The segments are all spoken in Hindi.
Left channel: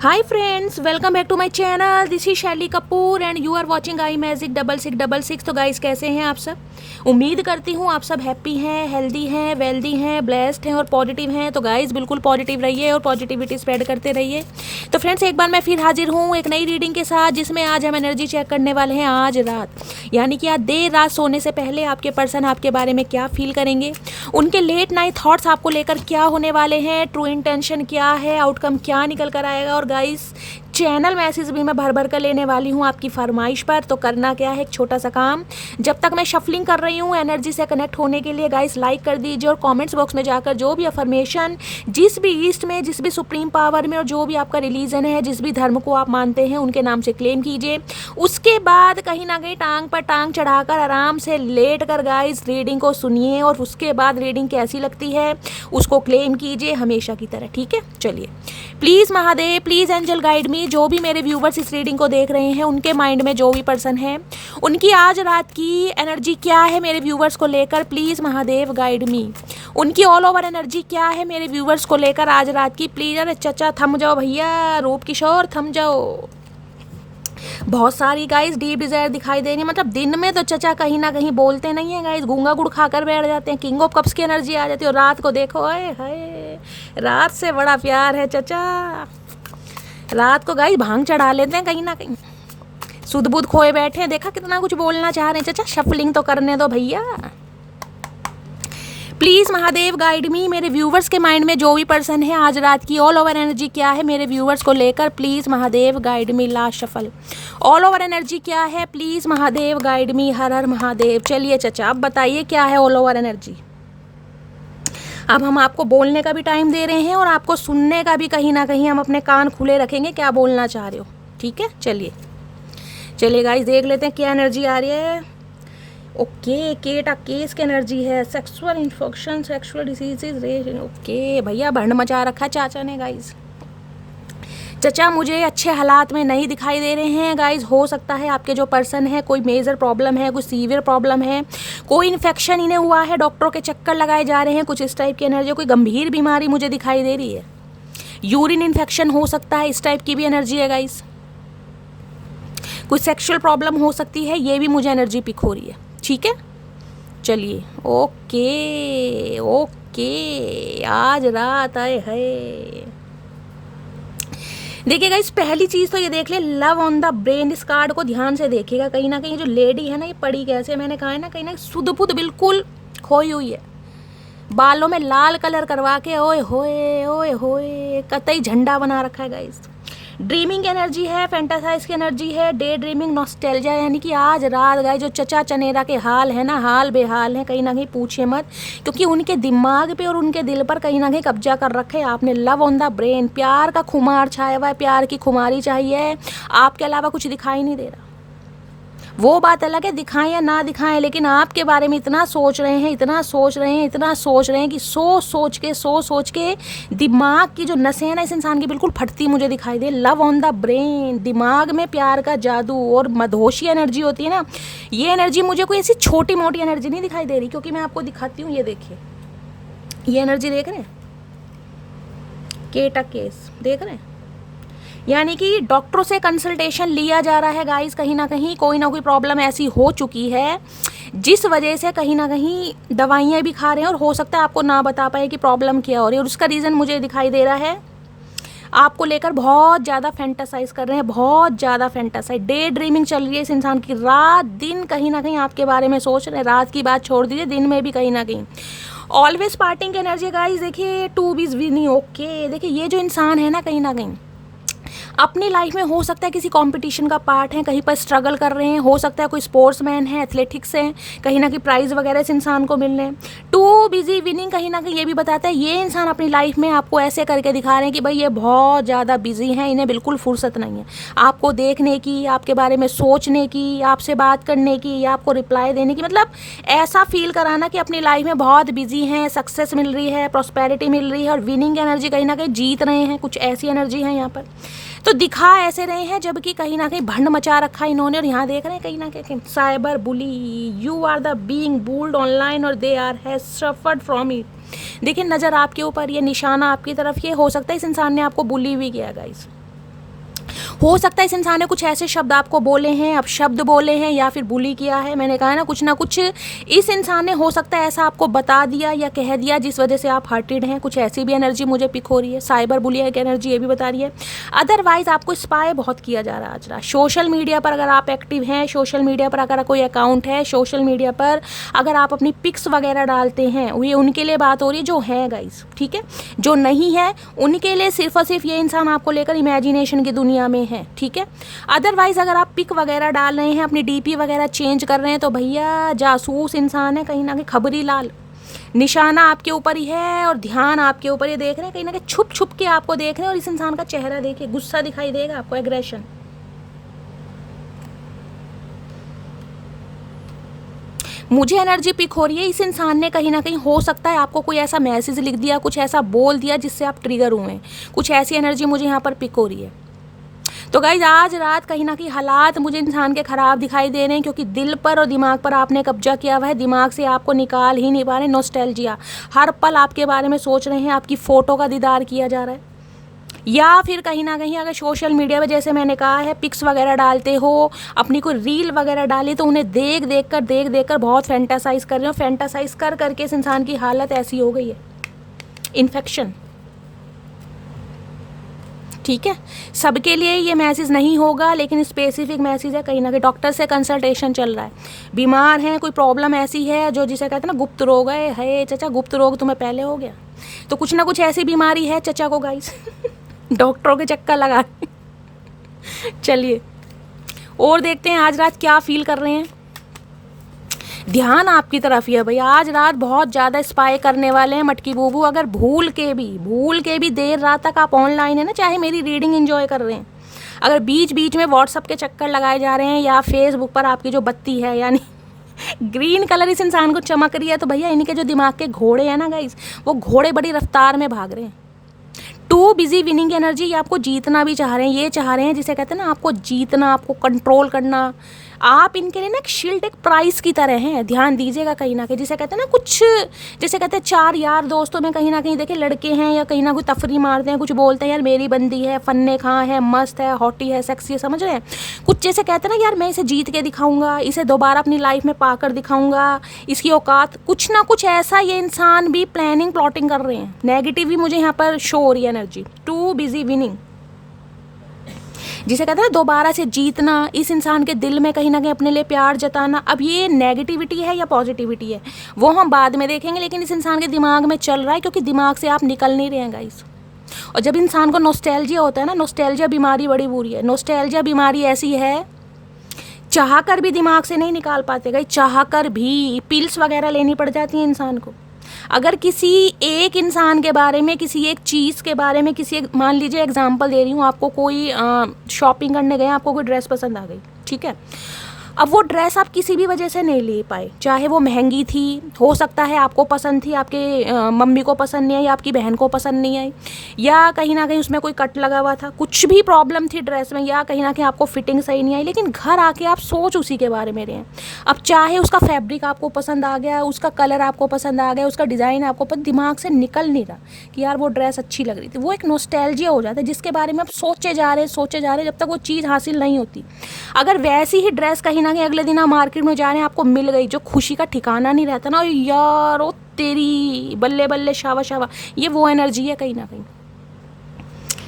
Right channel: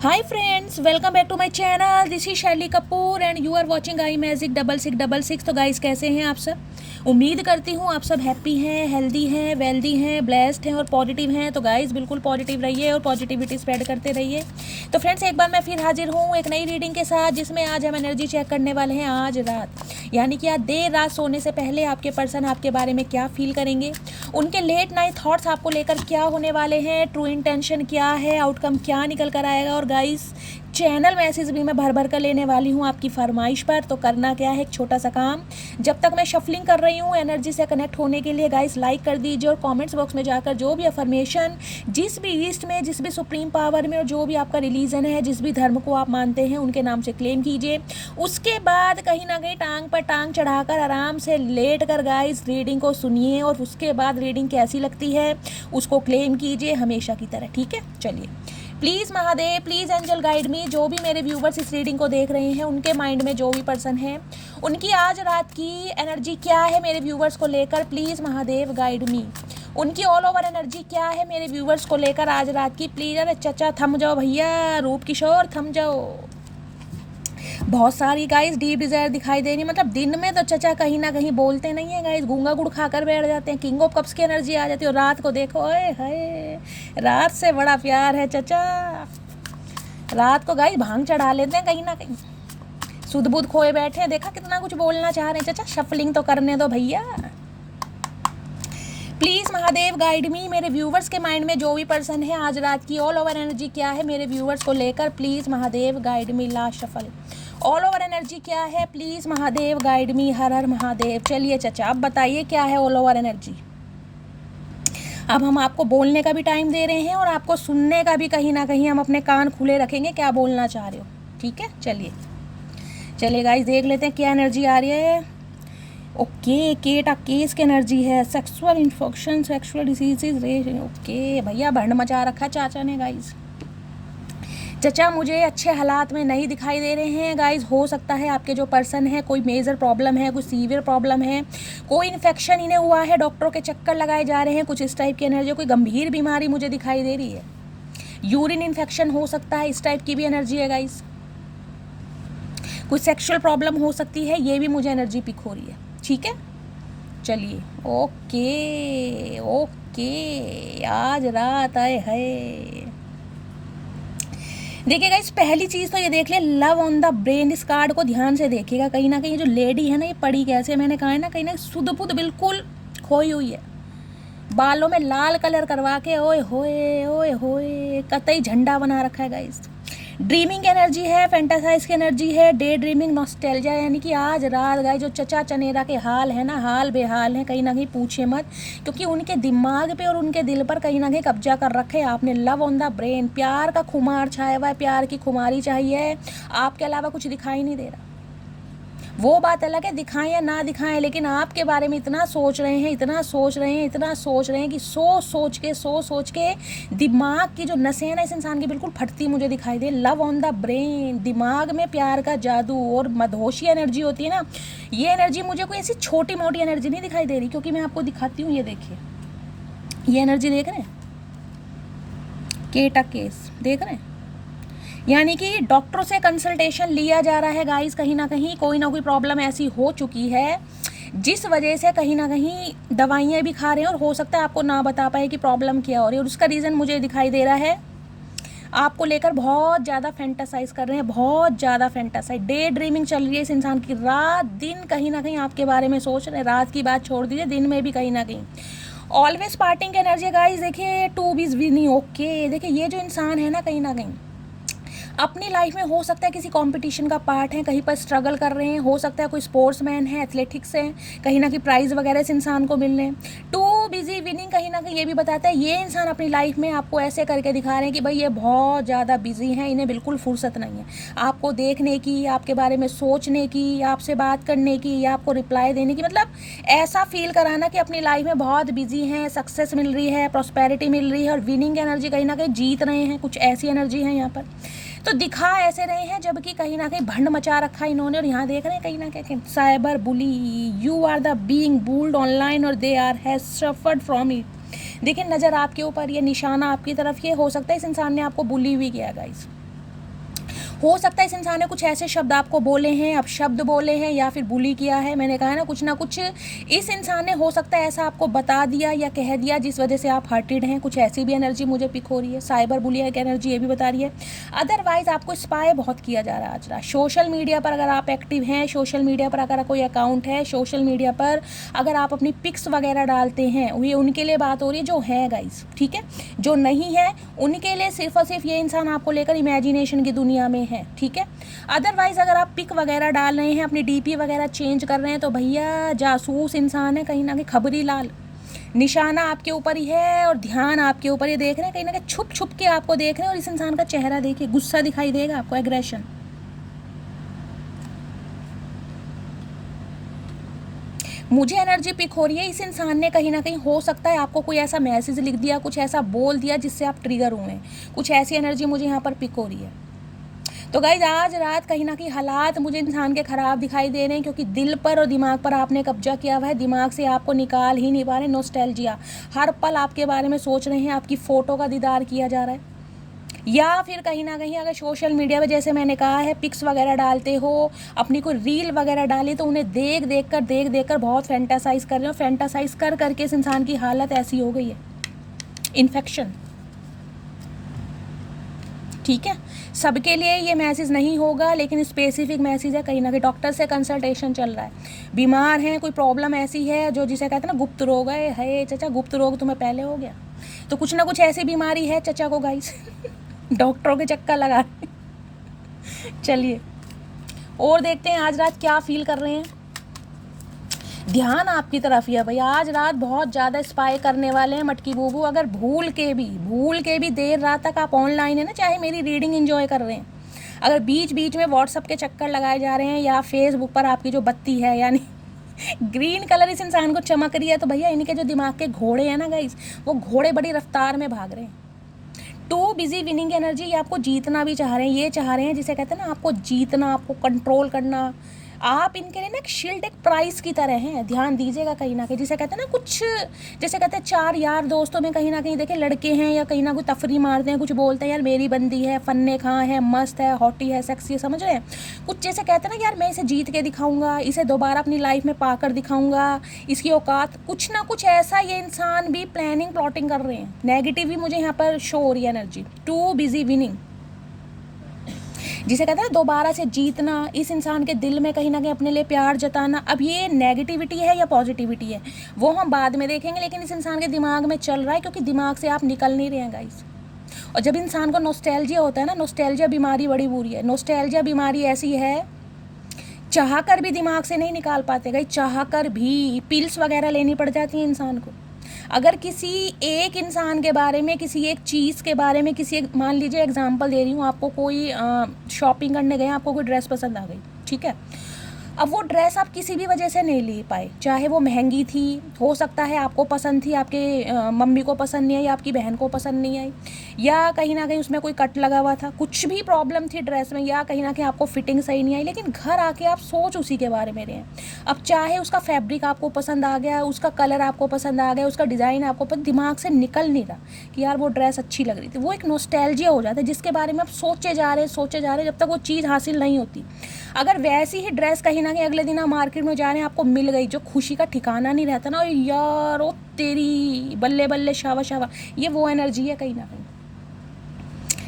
Hi friends, welcome back to my channel. This is Shelly Kapoor and you are watching I magic 6666। तो गाइस, कैसे हैं आप सब? उम्मीद करती हूँ आप सब हैप्पी हैं, हेल्दी हैं, वेल्दी हैं, ब्लेस्ड हैं और पॉजिटिव हैं। तो गाइस, बिल्कुल पॉजिटिव रहिए और पॉजिटिविटी स्प्रेड करते रहिए। तो फ्रेंड्स, एक बार मैं फिर हाजिर हूँ एक नई रीडिंग के साथ, जिसमें आज हम एनर्जी चेक करने वाले हैं आज रात, यानी कि आज देर रात सोने से पहले आपके पर्सन आपके बारे में क्या फील करेंगे, उनके लेट नाइट थॉट्स आपको लेकर क्या होने वाले हैं, ट्रू इंटेंशन क्या है, आउटकम क्या निकल कर आएगा। और गाइस, चैनल मैसेज भी मैं भर भर कर लेने वाली हूँ आपकी फरमाइश पर। तो करना क्या है, एक छोटा सा काम, जब तक मैं शफलिंग कर रही हूँ एनर्जी से कनेक्ट होने के लिए गाइस लाइक कर दीजिए और कमेंट्स बॉक्स में जाकर जो भी अफर्मेशन जिस भी ईस्ट में, जिस भी सुप्रीम पावर में और जो भी आपका रिलीजन है, जिस भी धर्म को आप मानते हैं, उनके नाम से क्लेम कीजिए। उसके बाद कहीं ना कहीं टांग पर टांग चढ़ाकर आराम से लेट कर गाइस रीडिंग को सुनिए और उसके बाद रीडिंग कैसी लगती है उसको क्लेम कीजिए हमेशा की तरह। ठीक है, चलिए। Please Mahadev, please angel guide me. जो भी मेरे व्यूवर्स इस रीडिंग को देख रहे हैं, उनके माइंड में जो भी पर्सन है, उनकी आज रात की एनर्जी क्या है मेरे व्यूवर्स को लेकर, प्लीज़ महादेव गाइड मी। उनकी ऑल ओवर एनर्जी क्या है मेरे व्यूवर्स को लेकर आज रात की, प्लीज़। अरे चचा थम जाओ भैया, रूप किशोर थम जाओ। बहुत सारी गाइस डीप डिजायर दिखाई दे रही है। मतलब दिन में तो चचा कहीं ना कहीं बोलते नहीं है गाइस, गूंगा गुड़ खाकर बैठ जाते हैं, किंग ऑफ कप्स की एनर्जी आ जाती है। और रात को देखो, अरे हाय, रात से बड़ा प्यार है चचा। रात को गाइस भांग चढ़ा लेते हैं कहीं ना कहीं, सुध बुध खोए बैठे हैं। देखा कितना कुछ बोलना चाह रहे हैं चचा, शफलिंग तो करने दो भैया। प्लीज़ महादेव गाइड मी। मेरे व्यूवर्स के माइंड में जो भी पर्सन है, आज रात की ऑल ओवर एनर्जी क्या है मेरे व्यूवर्स को लेकर, please Mahadev guide me. Last shuffle, all over energy क्या है, प्लीज़ महादेव गाइड मी। हर हर महादेव। चलिए चचा, अब बताइए क्या है ऑल ओवर एनर्जी। अब हम आपको बोलने का भी टाइम दे रहे हैं और आपको सुनने का भी, कहीं ना कहीं हम अपने कान खुले रखेंगे क्या बोलना चाह रहे हो। ठीक है, चलिए चलिए गाइस, देख लेते हैं क्या एनर्जी आ रही है। ओके, केटा केस की एनर्जी है, sexual infection, sexual diseases. Okay भैया, भंड मचा रखा चाचा ने गाइस। चचा मुझे अच्छे हालात में नहीं दिखाई दे रहे हैं गाइस। हो सकता है आपके जो पर्सन है कोई मेजर प्रॉब्लम है, कोई सीवियर प्रॉब्लम है, कोई इन्फेक्शन इन्हें हुआ है, डॉक्टरों के चक्कर लगाए जा रहे हैं, कुछ इस टाइप की एनर्जी, कोई गंभीर बीमारी मुझे दिखाई दे रही है। यूरिन इन्फेक्शन हो सकता है, इस टाइप की भी एनर्जी है गाइस। कोई सेक्सुअल प्रॉब्लम हो सकती है, ये भी मुझे एनर्जी पिक हो रही है। ठीक है, चलिए। ओके ओके, आज रात आए है। देखिए गाइस, पहली चीज़ तो ये देख ले, लव ऑन द ब्रेन। इस कार्ड को ध्यान से देखिएगा। कहीं ना कहीं जो लेडी है ना, ये पड़ी कैसे, मैंने कहा है ना, कहीं ना सुध बुध बिल्कुल खोई हुई है। बालों में लाल कलर करवा के ओए होए कतई झंडा बना रखा है गाइस। ड्रीमिंग एनर्जी है, फैंटासाइज की एनर्जी है, डे ड्रीमिंग, नॉस्टैल्जिया। यानी कि आज रात गए जो चचा चनेरा के हाल है ना, हाल बेहाल है कहीं ना कहीं, पूछिए मत, क्योंकि उनके दिमाग पे और उनके दिल पर कहीं ना कहीं कब्जा कर रखे है आपने। लव ऑन द ब्रेन, प्यार का खुमार छाया हुआ है, प्यार की खुमारी चाहिए, आपके अलावा कुछ दिखाई नहीं दे रहा। वो बात अलग है दिखाएं या ना दिखाएं, लेकिन आपके बारे में इतना सोच रहे हैं, इतना सोच रहे हैं, इतना सोच रहे हैं कि सोच के दिमाग की जो नसें हैं ना इस इंसान की बिल्कुल फटती मुझे दिखाई दे। लव ऑन द ब्रेन, दिमाग में प्यार का जादू और मदहोशी एनर्जी होती है ना, ये एनर्जी मुझे कोई ऐसी छोटी मोटी एनर्जी नहीं दिखाई दे रही। क्योंकि मैं आपको दिखाती हूँ, ये देखिए, ये एनर्जी देख रहे हैं, केटा केस देख रहे हैं। यानी कि डॉक्टरों से कंसल्टेशन लिया जा रहा है गाइस। कहीं ना कहीं कोई ना कोई प्रॉब्लम ऐसी हो चुकी है जिस वजह से कहीं ना कहीं दवाइयाँ भी खा रहे हैं और हो सकता है आपको ना बता पाए कि प्रॉब्लम क्या हो रही है। और उसका रीज़न मुझे दिखाई दे रहा है, आपको लेकर बहुत ज़्यादा फैंटासाइज कर रहे हैं, बहुत ज़्यादा फैंटासाइज, डे ड्रीमिंग चल रही है इस इंसान की। रात दिन कहीं ना कहीं आपके बारे में सोच रहे हैं। रात की बात छोड़ दीजिए, दिन में भी कहीं ना कहीं। Always parting energy guys. देखिए, टू बीज विनिंग। ओके, देखिए ये जो इंसान है ना, कहीं ना कहीं अपनी लाइफ में हो सकता है किसी कंपटीशन का पार्ट है, कहीं पर स्ट्रगल कर रहे हैं, हो सकता है कोई स्पोर्ट्समैन है, एथलेटिक्स है, कहीं ना कहीं प्राइज वगैरह इस इंसान को मिल रहे हैं। टू बिजी विनिंग कहीं ना कहीं ये भी बताता है ये इंसान अपनी लाइफ में आपको ऐसे करके दिखा रहे हैं कि भाई ये बहुत ज़्यादा बिजी हैं, इन्हें बिल्कुल फुर्सत नहीं है आपको देखने की, आपके बारे में सोचने की, आपसे बात करने की या आपको रिप्लाई देने की। मतलब ऐसा फील कराना कि अपनी लाइफ में बहुत बिजी हैं, सक्सेस मिल रही है, प्रॉस्पेरिटी मिल रही है और विनिंग एनर्जी, कहीं ना कहीं जीत रहे हैं, कुछ ऐसी एनर्जी है यहाँ पर। तो दिखा ऐसे रहे हैं जबकि कहीं ना कहीं भंड मचा रखा है इन्होंने। और यहाँ देख रहे हैं कहीं ना कहीं cyber bully, you are the being bullied online और they are has suffered from it. देखिए, नज़र आपके ऊपर, ये निशाना आपकी तरफ, ये हो सकता है इस इंसान ने आपको बुली भी किया गाइस। हो सकता है इस इंसान ने कुछ ऐसे शब्द आपको बोले हैं, अब शब्द बोले हैं या फिर बुली किया है। मैंने कहा ना कुछ इस इंसान ने हो सकता है ऐसा आपको बता दिया या कह दिया जिस वजह से आप हर्टेड हैं। कुछ ऐसी भी एनर्जी मुझे पिक हो रही है। साइबर बुलिंग की एनर्जी ये भी बता रही है। अदरवाइज आपको स्पाई बहुत किया जा रहा है आज रात। सोशल मीडिया पर अगर आप एक्टिव हैं, सोशल मीडिया पर अगर कोई अकाउंट है, सोशल मीडिया पर अगर आप अपनी पिक्स वगैरह डालते हैं, ये उनके लिए बात हो रही है जो है गाइस, ठीक है। जो नहीं है उनके लिए सिर्फ और सिर्फ ये इंसान आपको लेकर इमेजिनेशन की दुनिया में है, ठीक है। अदरवाइज अगर आप पिक वगैरह डाल रहे हैं, अपनी डीपी वगैरह चेंज कर रहे हैं, तो भैया जासूस इंसान है कहीं ना कहीं, खबरी लाल। निशाना आपके ऊपर ही है और ध्यान आपके ऊपर ही देख रहे हैं, कहीं ना कहीं छुप छुप के आपको देख रहे हैं। और इस इंसान का चेहरा देखिए, गुस्सा दिखाई देगा आपको, एग्रेशन। मुझे एनर्जी पिक हो रही है इस इंसान ने कहीं ना कहीं हो सकता है आपको कोई ऐसा मैसेज लिख दिया, कुछ ऐसा बोल दिया जिससे आप ट्रिगर हुए। कुछ ऐसी एनर्जी मुझे यहाँ पर पिक हो रही है। तो गाइज आज रात कहीं ना कहीं हालात मुझे इंसान के ख़राब दिखाई दे रहे हैं, क्योंकि दिल पर और दिमाग पर आपने कब्जा किया हुआ है। दिमाग से आपको निकाल ही नहीं पा रहे। नॉस्टैल्जिया, हर पल आपके बारे में सोच रहे हैं, आपकी फ़ोटो का दीदार किया जा रहा है। या फिर कहीं ना कहीं अगर सोशल मीडिया पे जैसे मैंने कहा है पिक्स वगैरह डालते हो, अपनी कोई रील वगैरह डाली, तो उन्हें देख देख कर बहुत फैंटासाइज कर रहे हो। फैंटासाइज कर करके इस इंसान की हालत ऐसी हो गई है, इन्फेक्शन, ठीक है। सबके लिए ये मैसेज नहीं होगा, लेकिन स्पेसिफिक मैसेज है। कहीं ना कहीं डॉक्टर से कंसल्टेशन चल रहा है। बीमार हैं, कोई प्रॉब्लम ऐसी है जो जिसे कहते हैं ना गुप्त रोग है चचा, गुप्त रोग तुम्हें पहले हो गया, तो कुछ ना कुछ ऐसी बीमारी है चचा को गाइस। डॉक्टरों के चक्कर लगा। चलिए और देखते हैं आज रात क्या फील कर रहे हैं। ध्यान आपकी तरफ ही है भैया। आज रात बहुत ज़्यादा स्पाई करने वाले हैं मटकी बूबू। अगर भूल के भी देर रात तक आप ऑनलाइन है ना, चाहे मेरी रीडिंग एंजॉय कर रहे हैं, अगर बीच बीच में व्हाट्सअप के चक्कर लगाए जा रहे हैं या फेसबुक पर आपकी जो बत्ती है यानी ग्रीन कलर इस इंसान को चमक रही है, तो भैया इनके जो दिमाग के घोड़े हैं ना गाइस, वो घोड़े बड़ी रफ्तार में भाग रहे हैं। टू बिजी विनिंग एनर्जी, ये आपको जीतना भी चाह रहे हैं। ये चाह रहे हैं जिसे कहते हैं ना आपको जीतना, आपको कंट्रोल करना। आप इनके लिए ना एक शील्ड, एक प्राइस की तरह हैं। ध्यान दीजिएगा कहीं ना कहीं, जिसे कहते हैं ना कुछ, जैसे कहते हैं चार यार दोस्तों में कहीं ना कहीं देखे लड़के हैं या कहीं ना कोई तफरी मारते हैं, कुछ बोलते हैं यार मेरी बंदी है, फन्ने खां है, मस्त है, हॉटी है, सेक्सी है, समझ रहे हैं। कुछ जैसे कहते हैं ना यार मैं इसे जीत के दिखाऊंगा, इसे दोबारा अपनी लाइफ में पाकर दिखाऊंगा, इसकी औकात, कुछ ना कुछ ऐसा ये इंसान भी प्लानिंग प्लॉटिंग कर रहे हैं। नेगेटिव भी मुझे यहाँ पर शो हो रही है एनर्जी। टू बिजी विनिंग, जिसे कहते हैं ना दोबारा से जीतना, इस इंसान के दिल में कहीं ना कहीं अपने लिए प्यार जताना। अब ये नेगेटिविटी है या पॉजिटिविटी है वो हम बाद में देखेंगे, लेकिन इस इंसान के दिमाग में चल रहा है, क्योंकि दिमाग से आप निकल नहीं रहे हैं गाइस। और जब इंसान को नॉस्टैल्जिया होता है ना, नॉस्टैल्जिया बीमारी बड़ी बुरी है। नॉस्टैल्जिया बीमारी ऐसी है, चाह कर भी दिमाग से नहीं निकाल पाते गाइस, चाह कर भी पिल्स वगैरह लेनी पड़ जाती है इंसान को। अगर किसी एक इंसान के बारे में, किसी एक चीज़ के बारे में, किसी एक, मान लीजिए एग्जांपल दे रही हूँ आपको, कोई शॉपिंग करने गए, आपको कोई ड्रेस पसंद आ गई, ठीक है। अब वो ड्रेस आप किसी भी वजह से नहीं ले पाए, चाहे वो महंगी थी, हो सकता है आपको पसंद थी, आपके मम्मी को पसंद नहीं आई, आपकी बहन को पसंद नहीं आई, या कहीं ना कहीं उसमें कोई कट लगा हुआ था, कुछ भी प्रॉब्लम थी ड्रेस में, या कहीं ना कहीं आपको फिटिंग सही नहीं आई, लेकिन घर आके आप सोच उसी के बारे में रहे हैं। अब चाहे उसका फैब्रिक आपको पसंद आ गया, उसका कलर आपको पसंद आ गया, उसका डिज़ाइन आपको पसंद, दिमाग से निकल नहीं रहा कि यार वो ड्रेस अच्छी लग रही थी। वो एक नॉस्टैल्जिया हो जाता है जिसके बारे में आप सोचे जा रहे हैं जब तक वो चीज़ हासिल नहीं होती। अगर वैसी ही ड्रेस कहीं ना कहीं अगले दिन आप मार्केट में जा रहे हैं, आपको मिल गई, जो खुशी का ठिकाना नहीं रहता ना, यार ओ तेरी बल्ले बल्ले शावा शावा, ये वो एनर्जी है कहीं ना कहीं।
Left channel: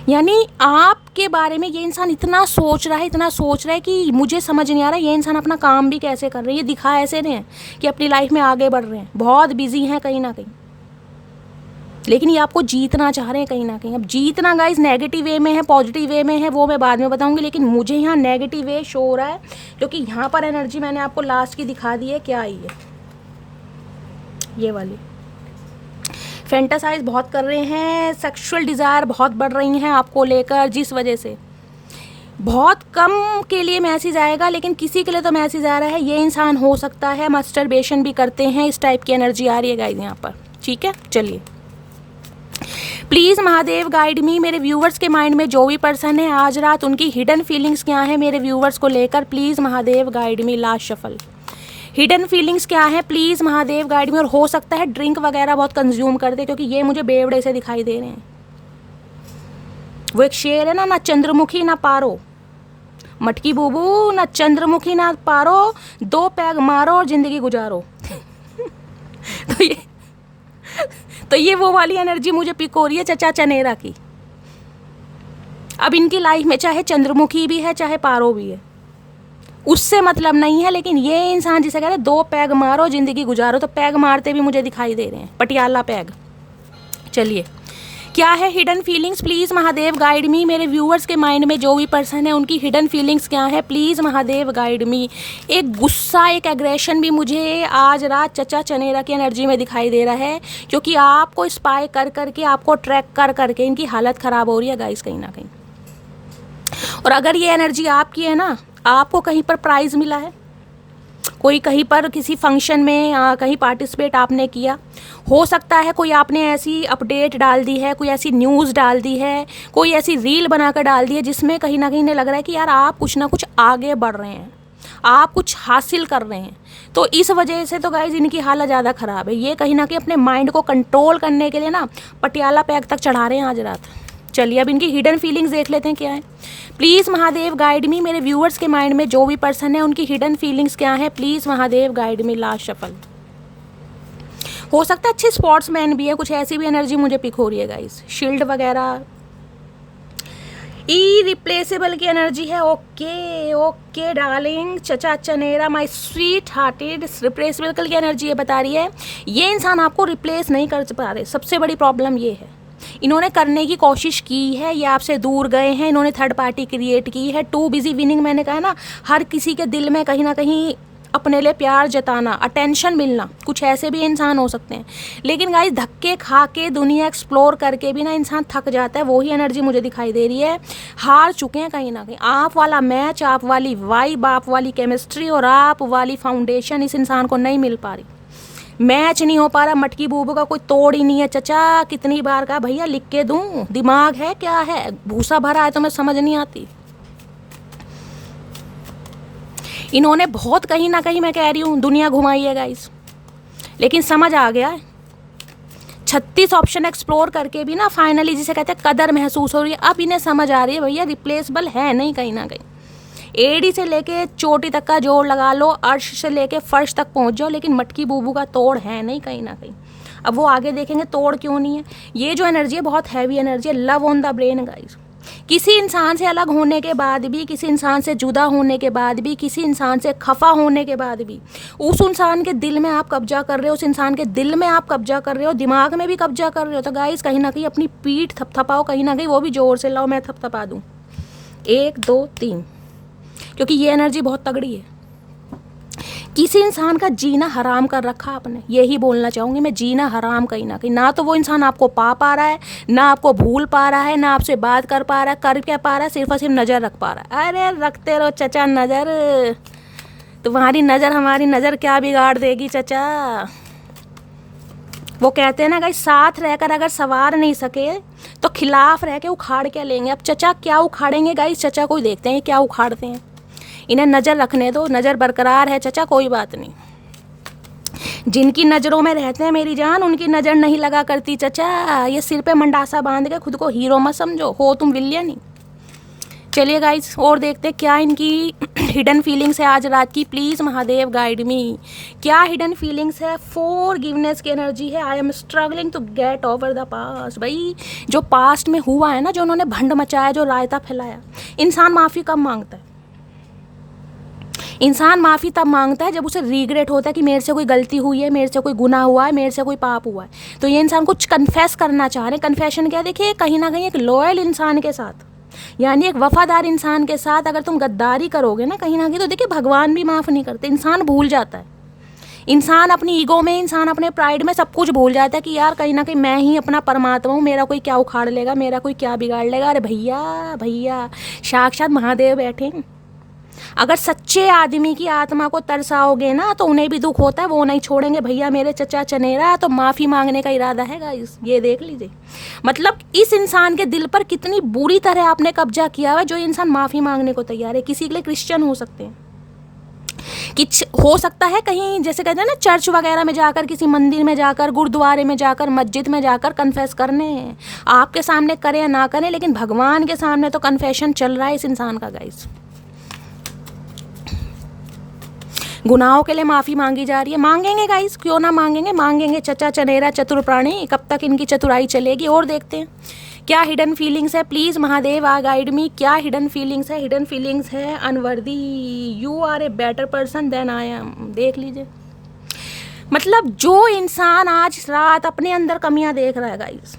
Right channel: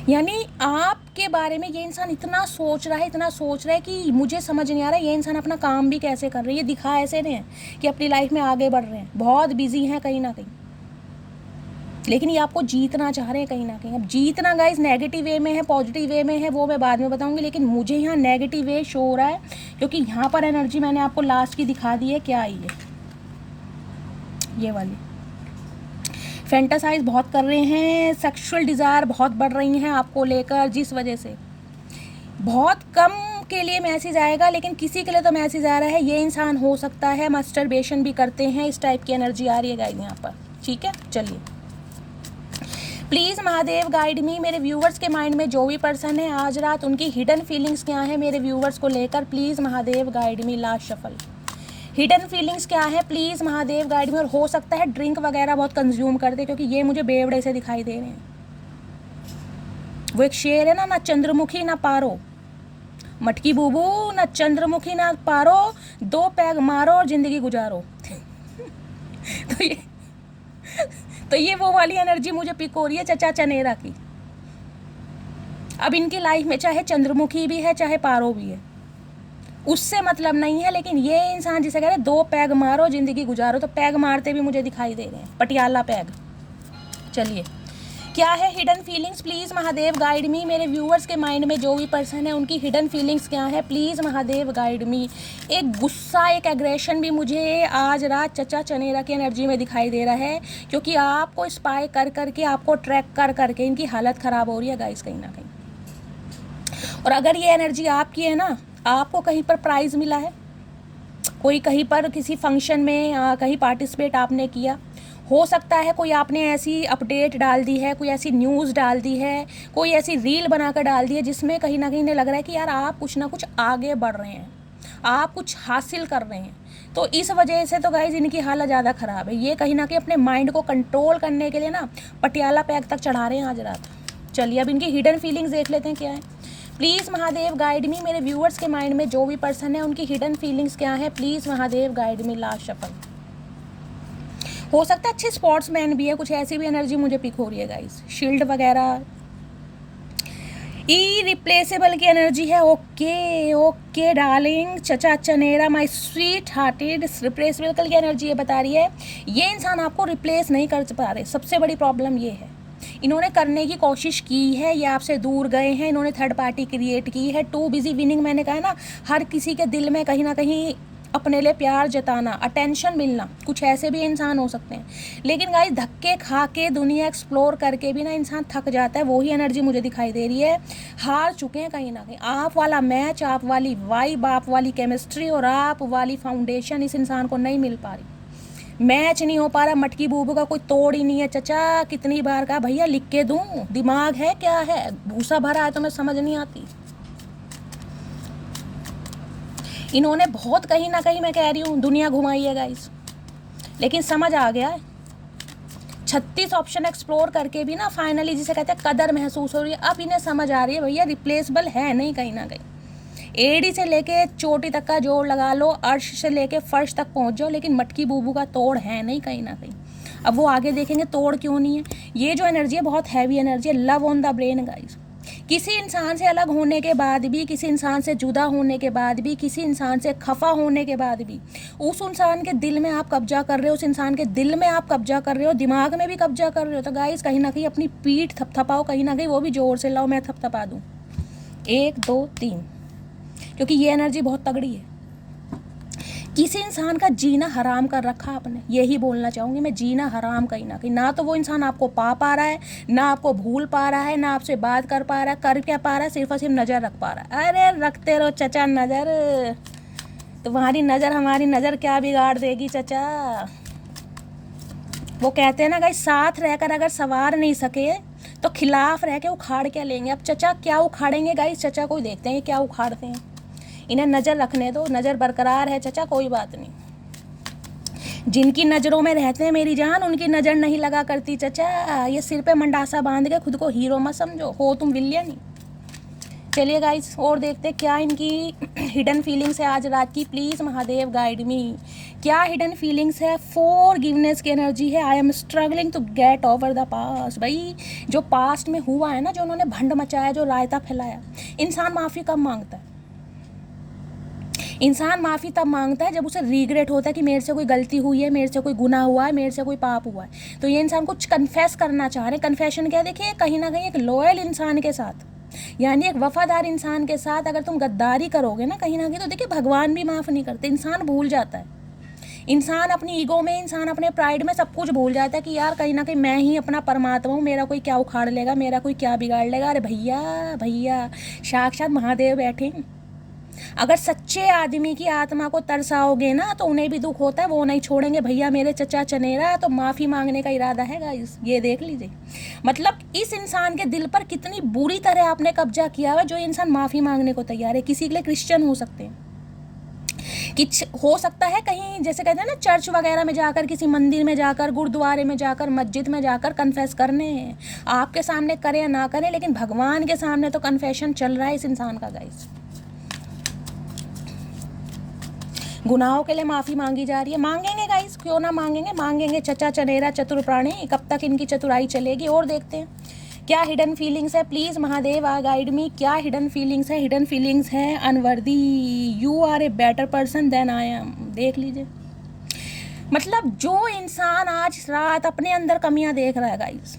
यानी आपके बारे में ये इंसान इतना सोच रहा है कि मुझे समझ नहीं आ रहा ये इंसान अपना काम भी कैसे कर रहे हैं। ये दिखा ऐसे रहे हैं कि अपनी लाइफ में आगे बढ़ रहे हैं, बहुत बिजी हैं कहीं ना कहीं, लेकिन ये आपको जीतना चाह रहे हैं कहीं ना कहीं। अब जीतना गाइस नेगेटिव वे में है, पॉजिटिव वे में है, वो मैं बाद में बताऊंगी, लेकिन मुझे यहाँ नेगेटिव वे शो हो रहा है, क्योंकि यहाँ पर एनर्जी मैंने आपको लास्ट की दिखा दी है। क्या आई है ये वाली, फैंटासाइज बहुत कर रहे हैं, सेक्सुअल डिज़ायर बहुत बढ़ रही हैं आपको लेकर, जिस वजह से बहुत कम के लिए मैसेज आएगा, लेकिन किसी के लिए तो मैसेज आ रहा है। ये इंसान हो सकता है मास्टरबेशन भी करते हैं, इस टाइप की एनर्जी आ रही है गाइस यहाँ पर, ठीक है। चलिए प्लीज़ महादेव गाइड मी, मेरे व्यूवर्स के माइंड में जो भी पर्सन है आज रात, उनकी हिडन फीलिंग्स क्या है मेरे व्यूवर्स को लेकर, please Mahadev guide me. Last shuffle, hidden feelings क्या है प्लीज़ महादेव गाइड मी। और हो सकता है ड्रिंक वगैरह बहुत कंज्यूम कर दे, क्योंकि ये मुझे बेवड़े से दिखाई दे रहे हैं। वो एक शेर है ना चंद्रमुखी ना पारो, मटकी बूबू ना चंद्रमुखी ना पारो, 2 पैग मारो और जिंदगी गुजारो। तो ये वो वाली एनर्जी मुझे पिक हो रही है चचा चनेरा की। अब इनकी लाइफ में चाहे चंद्रमुखी भी है चाहे पारो भी है, उससे मतलब नहीं है, लेकिन ये इंसान जिसे कहते हैं 2 पैग मारो जिंदगी गुजारो, तो पैग मारते भी मुझे दिखाई दे रहे हैं, पटियाला पैग। चलिए, क्या है hidden feelings, please Mahadev guide मी। मेरे व्यूअर्स के माइंड में जो भी पर्सन है उनकी हिडन फीलिंग्स क्या है, प्लीज़ महादेव गाइड मी। एक गुस्सा, एक एग्रेशन भी मुझे आज रात चचा चनेरा की एनर्जी में दिखाई दे रहा है, क्योंकि आपको स्पाई कर करके, आपको ट्रैक कर करके इनकी हालत ख़राब हो रही है गाइस कहीं ना कहीं। और अगर ये एनर्जी आपकी है ना, आपको कहीं पर प्राइज़ मिला है, कोई कहीं पर किसी फंक्शन में कहीं पार्टिसिपेट आपने किया, हो सकता है कोई आपने ऐसी अपडेट डाल दी है, कोई ऐसी न्यूज़ डाल दी है, कोई ऐसी रील बनाकर डाल दी है जिसमें कहीं ना कहीं इन्हें लग रहा है कि यार आप कुछ ना कुछ आगे बढ़ रहे हैं, आप कुछ हासिल कर रहे हैं। तो इस वजह से तो गाइज इनकी हालत ज़्यादा ख़राब है। ये कहीं ना कहीं अपने माइंड को कंट्रोल करने के लिए ना पटियाला पैग तक चढ़ा रहे हैं आज रात। चलिए, अब इनकी हिडन फीलिंग्स देख लेते हैं क्या है। प्लीज़ महादेव गाइड मी। मेरे व्यूअर्स के माइंड में जो भी पर्सन है उनकी हिडन फीलिंग्स क्या है, please Mahadev guide me. Last shuffle. हो सकता है अच्छे स्पोर्ट्समैन भी है, कुछ ऐसी भी एनर्जी मुझे पिक हो रही है गाइस, शील्ड वगैरह। इरिप्लेसेबल की एनर्जी है। ओके ओके डार्लिंग, चचा चनेरा माय स्वीट हार्टेड। रिप्लेसेबल की एनर्जी ये बता रही है ये इंसान आपको रिप्लेस नहीं कर पा रहे। सबसे बड़ी प्रॉब्लम ये है, इन्होंने करने की कोशिश की है, ये आपसे दूर गए हैं, इन्होंने थर्ड पार्टी क्रिएट की है। टू बिजी विनिंग, मैंने कहा ना, हर किसी के दिल में कहीं ना कहीं अपने लिए प्यार जताना, अटेंशन मिलना, कुछ ऐसे भी इंसान हो सकते हैं। लेकिन गाइस धक्के खा के दुनिया एक्सप्लोर करके भी ना इंसान थक जाता है। वही एनर्जी मुझे दिखाई दे रही है। हार चुके हैं कहीं ना कहीं। आप वाला मैच, आप वाली वाइब, आप वाली केमिस्ट्री और आप वाली फाउंडेशन इस इंसान को नहीं मिल पा रही। मैच नहीं हो पा रहा। मटकी बूबू का कोई तोड़ ही नहीं है। चचा कितनी बार कहा भैया लिख के दूं, दिमाग है क्या है, भूसा भरा है तो मैं समझ नहीं आती। इन्होंने बहुत कहीं ना कहीं, मैं कह रही हूँ, दुनिया घुमाई है गाइस, लेकिन समझ आ गया है। 36 ऑप्शन एक्सप्लोर करके भी ना फाइनली जिसे कहते हैं कदर महसूस हो रही है। अब इन्हें समझ आ रही है भैया रिप्लेसेबल है नहीं कहीं ना कहीं। एड़ी से लेके चोटी तक का जोड़ लगा लो, अर्श से लेके फर्श तक पहुंच जाओ, लेकिन मटकी बूबू का तोड़ है नहीं कहीं ना कहीं। अब वो आगे देखेंगे तोड़ क्यों नहीं है। ये जो एनर्जी है बहुत हैवी एनर्जी है। Love on the brain guys. किसी इंसान से अलग होने के बाद भी, किसी इंसान से जुदा होने के बाद भी, किसी इंसान से खफा होने के बाद भी उस इंसान के दिल में आप कब्जा कर रहे हो, उस इंसान के दिल में आप कब्जा कर रहे हो, दिमाग में भी कब्जा कर रहे हो। तो गाइस कहीं ना कहीं अपनी पीठ थपथपाओ, कहीं ना कहीं वो भी जोर से लाओ। मैं थपथपा दूँ 1 2 3, क्योंकि ये एनर्जी बहुत तगड़ी है। किसी इंसान का जीना हराम कर रखा आपने, यही बोलना चाहूँगी मैं। जीना हराम कहीं ना कहीं। ना तो वो इंसान आपको पा रहा है, ना आपको भूल पा रहा है, ना आपसे बात कर पा रहा है, कर क्या पा रहा है, सिर्फ और सिर्फ नज़र रख पा रहा है। अरे रखते रहो चचा नज़र, तुम्हारी नज़र हमारी नज़र क्या बिगाड़ देगी चचा। वो कहते हैं ना गाइस, साथ रहकर अगर सवार नहीं सके तो खिलाफ रह के उखाड़ क्या लेंगे। अब चचा क्या उखाड़ेंगे गाइस, चचा को देखते हैं क्या उखाड़ते हैं। इन्हें नज़र रखने दो, नज़र बरकरार है चचा, कोई बात नहीं। जिनकी नज़रों में रहते हैं मेरी जान, उनकी नज़र नहीं लगा करती चचा। ये सिर पे मंडासा बांध के खुद को हीरो मत समझो, हो तुम विलियन ही। चलिए गाइस और देखते हैं क्या इनकी हिडन फीलिंग्स है आज रात की। Please Mahadev guide me. क्या हिडन फीलिंग्स है। फॉरगिवनेस की एनर्जी है। I am struggling to get over the past. भाई जो पास्ट में हुआ है ना, जो उन्होंने भंड मचाया, जो रायता फैलाया, इंसान माफ़ी कब मांगता है। इंसान माफ़ी तब मांगता है जब उसे रिग्रेट होता है कि मेरे से कोई गलती हुई है, मेरे से कोई गुनाह हुआ है, मेरे से कोई पाप हुआ है। तो ये इंसान कुछ कन्फेस करना चाह रहे हैं। कन्फेशन क्या, देखिए कहीं ना कहीं एक लॉयल इंसान के साथ, यानी एक वफादार इंसान के साथ अगर तुम गद्दारी करोगे ना कहीं ना कहीं, तो देखिए भगवान भी माफ़ नहीं करते। इंसान भूल जाता है। इंसान अपनी ईगो में, इंसान अपने प्राइड में सब कुछ भूल जाता है कि यार कहीं ना कहीं मैं ही अपना परमात्मा हूँ, मेरा कोई क्या उखाड़ लेगा, मेरा कोई क्या बिगाड़ लेगा। अरे भैया भैया, साक्षात महादेव बैठे हैं। अगर सच्चे आदमी की आत्मा को तरसाओगे ना तो उन्हें भी दुख होता है, वो नहीं छोड़ेंगे। भैया मेरे चचा चनेरा, तो माफ़ी मांगने का इरादा है गाइस, ये देख लीजिए। मतलब इस इंसान के दिल पर कितनी बुरी तरह आपने कब्जा किया है, जो इंसान माफ़ी मांगने को तैयार है। किसी के लिए क्रिश्चियन हो सकते हैं, कुछ हो सकता है कहीं, जैसे कहते हैं ना, चर्च वगैरह में जाकर, किसी मंदिर में जाकर, गुरुद्वारे में जाकर, मस्जिद में जाकर कन्फेस करने हैं। आपके सामने करें या ना करें, लेकिन भगवान के सामने तो कन्फेशन चल रहा है इस इंसान का गाइस। गुनाहों के लिए माफ़ी मांगी जा रही है। मांगेंगे गाइस, क्यों ना मांगेंगे, मांगेंगे। चचा चनेरा चतुर प्राणी, कब तक इनकी चतुराई चलेगी। और देखते हैं क्या हिडन फीलिंग्स है। प्लीज़ महादेव आ गाइड मी, क्या हिडन फीलिंग्स है। हिडन फीलिंग्स है unworthy, you are a better person than I am. देख लीजिए, मतलब जो इंसान आज रात अपने अंदर कमियां देख रहा है गाइस,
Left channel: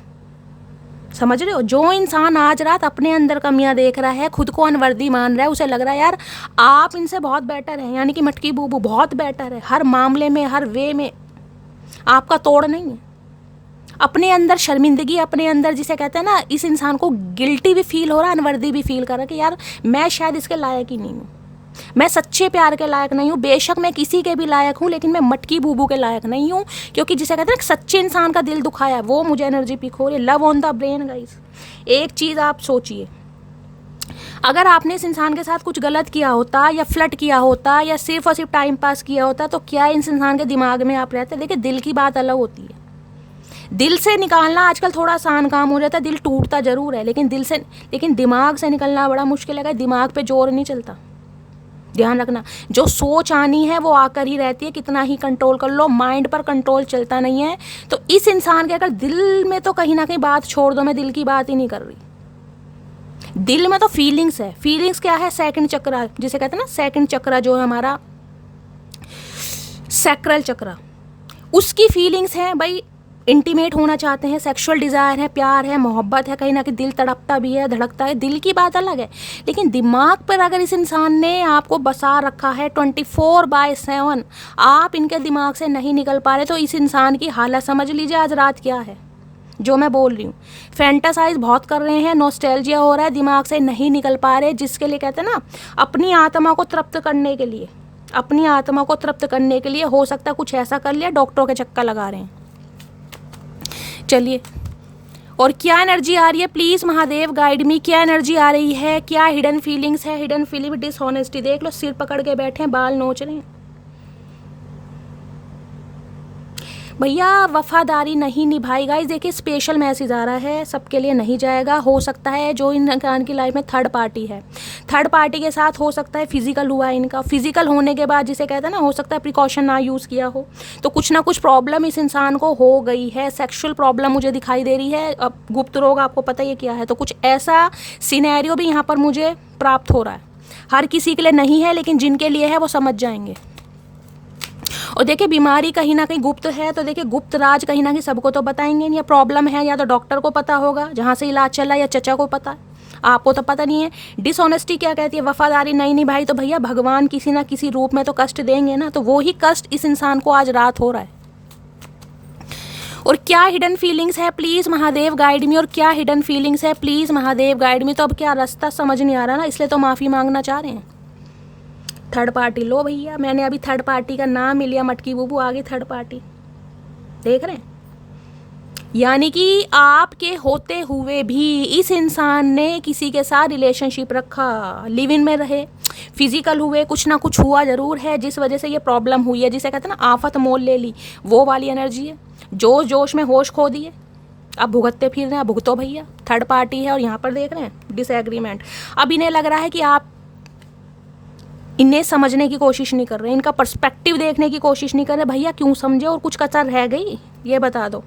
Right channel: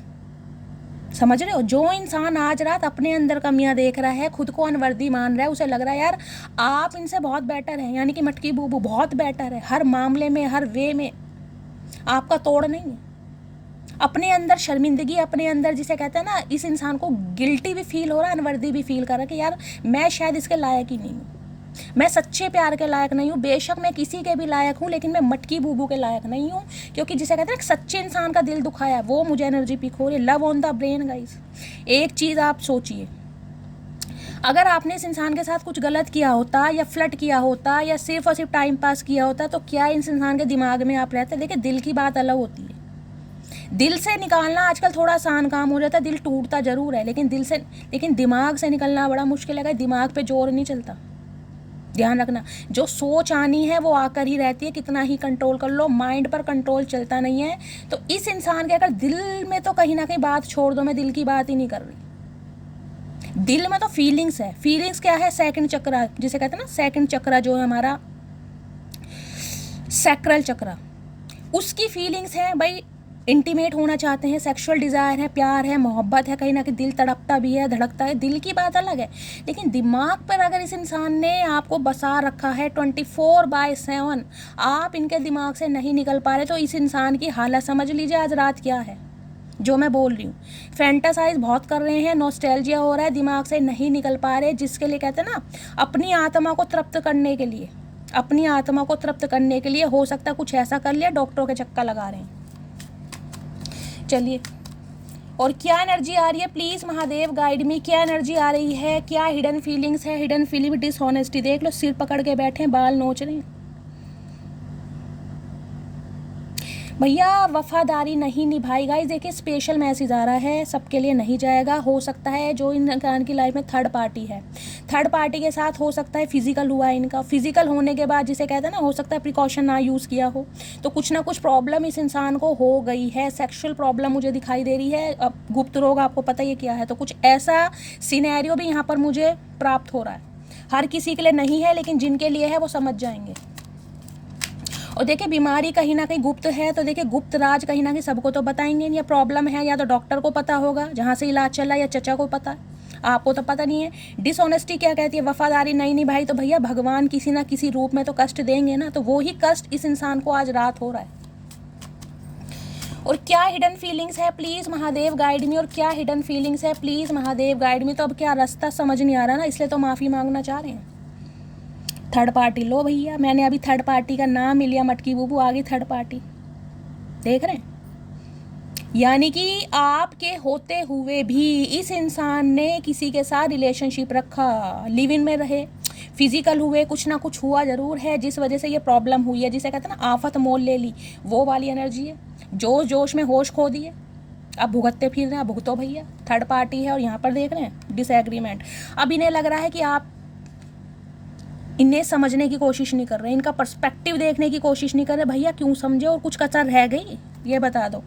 समझ रहे हो, जो इंसान आज रात अपने अंदर कमियां देख रहा है, खुद को अनवर्दी मान रहा है, उसे लग रहा है यार आप इनसे बहुत बेटर हैं, यानी कि मटकी बूबू बहुत बेटर है हर मामले में, हर वे में आपका तोड़ नहीं है। अपने अंदर शर्मिंदगी, अपने अंदर जिसे कहते हैं ना, इस इंसान को गिल्टी भी फील हो रहा है, अनवर्दी भी फील कर रहा है कि यार मैं शायद इसके लायक ही नहीं हूँ, मैं सच्चे प्यार के लायक नहीं हूँ। बेशक मैं किसी के भी लायक हूँ, लेकिन मैं मटकी बूबू के लायक नहीं हूँ, क्योंकि जिसे कहते हैं ना सच्चे इंसान का दिल दुखाया है, वो मुझे एनर्जी पिक हो रही है। Love on the brain guys. एक चीज़ आप सोचिए, अगर आपने इस इंसान के साथ कुछ गलत किया होता, या फ्लर्ट किया होता, या सिर्फ और सिर्फ टाइम पास किया होता, तो क्या इस इंसान के दिमाग में आप रहते। देखिए, दिल की बात अलग होती है, दिल से निकालना आजकल थोड़ा आसान काम हो जाता है। दिल टूटता जरूर है, लेकिन दिमाग से निकलना बड़ा मुश्किल है। दिमाग पे जोर नहीं चलता, ध्यान रखना। जो सोच आनी है वो आकर ही रहती है, कितना ही कंट्रोल कर लो, माइंड पर कंट्रोल चलता नहीं है। तो इस इंसान के अगर दिल में, तो कहीं ना कहीं बात छोड़ दो, मैं दिल की बात ही नहीं कर रही। दिल में तो फीलिंग्स है। फीलिंग्स क्या है? सेकंड चक्र, जिसे कहते हैं ना सेकंड चक्र, जो है हमारा सैक्रल चक्र, उसकी फीलिंग्स हैं भाई। इंटीमेट होना चाहते हैं, सेक्सुअल डिज़ायर है, प्यार है, मोहब्बत है, कहीं ना कहीं दिल तड़पता भी है, धड़कता है। दिल की बात अलग है, लेकिन दिमाग पर अगर इस इंसान ने आपको बसा रखा है 24/7, आप इनके दिमाग से नहीं निकल पा रहे, तो इस इंसान की हालत समझ लीजिए आज रात क्या है। जो मैं बोल रही हूँ, फैंटासाइज बहुत कर रहे हैं, नॉस्टैल्जिया हो रहा है, दिमाग से नहीं निकल पा रहे, जिसके लिए कहते हैं ना, अपनी आत्मा को तृप्त करने के लिए, अपनी आत्मा को तृप्त करने के लिए हो सकता है कुछ ऐसा कर लिया, डॉक्टरों के चक्कर लगा रहे हैं। चलिए, और क्या एनर्जी आ रही है, प्लीज़ महादेव गाइड मी, क्या एनर्जी आ रही है, क्या हिडन फीलिंग्स है। हिडन फीलिंग डिसऑनेस्टी, देख लो, सिर पकड़ के बैठे हैं, बाल नोच रहे हैं भैया, वफादारी नहीं निभाई। गाइस देखिए, स्पेशल मैसेज आ रहा है, सबके लिए नहीं जाएगा। हो सकता है जो इंसान की लाइफ में थर्ड पार्टी है, थर्ड पार्टी के साथ हो सकता है फिजिकल हुआ है इनका। फिजिकल होने के बाद जिसे कहते हैं ना, हो सकता है प्रिकॉशन ना यूज़ किया हो, तो कुछ ना कुछ प्रॉब्लम इस इंसान को हो गई है। सेक्शुअल प्रॉब्लम मुझे दिखाई दे रही है। अब गुप्त रोग आपको पता ही क्या है, तो कुछ ऐसा सिनेरियो भी यहाँ पर मुझे प्राप्त हो रहा है। हर किसी के लिए नहीं है, लेकिन जिनके लिए है वो समझ जाएंगे। और देखिए, बीमारी कहीं ना कहीं गुप्त है, तो देखिए गुप्त राज कहीं ना कहीं सबको तो बताएंगे। या प्रॉब्लम है, या तो डॉक्टर को पता होगा जहाँ से इलाज चला, या चचा को पता, आपको तो पता नहीं है। डिसऑनेस्टी क्या कहती है? वफादारी नहीं निभाई, तो भैया भगवान किसी ना किसी रूप में तो कष्ट देंगे ना, तो वो ही कष्ट इस इंसान को आज रात हो रहा है। और क्या हिडन फीलिंग्स है, प्लीज़ महादेव गाइड मी। और क्या हिडन फीलिंग्स है, प्लीज़ महादेव गाइड मी। तो अब क्या रास्ता समझ नहीं आ रहा ना, इसलिए तो माफ़ी मांगना चाह रहे हैं। थर्ड पार्टी लो भैया, मैंने अभी थर्ड पार्टी का नाम ही लिया, मटकी बूबू आ गई थर्ड पार्टी, देख रहे हैं। यानी कि आपके होते हुए भी इस इंसान ने किसी के साथ रिलेशनशिप रखा, लिव इन में रहे, फिजिकल हुए, कुछ ना कुछ हुआ जरूर है, जिस वजह से ये प्रॉब्लम हुई है, जिसे कहते हैं ना आफत मोल ले ली, वो वाली एनर्जी है। जोश जोश में होश खो दिए, अब भुगतते फिर रहे हैं। भुगतो भैया, थर्ड पार्टी है। और यहाँ पर देख रहे हैं डिसएग्रीमेंट। अब इन्हें लग रहा है कि आप इन्हें समझने की कोशिश नहीं कर रहे, इनका पर्सपेक्टिव देखने की कोशिश नहीं कर रहे। भैया क्यों समझे? और कुछ कसर रह गई ये बता दो,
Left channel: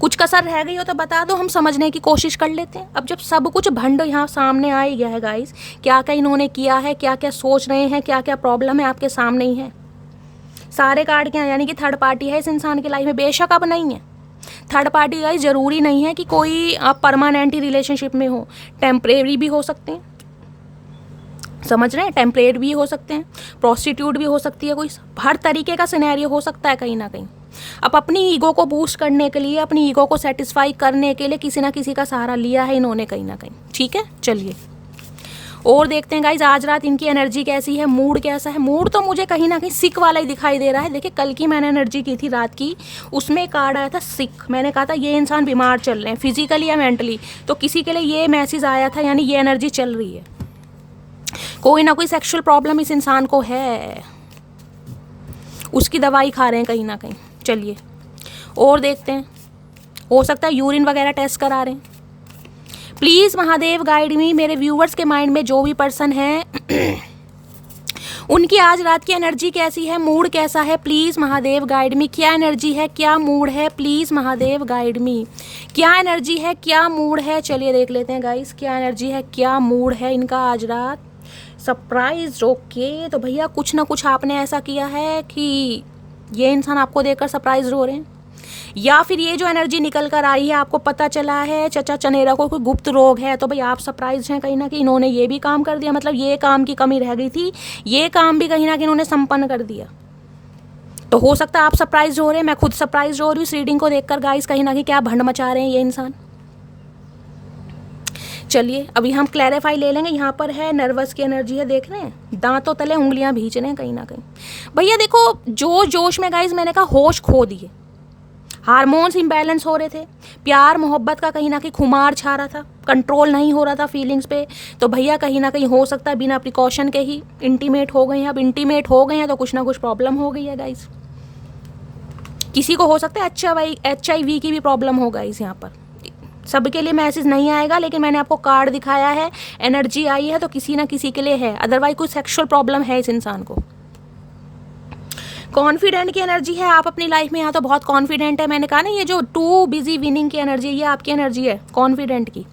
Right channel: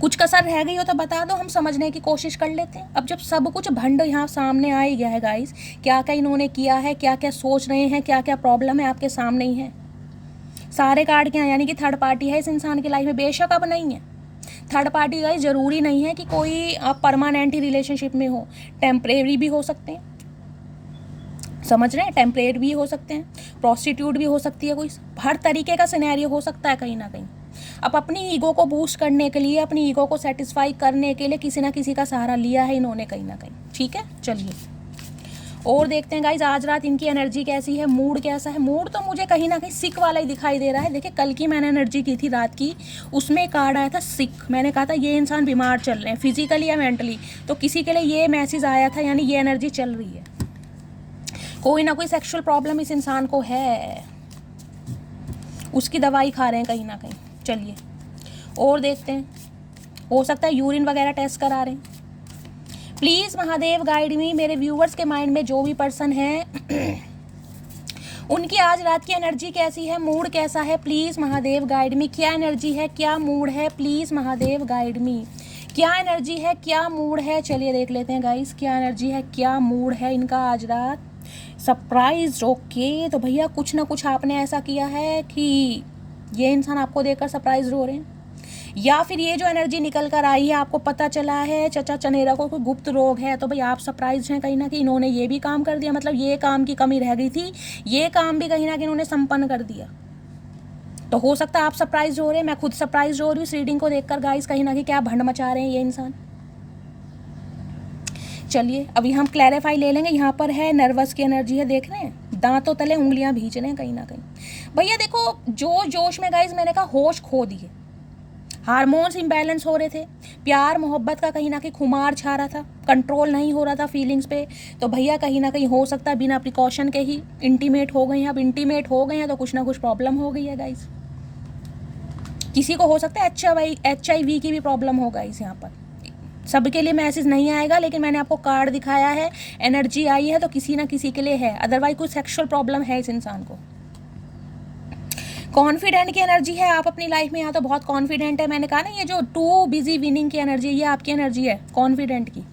कुछ कसर रह गई हो तो बता दो, हम समझने की कोशिश कर लेते हैं। अब जब सब कुछ भंड यहाँ सामने आ ही गया है गाइस, क्या क्या इन्होंने किया है, क्या क्या सोच रहे हैं, क्या क्या प्रॉब्लम है, आपके सामने ही है सारे कार्ड। क्या यानी कि थर्ड पार्टी है इस इंसान की लाइफ में। बेशक अब नहीं है थर्ड पार्टी गाइस, ज़रूरी नहीं है कि कोई आप परमानेंट ही रिलेशनशिप में हो, टेम्परेरी भी हो सकते हैं, समझ रहे हैं, टेम्परेरी भी हो सकते हैं, प्रोस्टिट्यूट भी हो सकती है, कोई हर तरीके का सिनेरियो हो सकता है कहीं ना कहीं। अब अपनी ईगो को बूस्ट करने के लिए, अपनी ईगो को सेटिस्फाई करने के लिए किसी ना किसी का सहारा लिया है इन्होंने कहीं ना कहीं। ठीक है, चलिए और देखते हैं गाइज आज रात इनकी एनर्जी कैसी है, मूड कैसा है। मूड तो मुझे कहीं ना कहीं सिक वाला ही दिखाई दे रहा है। देखिए कल की मैंने एनर्जी की थी रात की, उसमें कार्ड आया था सिक। मैंने कहा था ये इंसान बीमार चल रहे हैं फिजिकली या मेंटली, तो किसी के लिए ये मैसेज आया था, यानी ये एनर्जी चल रही है, कोई ना कोई सेक्सुअल प्रॉब्लम इस इंसान को है, उसकी दवाई खा रहे हैं कहीं ना कहीं। चलिए और देखते हैं, हो सकता है यूरिन वगैरह टेस्ट करा रहे हैं। प्लीज़ महादेव गाइड मी। मेरे व्यूवर्स के माइंड में जो भी पर्सन है उनकी आज रात की एनर्जी कैसी है, मूड कैसा है, प्लीज़ महादेव गाइड मी। क्या एनर्जी है, क्या मूड है, प्लीज़ महादेव गाइड मी। क्या एनर्जी है, क्या मूड है, चलिए देख लेते हैं गाइस, क्या एनर्जी है, क्या मूड है इनका आज रात। Surprise, okay. तो भैया कुछ ना कुछ आपने ऐसा किया है कि ये इंसान आपको देखकर सरप्राइज हो रहे हैं, या फिर ये जो एनर्जी निकल कर आई है आपको पता चला है चचा चनेरा को कोई गुप्त रोग है, तो भाई आप सरप्राइज हैं कहीं ना कहीं, इन्होंने ये भी काम कर दिया, मतलब ये काम की कमी रह गई थी, ये काम भी कहीं ना कहीं इन्होंने संपन्न कर दिया। तो हो सकता है आप सरप्राइज हो रहे हैं, मैं खुद सरप्राइज हो रही हूँ इस रीडिंग को देखकर गाइस, कहीं ना कहीं क्या भंड मचा रहे हैं ये इंसान। चलिए अभी हम क्लैरिफाई ले लेंगे। यहाँ पर है नर्वस की एनर्जी है, देख रहे हैं दांतों तले उंगलियां भींच रहे हैं कहीं ना कहीं। भैया देखो जोश में गाइस मैंने कहा होश खो दिए, हार्मोन्स इम्बैलेंस हो रहे थे, प्यार मोहब्बत का कहीं ना कहीं खुमार छा रहा था, कंट्रोल नहीं हो रहा था फीलिंग्स पे। तो भैया कहीं ना कहीं हो सकता है बिना प्रिकॉशन के ही इंटीमेट हो गए हैं। अब इंटीमेट हो गए हैं तो कुछ ना कुछ प्रॉब्लम हो गई है गाइस। किसी को हो सकता है HIV की भी प्रॉब्लम हो गाइस। यहाँ पर सबके लिए मैसेज नहीं आएगा, लेकिन मैंने आपको कार्ड दिखाया है, एनर्जी आई है तो किसी ना किसी के लिए है, अदरवाइज कोई सेक्सुअल प्रॉब्लम है इस इंसान को। कॉन्फिडेंट की एनर्जी है आप अपनी लाइफ में, यहाँ तो बहुत कॉन्फिडेंट है। मैंने कहा ना ये जो टू बिजी विनिंग की एनर्जी, ये आपकी एनर्जी है कॉन्फिडेंट की।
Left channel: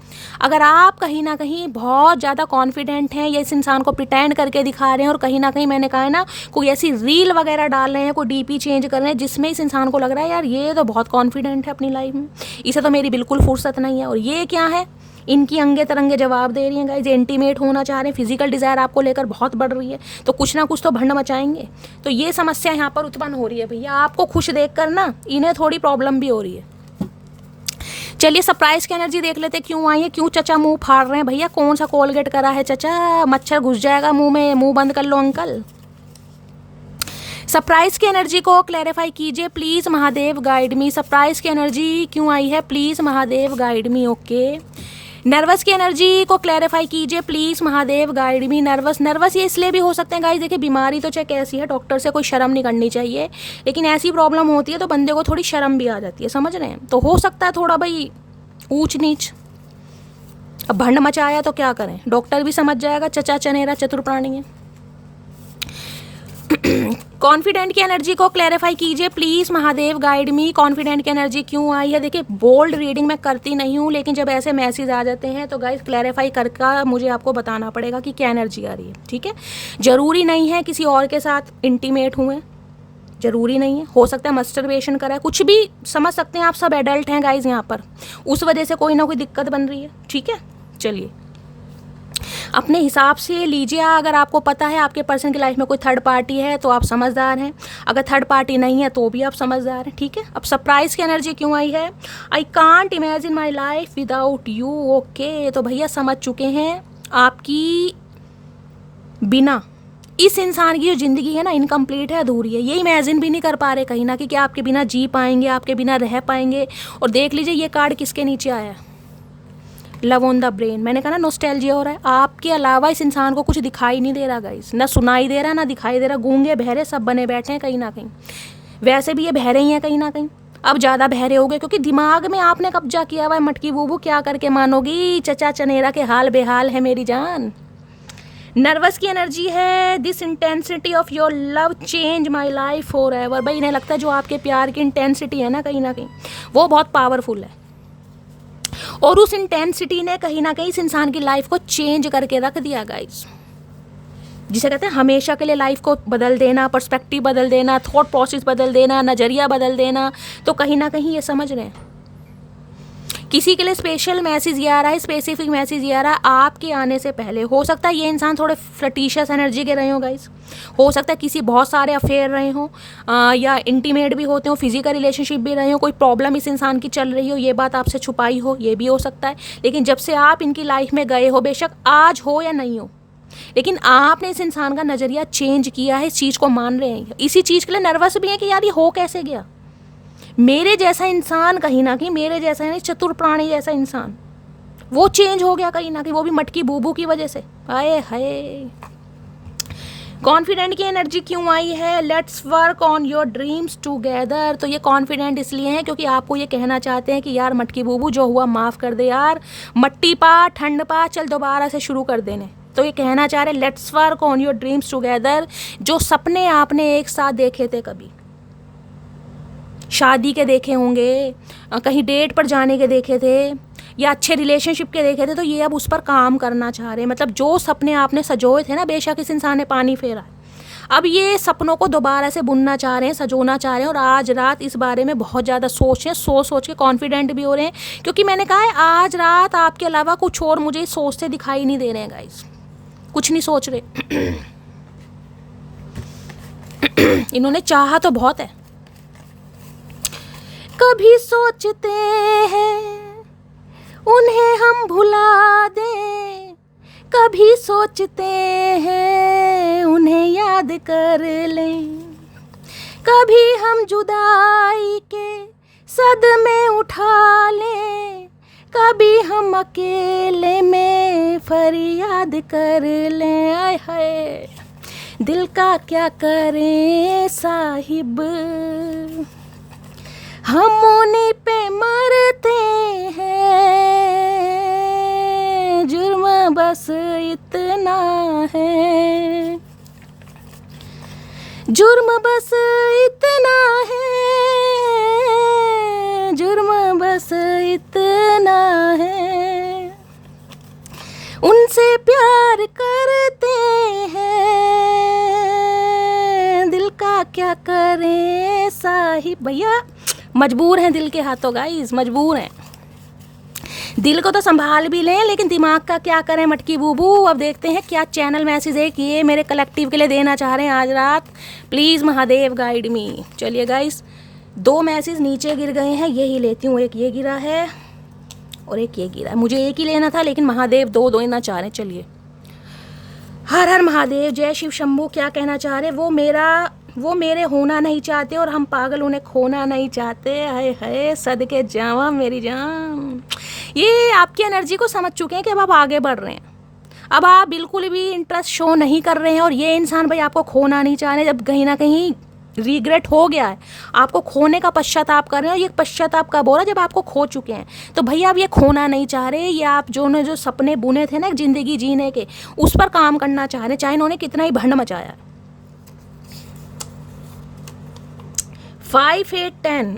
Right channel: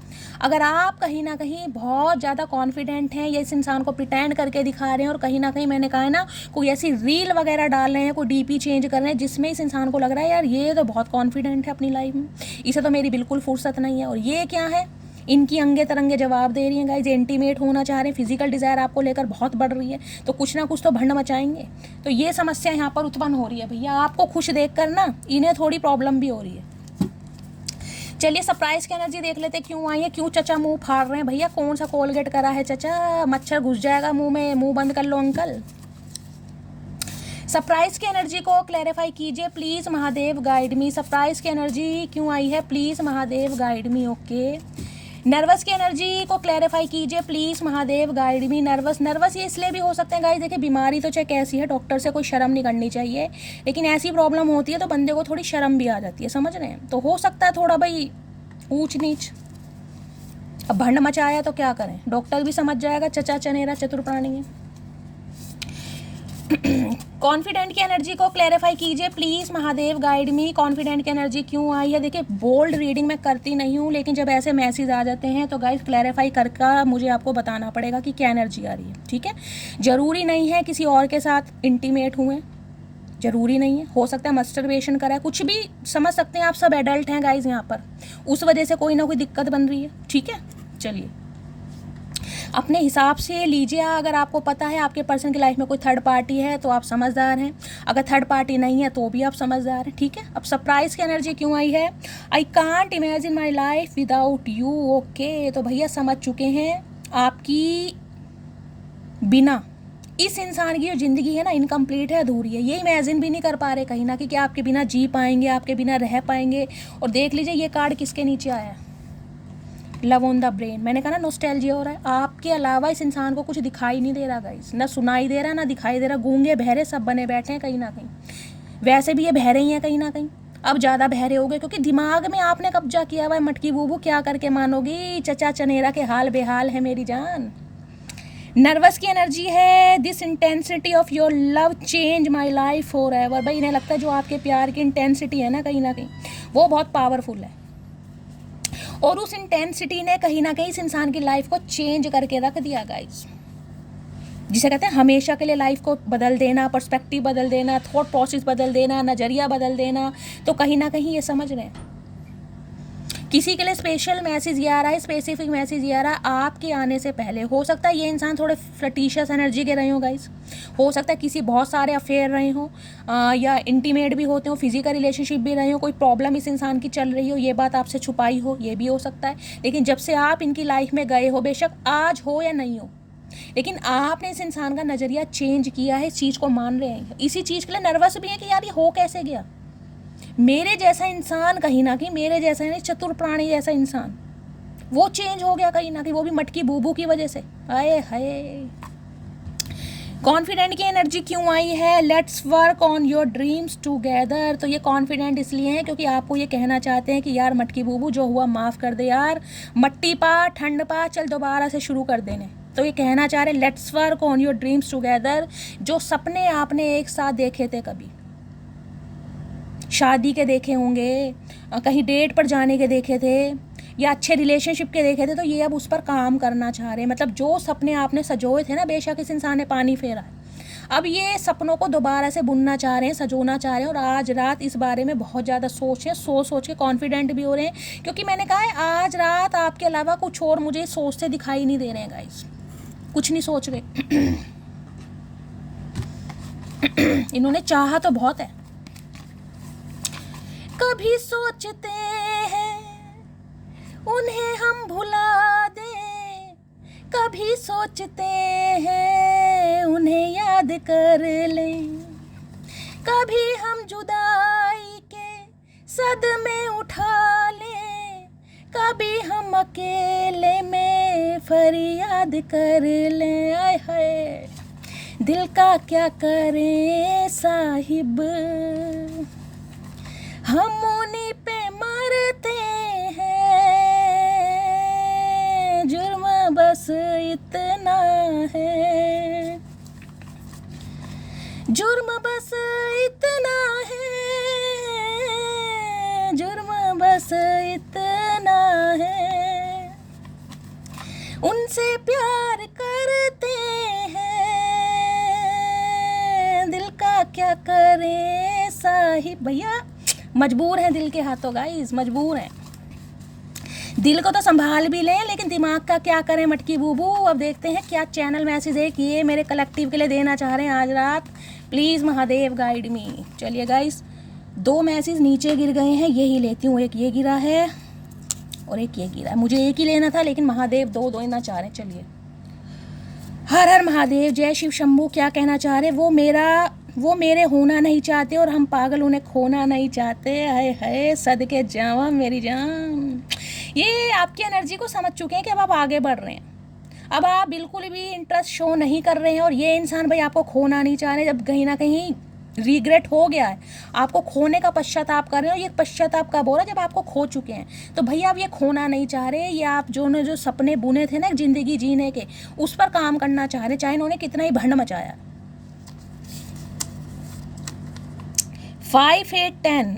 अगर आप कहीं ना कहीं बहुत ज़्यादा कॉन्फिडेंट हैं, या इस इंसान को प्रिटेंड करके दिखा रहे हैं, और कहीं ना कहीं मैंने कहा है ना कोई ऐसी रील वगैरह डाल रहे हैं, कोई DP चेंज कर रहे हैं जिसमें इस इंसान को लग रहा है यार ये तो बहुत कॉन्फिडेंट है अपनी लाइफ में, इसे तो मेरी बिल्कुल फुर्सत नहीं है। और ये क्या है, इनकी अंगे तरंगे जवाब दे रही हैं गाइज, इंटीमेट होना चाह रहे हैं, फिजिकल डिज़ायर आपको लेकर बहुत बढ़ रही है, तो कुछ ना कुछ तो भंड मचाएंगे। तो ये समस्या यहाँ पर उत्पन्न हो रही है भैया, आपको खुश देखकर ना इन्हें थोड़ी प्रॉब्लम भी हो रही है। चलिए सरप्राइज की एनर्जी देख लेते क्यों आई है, क्यों चचा मुंह फाड़ रहे हैं भैया, कौन सा कोलगेट करा है चचा, मच्छर घुस जाएगा मुंह में, मुंह बंद कर लो अंकल। सरप्राइज की एनर्जी को क्लैरिफाई कीजिए please Mahadev guide me. Surprise की एनर्जी क्यों आई है, please Mahadev guide me. Okay, nervous की एनर्जी को क्लैरिफाई कीजिए please Mahadev guide me. Nervous ये इसलिए भी हो सकते हैं गाइस, देखिए बीमारी तो चाहे कैसी है, डॉक्टर से कोई शर्म नहीं करनी चाहिए, लेकिन ऐसी प्रॉब्लम होती है तो बंदे को थोड़ी शर्म भी आ जाती है, समझ रहे हैं। तो हो सकता है थोड़ा भाई ऊंच नीच, अब भंड मचाया तो क्या करें, डॉक्टर भी समझ जाएगा चचा चनेरा चतुर प्राणी है। कॉन्फिडेंट की एनर्जी को क्लैरिफाई कीजिए please Mahadev guide me. Confident की एनर्जी क्यों आई है, देखिए बोल्ड रीडिंग मैं करती नहीं हूँ, लेकिन जब ऐसे मैसेज आ जाते हैं तो गाइस क्लैरिफाई करके मुझे आपको बताना पड़ेगा कि क्या एनर्जी आ रही है, ठीक है। ज़रूरी नहीं है किसी और के साथ इंटीमेट हुए, ज़रूरी नहीं है, हो सकता है मस्टरबेशन करा है, कुछ भी समझ सकते हैं आप, सब एडल्ट हैं गाइस यहाँ पर, उस वजह से कोई ना कोई दिक्कत बन रही है, ठीक है। चलिए अपने हिसाब से लीजिए, अगर आपको पता है आपके पर्सन की लाइफ में कोई थर्ड पार्टी है तो आप समझदार हैं, अगर थर्ड पार्टी नहीं है तो भी आप समझदार हैं, ठीक है। अब सरप्राइज की एनर्जी क्यों आई है, I can't imagine my life without you. Okay, तो भैया समझ चुके हैं आपकी बिना इस इंसान की जो ज़िंदगी है ना इनकम्प्लीट है, अधूरी है, ये इमेजिन भी नहीं कर पा रहे कहीं ना कि आपके बिना जी पाएंगे, आपके बिना रह पाएंगे। और देख लीजिए ये कार्ड किसके नीचे आया है, लव ऑन द ब्रेन। मैंने कहा ना नॉस्टैल्जिया हो रहा है, आपके अलावा इस इंसान को कुछ दिखाई नहीं दे रहा गाइस, ना सुनाई दे रहा ना दिखाई दे रहा, गूंगे बहरे सब बने बैठे हैं कहीं ना कहीं। वैसे भी ये बहरे ही हैं कहीं ना कहीं, अब ज़्यादा बहरे हो गए क्योंकि दिमाग में आपने कब्जा किया हुआ है। मटकी बूबू क्या करके मानोगी, चचा चनेरा के हाल बेहाल है मेरी जान। नर्वस की एनर्जी है, this intensity of your love change my life for ever. भाई इन्हें लगता है जो आपके प्यार की इंटेंसिटी है ना कहीं ना कहीं वो बहुत पावरफुल है, और उस इंटेंसिटी ने कहीं ना कहीं इस इंसान की लाइफ को चेंज करके रख दिया गाइस, जिसे कहते हैं हमेशा के लिए लाइफ को बदल देना, पर्सपेक्टिव बदल देना, थॉट प्रोसेस बदल देना, नज़रिया बदल देना। तो कहीं ना कहीं ये समझ रहे हैं किसी के लिए स्पेशल मैसेज ये आ रहा है, स्पेसिफिक मैसेज ये आ रहा है आपके आने से पहले। हो सकता है ये इंसान थोड़े फ्लर्टिशियस एनर्जी के रहे हो गाइस, हो सकता है किसी बहुत सारे अफेयर रहे हो, या इंटीमेट भी होते हो, फिजिकल रिलेशनशिप भी रहे हो, कोई प्रॉब्लम इस इंसान की चल रही हो, ये बात आपसे छुपाई हो, ये भी हो सकता है। लेकिन जब से आप इनकी लाइफ में गए हो, बेशक आज हो या नहीं हो, लेकिन आपने इस इंसान का नज़रिया चेंज किया है, इस चीज़ को मान रहे हैं, इसी चीज़ के लिए नर्वस भी है कि यार ये हो कैसे गया। मेरे जैसा इंसान कहीं ना कहीं, मेरे जैसा है चतुर प्राणी जैसा इंसान, वो चेंज हो गया कहीं ना कहीं, वो भी मटकी बूबू की वजह से। आए हाय, कॉन्फिडेंट की एनर्जी क्यों आई है? Let's work on your dreams together. तो ये कॉन्फिडेंट इसलिए है क्योंकि आपको ये कहना चाहते हैं कि यार मटकी बूबू जो हुआ माफ़ कर दे यार, मट्टी पा ठंड पा, चल दोबारा से शुरू कर देने। तो ये कहना चाह रहे let's work on your dreams together. जो सपने आपने एक साथ देखे थे, कभी शादी के देखे होंगे, कहीं डेट पर जाने के देखे थे, या अच्छे रिलेशनशिप के देखे थे, तो ये अब उस पर काम करना चाह रहे हैं। मतलब जो सपने आपने सजोए थे ना, बेशक इस इंसान ने पानी फेरा है, अब ये सपनों को दोबारा से बुनना चाह रहे हैं, सजोना चाह रहे हैं। और आज रात इस बारे में बहुत ज़्यादा सोचें, सोच के कॉन्फिडेंट भी हो रहे हैं, क्योंकि मैंने कहा है आज रात आपके अलावा कुछ और मुझे सोचते दिखाई नहीं दे रहे हैं गाइस, कुछ नहीं सोच रहे। इन्होंने चाहा तो बहुत है। कभी सोचते हैं उन्हें हम भुला दें, कभी सोचते हैं उन्हें याद कर लें, कभी हम जुदाई के सदमे उठा लें, कभी हम अकेले में फरियाद कर लें। आय हाय दिल का क्या करें साहिब, हम उन्हीं पे मरते हैं, जुर्म बस इतना है, जुर्म बस इतना है, जुर्म बस इतना है, उनसे प्यार करते हैं, दिल का क्या करें साहिब। भैया मजबूर हैं दिल के हाथों गाइस, मजबूर हैं। दिल को तो संभाल भी लें, लेकिन दिमाग का क्या करें मटकी बूबू। अब देखते हैं क्या चैनल मैसेज है कि ये मेरे कलेक्टिव के लिए देना चाह रहे हैं आज रात। प्लीज़ महादेव गाइड मी। चलिए गाइस, 2 मैसेज नीचे गिर गए हैं, यही लेती हूँ। एक ये गिरा है और एक ये गिरा है। मुझे एक ही लेना था, लेकिन महादेव 2 देना चाह रहे हैं। चलिए, हर हर महादेव, जय शिव शंभू। क्या कहना चाह रहे? वो मेरे होना नहीं चाहते और हम पागल उन्हें खोना नहीं चाहते। हाय हाय सदके जावा मेरी जान। ये आपकी एनर्जी को समझ चुके हैं कि अब आप आगे बढ़ रहे हैं, अब आप बिल्कुल भी इंटरेस्ट शो नहीं कर रहे हैं। और ये इंसान भाई आपको खोना नहीं चाह रहे, जब कहीं ना कहीं रिग्रेट हो गया है, आपको खोने का पश्चाताप कर रहे हैं। और ये पश्चाताप कब हो रहा है? जब आपको खो चुके हैं। तो भैया आप ये खोना नहीं चाह रहे, ये आप जो सपने बुने थे ना जिंदगी जीने के, उस पर काम करना चाह रहे हैं, चाहे इन्होंने कितना ही भंड मचाया। 5, 8, 10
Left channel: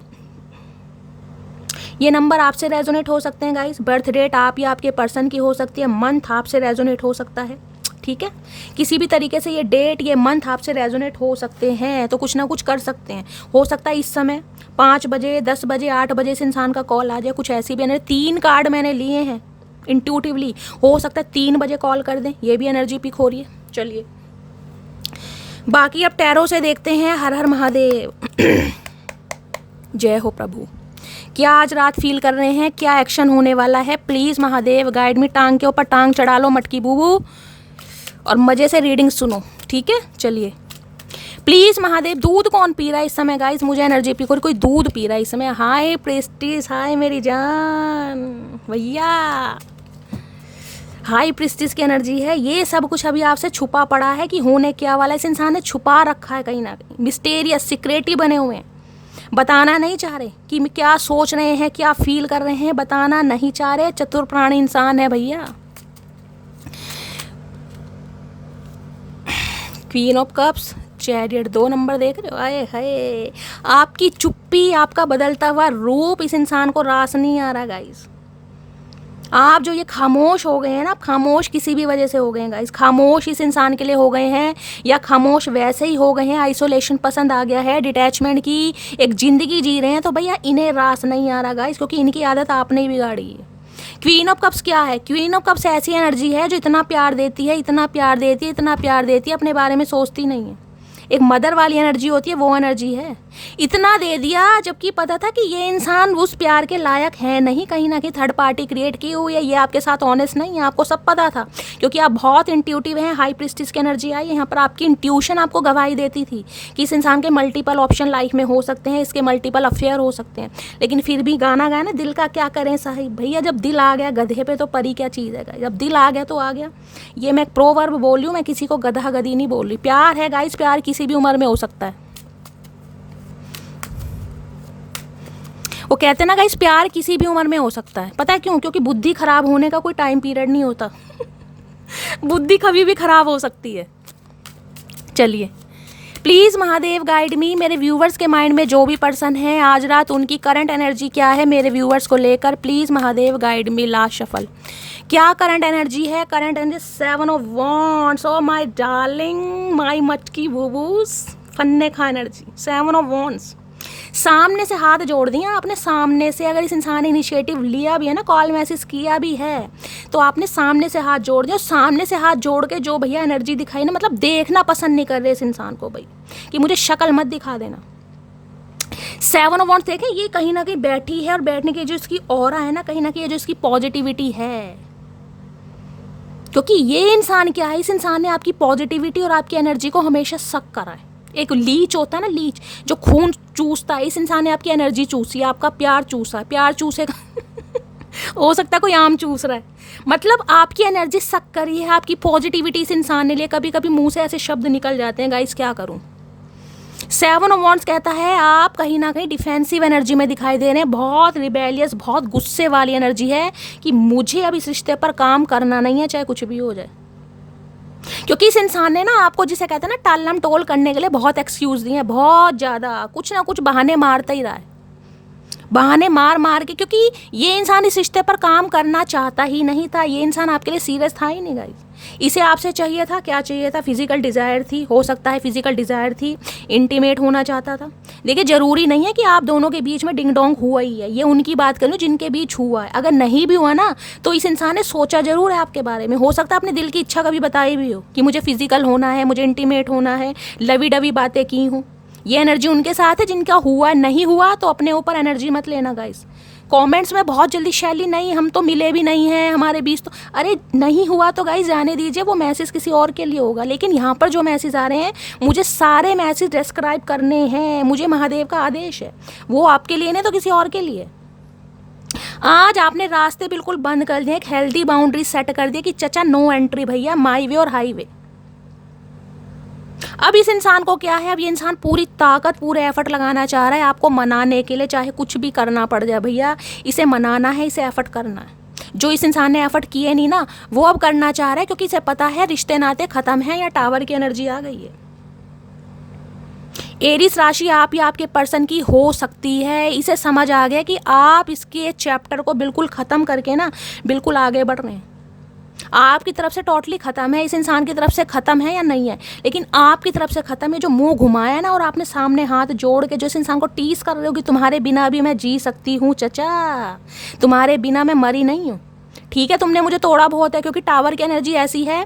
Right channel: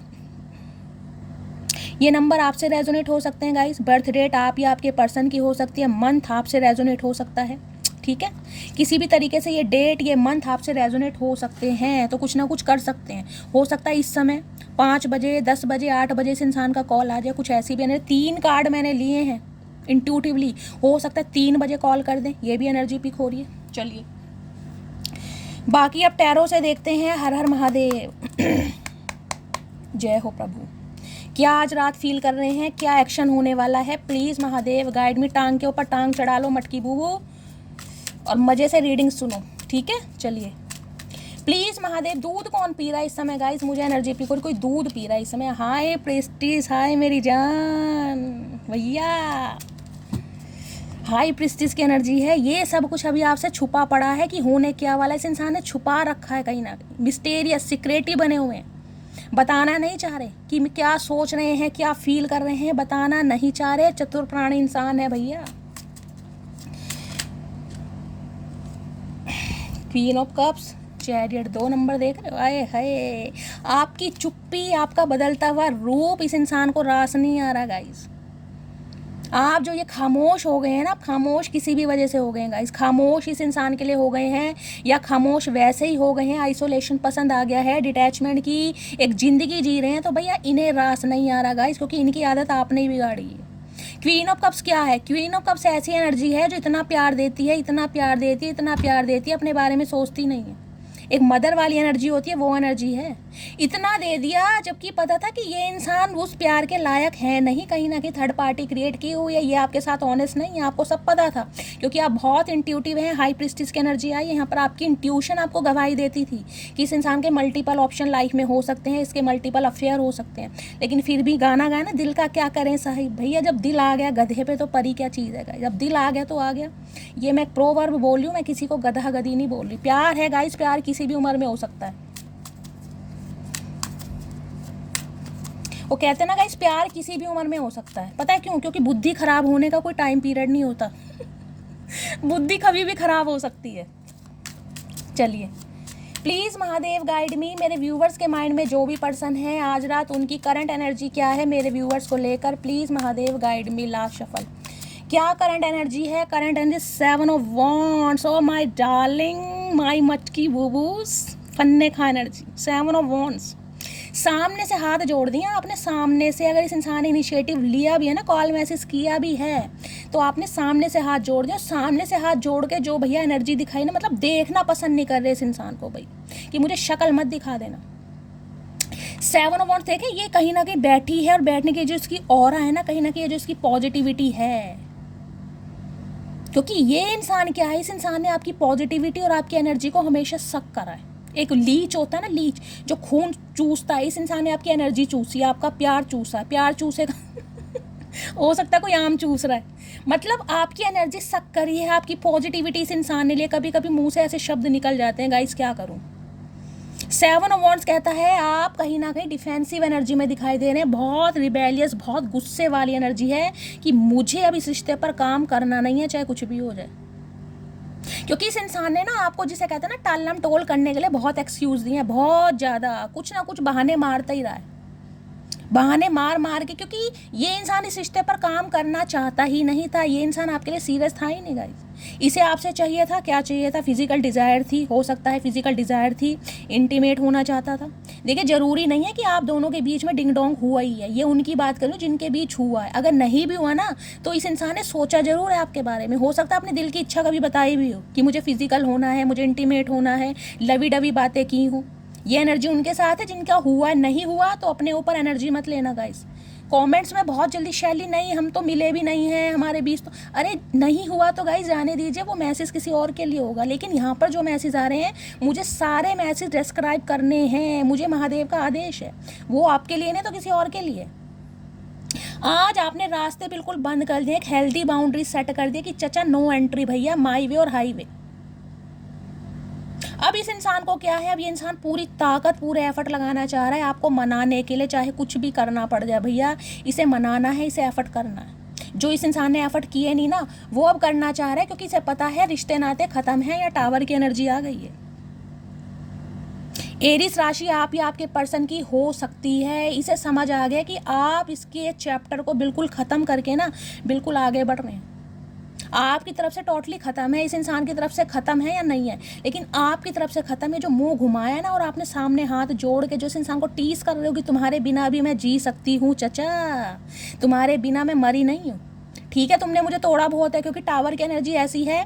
ये नंबर आपसे रेजोनेट हो सकते हैं गाइस। बर्थ डेट आप या आपके पर्सन की हो सकती है, मंथ आपसे रेजोनेट हो सकता है, ठीक है। किसी भी तरीके से ये डेट ये मंथ आपसे रेजोनेट हो सकते हैं, तो कुछ ना कुछ कर सकते हैं। हो सकता है इस समय 5 बजे, 10 बजे, 8 बजे से इंसान का कॉल आ जाए, कुछ ऐसी भी एनर्जी। 3 कार्ड मैंने लिए हैं इंट्यूटिवली, हो सकता है 3 बजे कॉल कर दें, ये भी एनर्जी पिक हो रही है। चलिए बाकी अब टैरो से देखते हैं। हर हर महादेव। जय हो प्रभु। क्या आज रात फील कर रहे हैं? क्या एक्शन होने वाला है? प्लीज़ महादेव गाइड में। टांग के ऊपर टांग चढ़ा लो मटकी बूबू और मज़े से रीडिंग सुनो, ठीक है। चलिए प्लीज़ महादेव। दूध कौन पी रहा है इस समय गाइस? मुझे एनर्जी पी, कोई दूध पी रहा है इस समय। हाय प्रेस्टीज, हाय मेरी जान भैया, हाई प्रिस्टिस की एनर्जी है। ये सब कुछ अभी आपसे छुपा पड़ा है कि होने क्या वाला है। इस इंसान ने छुपा रखा है कहीं ना कहीं, मिस्टेरियस सीक्रेटी बने हुए हैं, बताना नहीं चाह रहे कि क्या सोच रहे हैं, क्या फील कर रहे हैं, बताना नहीं चाह रहे। चतुर प्राणी इंसान है भैया। Queen of cups, chariot, 2 number देख रहे हो? आए हाय, आपकी चुप्पी, आपका बदलता हुआ रूप इस इंसान को रास नहीं आ रहा गाइस। आप जो ये खामोश हो गए हैं ना, खामोश किसी भी वजह से हो गए हैं गाइस। खामोश इस इंसान के लिए हो गए हैं, या खामोश वैसे ही हो गए हैं, आइसोलेशन पसंद आ गया है, डिटैचमेंट की एक ज़िंदगी जी रहे हैं। तो भैया इन्हें रास नहीं आ रहा गाइस, क्योंकि इनकी आदत आपने ही बिगाड़ी है। क्वीन ऑफ कप्स क्या है? क्वीन ऑफ कप्स ऐसी एनर्जी है जो इतना प्यार देती है, इतना प्यार देती है, इतना प्यार देती है, अपने बारे में सोचती नहीं है। एक मदर वाली एनर्जी होती है, वो एनर्जी है। इतना दे दिया जबकि पता था कि ये इंसान उस प्यार के लायक है नहीं, कहीं ना कहीं थर्ड पार्टी क्रिएट की हुई है, ये आपके साथ ऑनेस्ट नहीं है, आपको सब पता था क्योंकि आप बहुत इंट्यूटिव हैं। हाई प्रिस्टिस की एनर्जी आई यहाँ पर, आपकी इंट्यूशन आपको गवाही देती थी कि इस इंसान के मल्टीपल ऑप्शन लाइफ में हो सकते हैं, इसके मल्टीपल अफेयर हो सकते हैं, लेकिन फिर भी गाना गाया ना, दिल का क्या करें साहिब। भैया जब दिल आ गया गधे पे तो परी क्या चीज़ है, जब दिल आ गया तो आ गया। ये मैं प्रोवर्ब बोल रही हूँ, मैं किसी को गधा गधी नहीं बोल रही। प्यार है गाइस, प्यार किसी भी उम्र में हो सकता है। वो कहते हैं ना गाइस, प्यार किसी भी उम्र में हो सकता है। पता है क्यों? क्योंकि बुद्धि खराब होने का कोई टाइम पीरियड नहीं होता। बुद्धि कभी भी खराब हो सकती है। चलिए, प्लीज़ महादेव गाइड मी। मेरे व्यूवर्स के माइंड में जो भी पर्सन है आज रात, उनकी करंट एनर्जी क्या है मेरे व्यूवर्स को लेकर, please Mahadev guide me. Last shuffle, क्या करंट एनर्जी है? Current energy 7 of wands. Oh my darling, my मटकी बूबूस, फन्ने खा एनर्जी। 7 ऑफ वॉन्ड्स, सामने से हाथ जोड़ दिया आपने। सामने से अगर इस इंसान ने इनिशिएटिव लिया भी है ना, कॉल मैसेज किया भी है, तो आपने सामने से हाथ जोड़ दिया। सामने से हाथ जोड़ के जो भैया एनर्जी दिखाई ना, मतलब देखना पसंद नहीं कर रहे इस इंसान को भाई, कि मुझे शक्ल मत दिखा देना। 7 ऑफ वॉन्ड्स देखें, ये कहीं ना कहीं बैठी है, और बैठने की जो इसकी ऑरा है ना, कहीं ना कहीं जो इसकी पॉजिटिविटी है, क्योंकि ये इंसान क्या है, इस इंसान ने आपकी पॉजिटिविटी और आपकी एनर्जी को हमेशा सक करा है। एक लीच होता है ना, लीच जो खून चूसता है, इस इंसान ने आपकी एनर्जी चूसी, आपका प्यार चूसा है। प्यार चूसेगा हो सकता है कोई आम चूस रहा है, मतलब आपकी एनर्जी सक करी है, आपकी पॉजिटिविटी इस इंसान ने लिए। कभी कभी मुंह से ऐसे शब्द निकल जाते हैं गाइस, क्या करूं। 7 ऑफ वॉन्ड्स कहता है आप कहीं ना कहीं डिफेंसिव एनर्जी में दिखाई दे रहे हैं, बहुत रिबेलियस, बहुत गुस्से वाली एनर्जी है कि मुझे अब इस रिश्ते पर काम करना नहीं है, चाहे कुछ भी हो जाए। क्योंकि इस इंसान ने ना आपको, जिसे कहते हैं ना टालम टोल करने के लिए, बहुत एक्सक्यूज दिए हैं, बहुत ज़्यादा, कुछ ना कुछ बहाने मारता ही रहा है, बहाने मार मार के। क्योंकि ये इंसान इस रिश्ते पर काम करना चाहता ही नहीं था, ये इंसान आपके लिए सीरियस था ही नहीं गाइस। इसे आपसे चाहिए था, क्या चाहिए था? फिजिकल डिज़ायर थी, हो सकता है फिजिकल डिज़ायर थी, इंटीमेट होना चाहता था। देखिए, ज़रूरी नहीं है कि आप दोनों के बीच में डिंग डोंग हुआ ही है, ये उनकी बात करूँ जिनके बीच हुआ है। अगर नहीं भी हुआ ना, तो इस इंसान ने सोचा ज़रूर है आपके बारे में। हो सकता है अपने दिल की इच्छा कभी बताई भी हो कि मुझे फिजिकल होना है, मुझे इंटीमेट होना है, लवी डवी बातें की हूँ। ये एनर्जी उनके साथ है जिनका हुआ। नहीं हुआ तो अपने ऊपर एनर्जी मत लेना गाइस। कमेंट्स में बहुत जल्दी शैली, नहीं हम तो मिले भी नहीं हैं, हमारे बीच तो, अरे नहीं हुआ तो गाइस जाने दीजिए, वो मैसेज किसी और के लिए होगा। लेकिन यहाँ पर जो मैसेज आ रहे हैं, मुझे सारे मैसेज डिस्क्राइब करने हैं, मुझे महादेव का आदेश है, वो आपके लिए नहीं तो किसी और के लिए। आज आपने रास्ते बिल्कुल बंद कर दिए, एक हेल्दी बाउंड्री सेट कर दिया कि चचा नो एंट्री भैया, माई वे और हाईवे। अब इस इंसान को क्या है, अब ये इंसान पूरी ताकत, पूरे एफर्ट लगाना चाह रहा है आपको मनाने के लिए, चाहे कुछ भी करना पड़ जाए भैया, इसे मनाना है, इसे एफर्ट करना है। जो इस इंसान ने एफर्ट किए नहीं ना, वो अब करना चाह रहा है, क्योंकि इसे पता है रिश्ते नाते खत्म है, या टावर की एनर्जी आ गई है। एरीज राशि आप या आपके पर्सन की हो सकती है, इसे समझ आ गया कि आप इसके चैप्टर को बिल्कुल ख़त्म करके ना बिल्कुल आगे बढ़ रहे हैं। आपकी तरफ से टोटली ख़त्म है, इस इंसान की तरफ से ख़त्म है या नहीं है, लेकिन आपकी तरफ से ख़त्म है। जो मुंह घुमाया ना, और आपने सामने हाथ जोड़ के जो इस इंसान को टीस कर रहे हो कि तुम्हारे बिना भी मैं जी सकती हूँ चचा, तुम्हारे बिना मैं मरी नहीं हूँ। ठीक है, तुमने मुझे तोड़ा बहुत है, क्योंकि टावर की एनर्जी ऐसी है।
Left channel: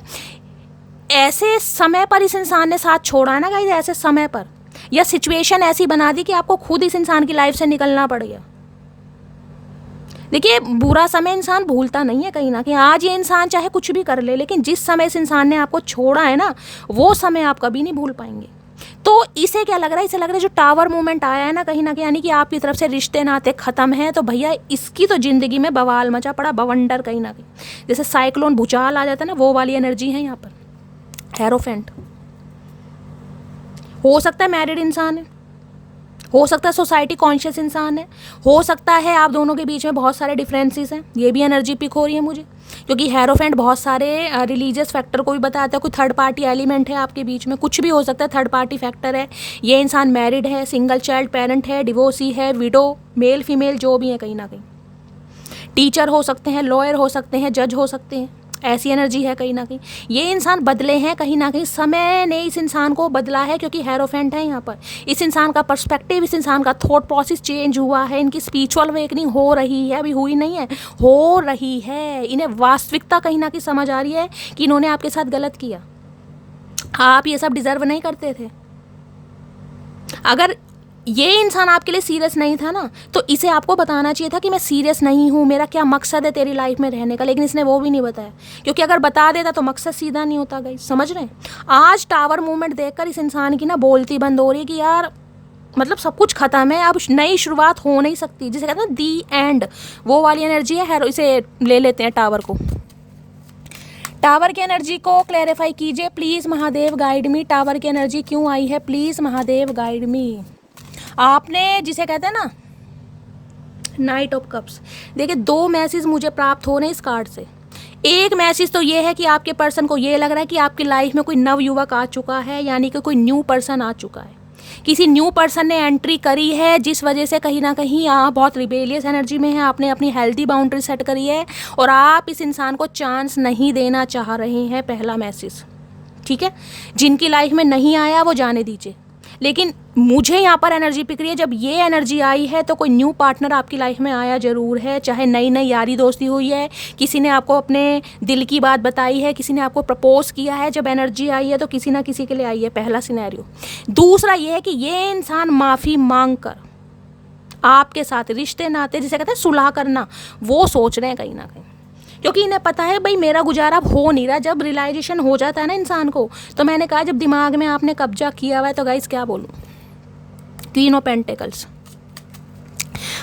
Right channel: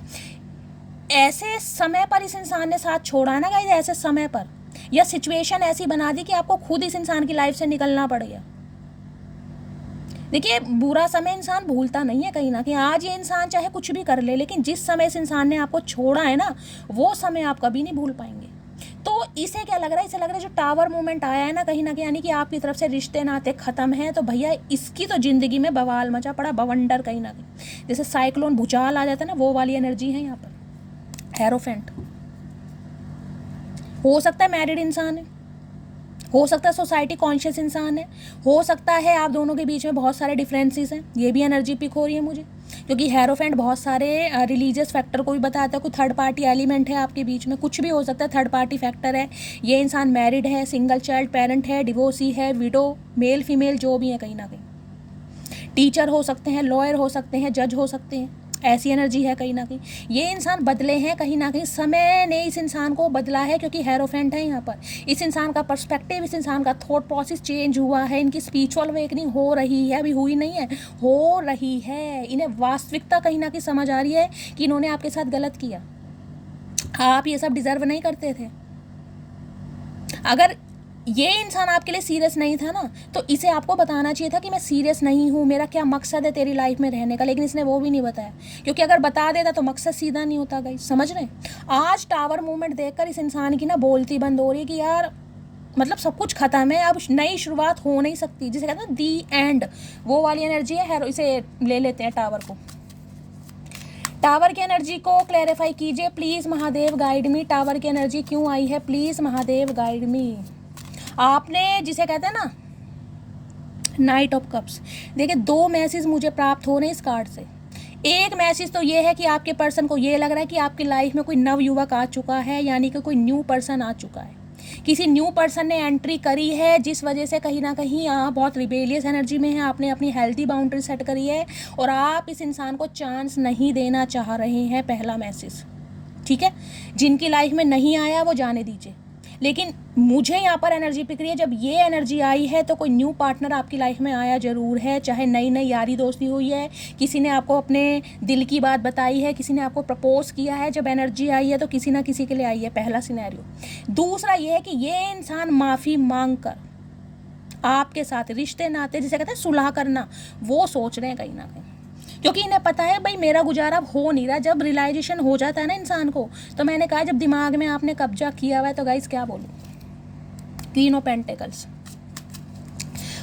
ऐसे समय पर इस इंसान ने साथ छोड़ा ना गाइस, ऐसे समय पर, या सिचुएशन ऐसी बना दी कि आपको खुद इस इंसान की लाइफ से निकलना पड़ गया। देखिए, बुरा समय इंसान भूलता नहीं है कहीं ना कहीं। आज ये इंसान चाहे कुछ भी कर ले, लेकिन जिस समय इस इंसान ने आपको छोड़ा है ना, वो समय आप कभी नहीं भूल पाएंगे। तो इसे क्या लग रहा है, इसे लग रहा है जो टावर मूवमेंट आया है ना कहीं ना कहीं, यानी कि आपकी तरफ से रिश्ते नाते खत्म है, तो भैया इसकी तो जिंदगी में बवाल मचा पड़ा, बवंडर कहीं ना कहीं, जैसे साइक्लोन भूचाल आ जाता है ना, वो वाली एनर्जी है यहाँ पर। हेरोफेंट हो सकता है मैरिड इंसान है, हो सकता है सोसाइटी कॉन्शियस इंसान है, हो सकता है आप दोनों के बीच में बहुत सारे डिफरेंसेस हैं। ये भी एनर्जी पिक हो रही है मुझे, क्योंकि हेरोफेंट बहुत सारे रिलीजियस फैक्टर को भी बताता है। कोई थर्ड पार्टी एलिमेंट है आपके बीच में, कुछ भी हो सकता है, थर्ड पार्टी फैक्टर है। ये इंसान मैरिड है, सिंगल चाइल्ड पेरेंट है, डिवोर्सी है, विडो, मेल फीमेल जो भी है, कहीं ना कहीं टीचर हो सकते हैं, लॉयर हो सकते हैं, जज हो सकते हैं, ऐसी एनर्जी है कहीं ना कहीं। ये इंसान बदले हैं कहीं ना कहीं, समय ने इस इंसान को बदला है, क्योंकि हेरोफेंट है यहाँ पर। इस इंसान का पर्सपेक्टिव, इस इंसान का थॉट प्रोसेस चेंज हुआ है, इनकी स्पिरिचुअल अवेकनिंग हो रही है, अभी हुई नहीं है, हो रही है। इन्हें वास्तविकता कहीं ना कहीं समझ आ रही है कि इन्होंने आपके साथ गलत किया, आप ये सब डिजर्व नहीं करते थे। अगर ये इंसान आपके लिए सीरियस नहीं था ना, तो इसे आपको बताना चाहिए था कि मैं सीरियस नहीं हूँ, मेरा क्या मकसद है तेरी लाइफ में रहने का, लेकिन इसने वो भी नहीं बताया। क्योंकि अगर बता देता तो मकसद सीधा नहीं होता गाइस, समझ रहे हैं। आज टावर मूवमेंट देखकर इस इंसान की ना बोलती बंद हो रही है कि यार मतलब सब कुछ खत्म है, अब नई शुरुआत हो नहीं सकती, जिसे कहते हैं दी एंड, वो वाली एनर्जी है। इसे ले लेते हैं टावर को। टावर की एनर्जी को क्लैरिफाई कीजिए please Mahadev guide me. Tower की एनर्जी क्यों आई है, प्लीज़ महादेव गाइड मी। आपने जिसे कहते हैं ना नाइट ऑफ कप्स, देखिए 2 मैसेज मुझे प्राप्त हो रहे हैं इस कार्ड से। एक मैसेज तो ये है कि आपके पर्सन को ये लग रहा है कि आपकी लाइफ में कोई नव युवक आ चुका है, यानी कि कोई न्यू पर्सन आ चुका है, किसी न्यू पर्सन ने एंट्री करी है, जिस वजह से कहीं ना कहीं आप बहुत रिबेलियस एनर्जी में हैं, आपने अपनी हेल्थी बाउंड्री सेट करी है और आप इस इंसान को चांस नहीं देना चाह रहे हैं। पहला मैसेज, ठीक है। जिनकी लाइफ में नहीं आया वो जाने दीजिए, लेकिन मुझे यहाँ पर एनर्जी पिक रही है, जब ये एनर्जी आई है तो कोई न्यू पार्टनर आपकी लाइफ में आया ज़रूर है, चाहे नई नई यारी दोस्ती हुई है, किसी ने आपको अपने दिल की बात बताई है, किसी ने आपको प्रपोज किया है। जब एनर्जी आई है तो किसी ना किसी के लिए आई है, पहला सिनेरियो। दूसरा ये है कि ये इंसान माफ़ी मांग कर आपके साथ रिश्ते नाते, जिसे कहते हैं सुलह करना, वो सोच रहे हैं कहीं ना कहीं, क्योंकि इन्हें पता है भाई मेरा गुजारा हो नहीं रहा। जब रियलाइजेशन हो जाता है ना इंसान को, तो मैंने कहा जब दिमाग में आपने कब्जा किया हुआ है तो गाइस क्या बोलूँ। क्वीन ऑफ पेंटिकल्स,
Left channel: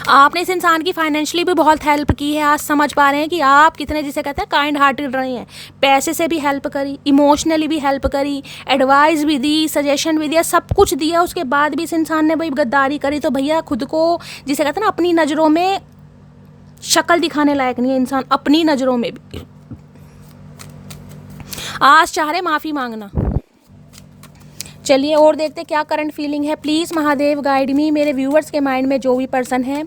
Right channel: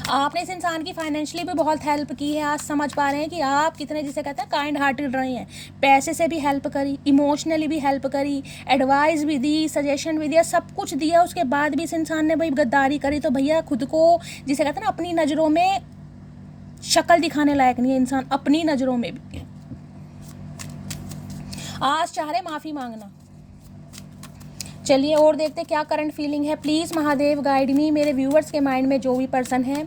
आपने इस इंसान की फाइनेंशियली भी बहुत हेल्प की है। आज समझ पा रहे हैं कि आप कितने, जिसे कहते हैं काइंड हार्टेड रहे हैं। पैसे से भी हेल्प करी, इमोशनली भी हेल्प करी, एडवाइस भी दी, सजेशन भी दिया, सब कुछ दिया। उसके बाद भी इस इंसान ने भाई गद्दारी करी, तो भैया खुद को, जिसे कहते हैं ना अपनी नज़रों में शक्ल दिखाने लायक नहीं है इंसान, अपनी नज़रों में भी। आज चाह रहे माफ़ी मांगना। चलिए और देखते क्या करंट फीलिंग है, प्लीज़ महादेव गाइड मी। मेरे व्यूअर्स के माइंड में जो भी पर्सन है,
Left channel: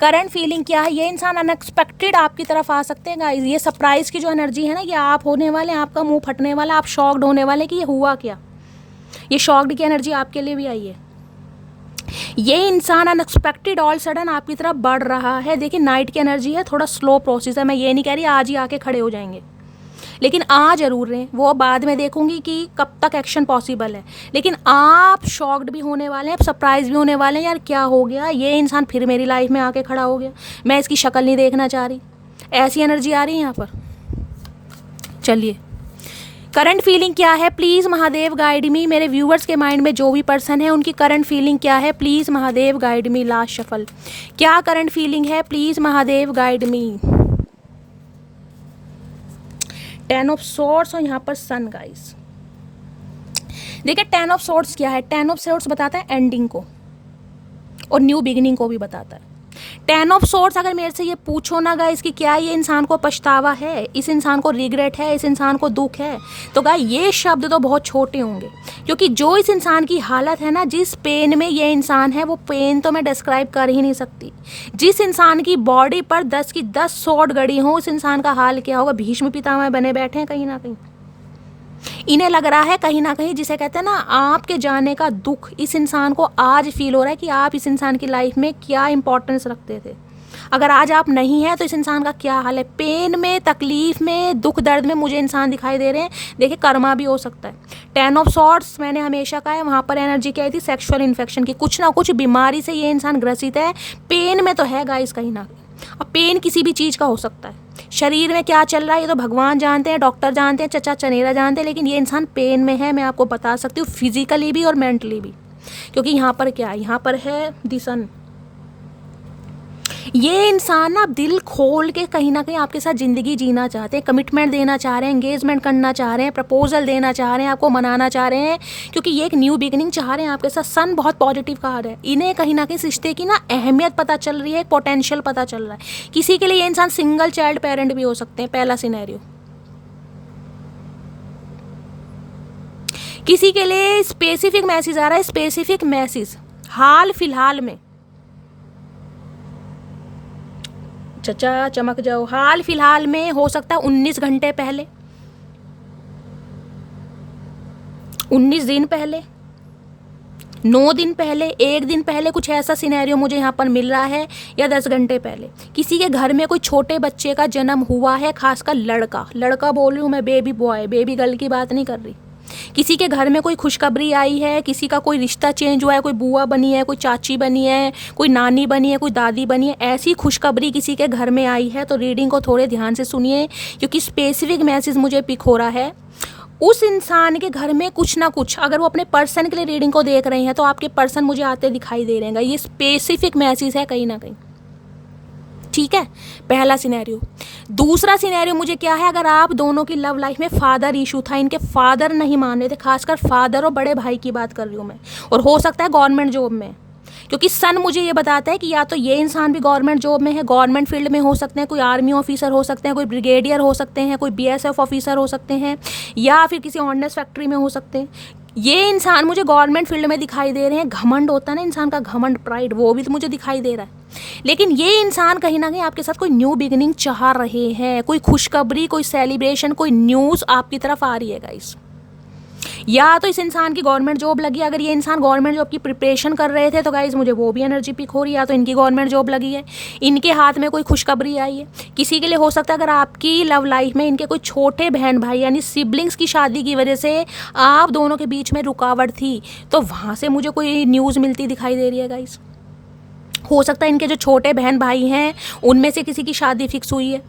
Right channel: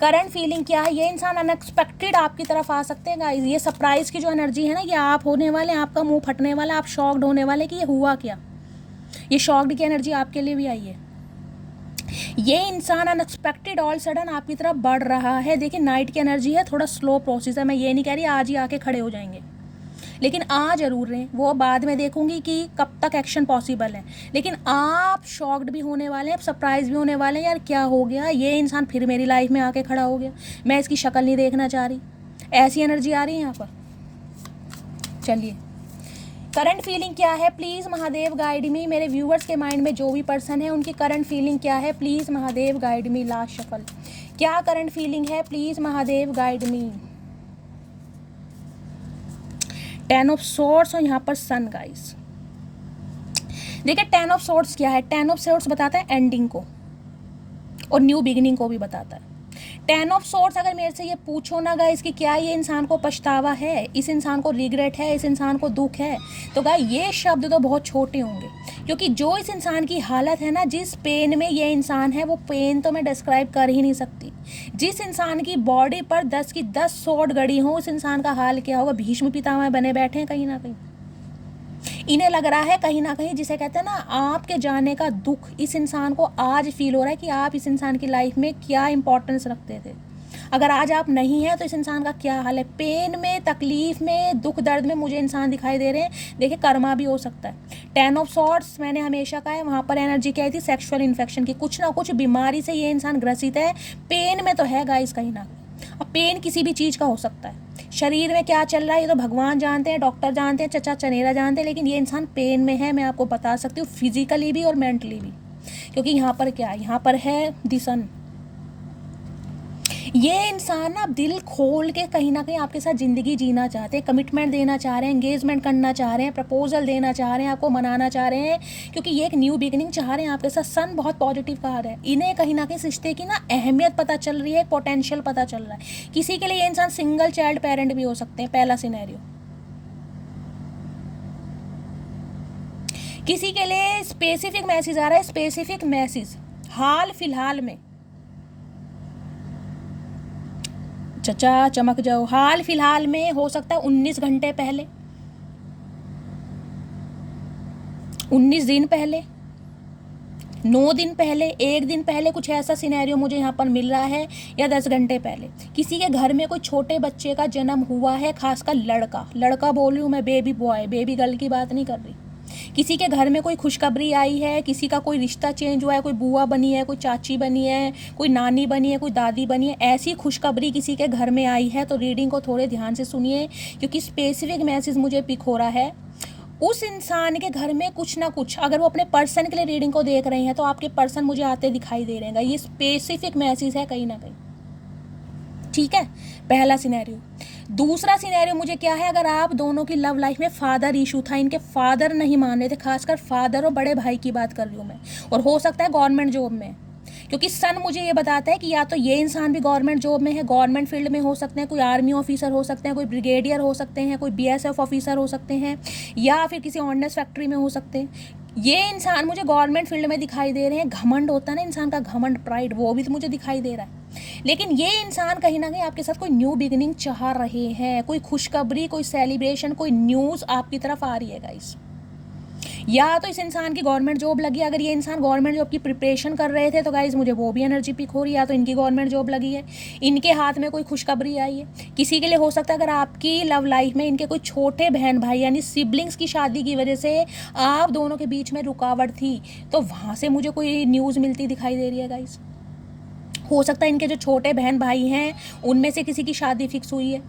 करंट फीलिंग क्या है। ये इंसान अनएक्सपेक्टेड आपकी तरफ आ सकते हैं गाइस। ये सरप्राइज़ की जो एनर्जी है ना, ये आप होने वाले, आपका मुंह फटने वाला, आप शॉक्ड होने वाले कि ये हुआ क्या। ये शॉक्ड की एनर्जी आपके लिए भी आई है। ये इंसान अनएक्सपेक्टेड ऑल सडन आपकी तरफ बढ़ रहा है। देखिए नाइट की एनर्जी है, थोड़ा स्लो प्रोसेस है। मैं ये नहीं कह रही आज ही आके खड़े हो जाएंगे, लेकिन आ जरूर रहे हैं। वो बाद में देखूंगी कि कब तक एक्शन पॉसिबल है, लेकिन आप शॉक्ड भी होने वाले हैं, आप सरप्राइज भी होने वाले हैं। यार क्या हो गया, ये इंसान फिर मेरी लाइफ में आके खड़ा हो गया, मैं इसकी शक्ल नहीं देखना चाह रही। ऐसी एनर्जी आ रही है यहाँ पर। चलिए करंट फीलिंग क्या है, प्लीज़ महादेव गाइड मी। मेरे व्यूअर्स के माइंड में जो भी पर्सन है उनकी करंट फीलिंग क्या है, please Mahadev guide me. Last shuffle, क्या करंट फीलिंग है, please Mahadev guide me. 10 of swords और यहाँ पर सन गाइस। देखिए 10 ऑफ सोर्ड्स क्या है, 10 ऑफ सोर्ड्स बताता है एंडिंग को और न्यू बिगिनिंग को भी बताता है। 10 ऑफ सोर्ड्स अगर मेरे से ये पूछो ना गाइस कि क्या ये इंसान को पछतावा है, इस इंसान को रिग्रेट है, इस इंसान को दुख है, तो गाइस ये शब्द तो बहुत छोटे होंगे, क्योंकि जो इस इंसान की हालत है ना, जिस पेन में ये इंसान है, वो पेन तो मैं डिस्क्राइब कर ही नहीं सकती। जिस इंसान की बॉडी पर 10 की 10 सॉर्ड गड़ी हो, उस इंसान का हाल क्या होगा। भीष्म पितामह बने बैठे हैं कहीं ना कहीं। इन्हें लग रहा है कहीं ना कहीं, जिसे कहते हैं ना आपके जाने का दुख इस इंसान को आज फील हो रहा है कि आप इस इंसान की लाइफ में क्या इंपॉर्टेंस रखते थे। अगर आज आप नहीं हैं तो इस इंसान का क्या हाल है। पेन में, तकलीफ में, दुख दर्द में मुझे इंसान दिखाई दे रहे हैं। देखिए कर्मा भी हो सकता है। 10 ऑफ सॉर्ड्स मैंने हमेशा कहा है, वहाँ पर एनर्जी क्या आई थी, सेक्सुअल इन्फेक्शन की। कुछ ना कुछ बीमारी से ये इंसान ग्रसित है, पेन में तो है गाइस कहीं ना कहीं। अब पेन किसी भी चीज़ का हो सकता है, शरीर में क्या चल रहा है ये तो भगवान जानते हैं, डॉक्टर जानते हैं, चचा चनेरा जानते हैं, लेकिन ये इंसान पेन में है। मैं आपको बता सकती हूँ फिजिकली भी और मेंटली भी, क्योंकि यहाँ पर क्या है, यहाँ पर है द सन। ये इंसान ना दिल खोल के कहीं ना कहीं आपके साथ ज़िंदगी जीना चाहते हैं, कमिटमेंट देना चाह रहे हैं, एंगेजमेंट करना चाह रहे हैं, प्रपोजल देना चाह रहे हैं, आपको मनाना चाह रहे हैं, क्योंकि ये एक न्यू बिगिनिंग चाह रहे हैं आपके साथ। सन बहुत पॉजिटिव कार्ड है। इन्हें कहीं ना कहीं रिश्ते की ना अहमियत पता चल रही है, एक पोटेंशियल पता चल रहा है। किसी के लिए ये इंसान सिंगल चाइल्ड पेरेंट भी हो सकते हैं, पहला सिनेरियो। किसी के लिए स्पेसिफिक मैसेज आ रहा है, स्पेसिफिक मैसेज हाल फिलहाल में। चचा चमक जाओ, हाल फिलहाल में हो सकता है 19 घंटे पहले, 19 दिन पहले, 9 दिन पहले, 1 दिन पहले, कुछ ऐसा सिनेरियो मुझे यहाँ पर मिल रहा है, या 10 घंटे पहले। किसी के घर में कोई छोटे बच्चे का जन्म हुआ है, खासकर लड़का बोल रही हूँ मैं, बेबी बॉय बेबी गर्ल की बात नहीं कर रही। किसी के घर में कोई खुशखबरी आई है, किसी का कोई रिश्ता चेंज हुआ है, कोई बुआ बनी है, कोई चाची बनी है, कोई नानी बनी है, कोई दादी बनी है, ऐसी खुशखबरी किसी के घर में आई है तो रीडिंग को थोड़े ध्यान से सुनिए, क्योंकि स्पेसिफिक मैसेज मुझे पिक हो रहा है। उस इंसान के घर में कुछ ना कुछ, अगर वो अपने पर्सन के लिए रीडिंग को देख रहे हैं तो आपके पर्सन मुझे आते दिखाई दे रहे हैं। ये स्पेसिफिक मैसेज है कहीं ना कहीं, ठीक है। पहला सिनेरियो। दूसरा सिनेरियो मुझे क्या है, अगर आप दोनों की लव लाइफ में फादर इशू था, इनके फादर नहीं मान रहे थे, खासकर फादर और बड़े भाई की बात कर रही हूँ मैं, और हो सकता है गवर्नमेंट जॉब में, क्योंकि सन मुझे ये बताता है कि या तो ये इंसान भी गवर्नमेंट जॉब में है, गवर्नमेंट फील्ड में हो सकते हैं, कोई आर्मी ऑफिसर हो सकते हैं, कोई ब्रिगेडियर हो सकते हैं, कोई बीएसएफ ऑफिसर हो सकते हैं, या फिर किसी ऑर्डिनेंस फैक्ट्री में हो सकते हैं। ये इंसान मुझे गवर्नमेंट फील्ड में दिखाई दे रहे हैं। घमंड होता है ना इंसान का, घमंड, प्राइड, वो भी तो मुझे दिखाई दे रहा है। लेकिन ये इंसान कहीं ना कहीं आपके साथ कोई न्यू बिगिनिंग चाह रहे हैं, कोई खुशखबरी, कोई सेलिब्रेशन, कोई न्यूज़ आपकी तरफ आ रही है गाइस। या तो इस इंसान की गवर्नमेंट जॉब लगी, अगर ये इंसान गवर्नमेंट जॉब की प्रिपरेशन कर रहे थे तो गाइस मुझे वो भी एनर्जी पिक हो रही है। या तो इनकी गवर्नमेंट जॉब लगी है, इनके हाथ में कोई खुशखबरी आई है। किसी के लिए हो सकता है अगर आपकी लव लाइफ में इनके कोई छोटे बहन भाई यानी सिबलिंग्स की शादी की वजह से आप दोनों के बीच में रुकावट थी, तो वहाँ से मुझे कोई न्यूज़ मिलती दिखाई दे रही है गाइस। हो सकता है इनके जो छोटे बहन भाई हैं उनमें से किसी की शादी फिक्स हुई है,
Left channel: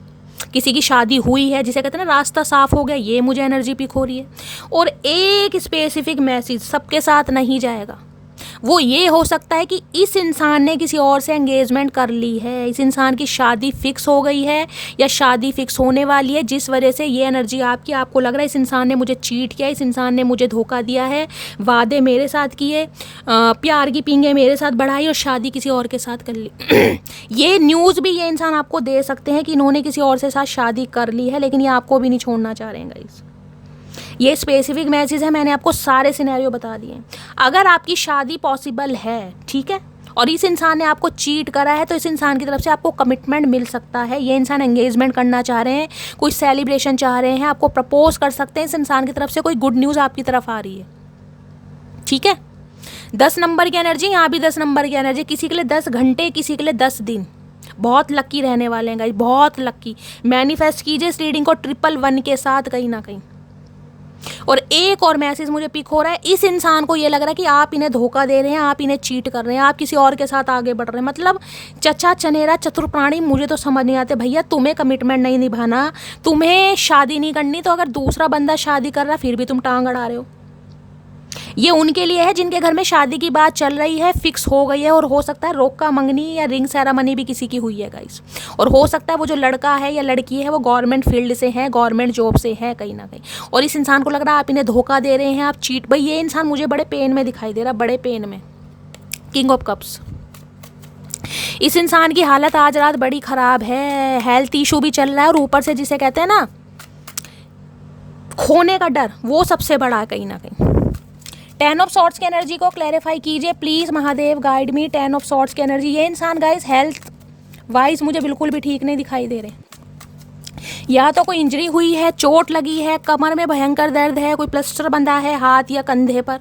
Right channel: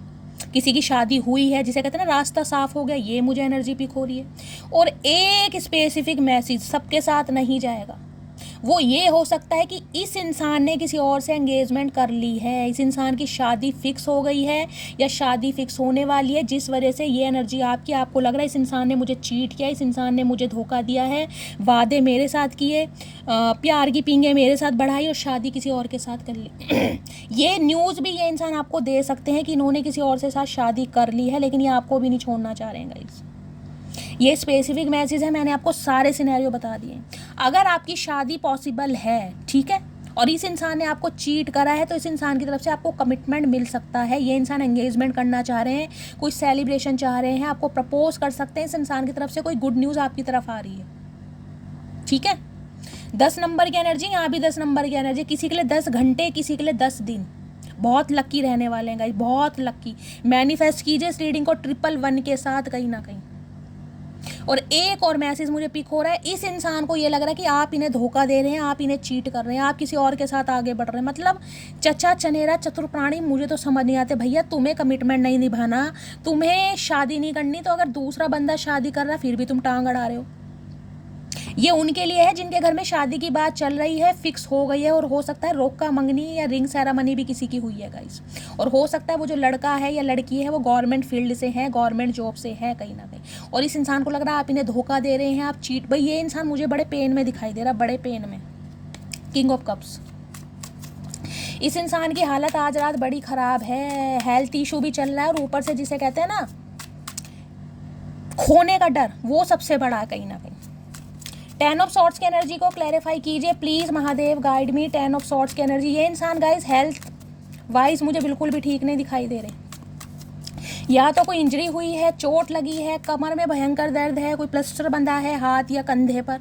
किसी की शादी हुई है, जिसे कहते हैं ना रास्ता साफ हो गया, ये मुझे एनर्जी पिक हो रही है। और एक स्पेसिफिक मैसेज सबके साथ नहीं जाएगा, वो ये हो सकता है कि इस इंसान ने किसी और से एंगेजमेंट कर ली है, इस इंसान की शादी फिक्स हो गई है या शादी फिक्स होने वाली है, जिस वजह से ये एनर्जी आपको लग रहा है इस इंसान ने मुझे चीट किया, इस इंसान ने मुझे धोखा दिया है, वादे मेरे साथ किए, प्यार की पींगे मेरे साथ बढ़ाई और शादी किसी और के साथ कर ली। ये न्यूज़ भी ये इंसान आपको दे सकते हैं कि इन्होंने किसी और से साथ शादी कर ली है, लेकिन ये आपको भी नहीं छोड़ना चाह रहे हैं गाइस। ये स्पेसिफिक मैसेज है, मैंने आपको सारे सिनेरियो बता दिए। अगर आपकी शादी पॉसिबल है, ठीक है, और इस इंसान ने आपको चीट करा है, तो इस इंसान की तरफ से आपको कमिटमेंट मिल सकता है। ये इंसान एंगेजमेंट करना चाह रहे हैं, कोई सेलिब्रेशन चाह रहे हैं, आपको प्रपोज कर सकते हैं। इस इंसान की तरफ से कोई गुड न्यूज़ आपकी तरफ आ रही है, ठीक है। 10 नंबर की एनर्जी, यहाँ भी 10 नंबर की एनर्जी। किसी के लिए 10 घंटे, किसी के लिए 10 दिन। बहुत लक्की रहने वाले हैं गाइस, बहुत लक्की। मैनिफेस्ट कीजिए इस रीडिंग को 111 के साथ कहीं ना कहीं। और एक और मैसेज मुझे पिक हो रहा है, इस इंसान को ये लग रहा है कि आप इन्हें धोखा दे रहे हैं, आप इन्हें चीट कर रहे हैं, आप किसी और के साथ आगे बढ़ रहे हैं। मतलब चचा चनेरा चतुर प्राणी, मुझे तो समझ नहीं आते भैया। तुम्हें कमिटमेंट नहीं निभाना, तुम्हें शादी नहीं करनी, तो अगर दूसरा बंदा शादी कर रहा फिर भी तुम टांग अड़ा रहे हो। ये उनके लिए है जिनके घर में शादी की बात चल रही है, फिक्स हो गई है, और हो सकता है रोका मंगनी या रिंग सेरेमनी भी किसी की हुई है गाइस। और हो सकता है वो जो लड़का है या लड़की है वो गवर्नमेंट फील्ड से है, गवर्नमेंट जॉब से है कहीं ना कहीं। और इस इंसान को लग रहा है आप इन्हें धोखा दे रहे हैं, आप चीट। भाई ये इंसान मुझे बड़े पेन में दिखाई दे रहा है, बड़े पेन में। King of cups. इस इंसान की हालत आज रात बड़ी खराब है, हेल्थ इशू भी चल रहा है, और ऊपर से जिसे कहते हैं ना खोने का डर, वो सबसे बड़ा है कहीं ना कहीं। 10 ऑफ सॉर्ड्स की एनर्जी को क्लैरिफाई कीजिए please Mahadev, guide me. 10 of swords की एनर्जी। ये इंसान गाइस हेल्थ वाइज मुझे बिल्कुल भी ठीक नहीं दिखाई दे रहे। या तो कोई इंजरी हुई है, चोट लगी है, कमर में भयंकर दर्द है, कोई प्लास्टर बंधा है हाथ या कंधे पर,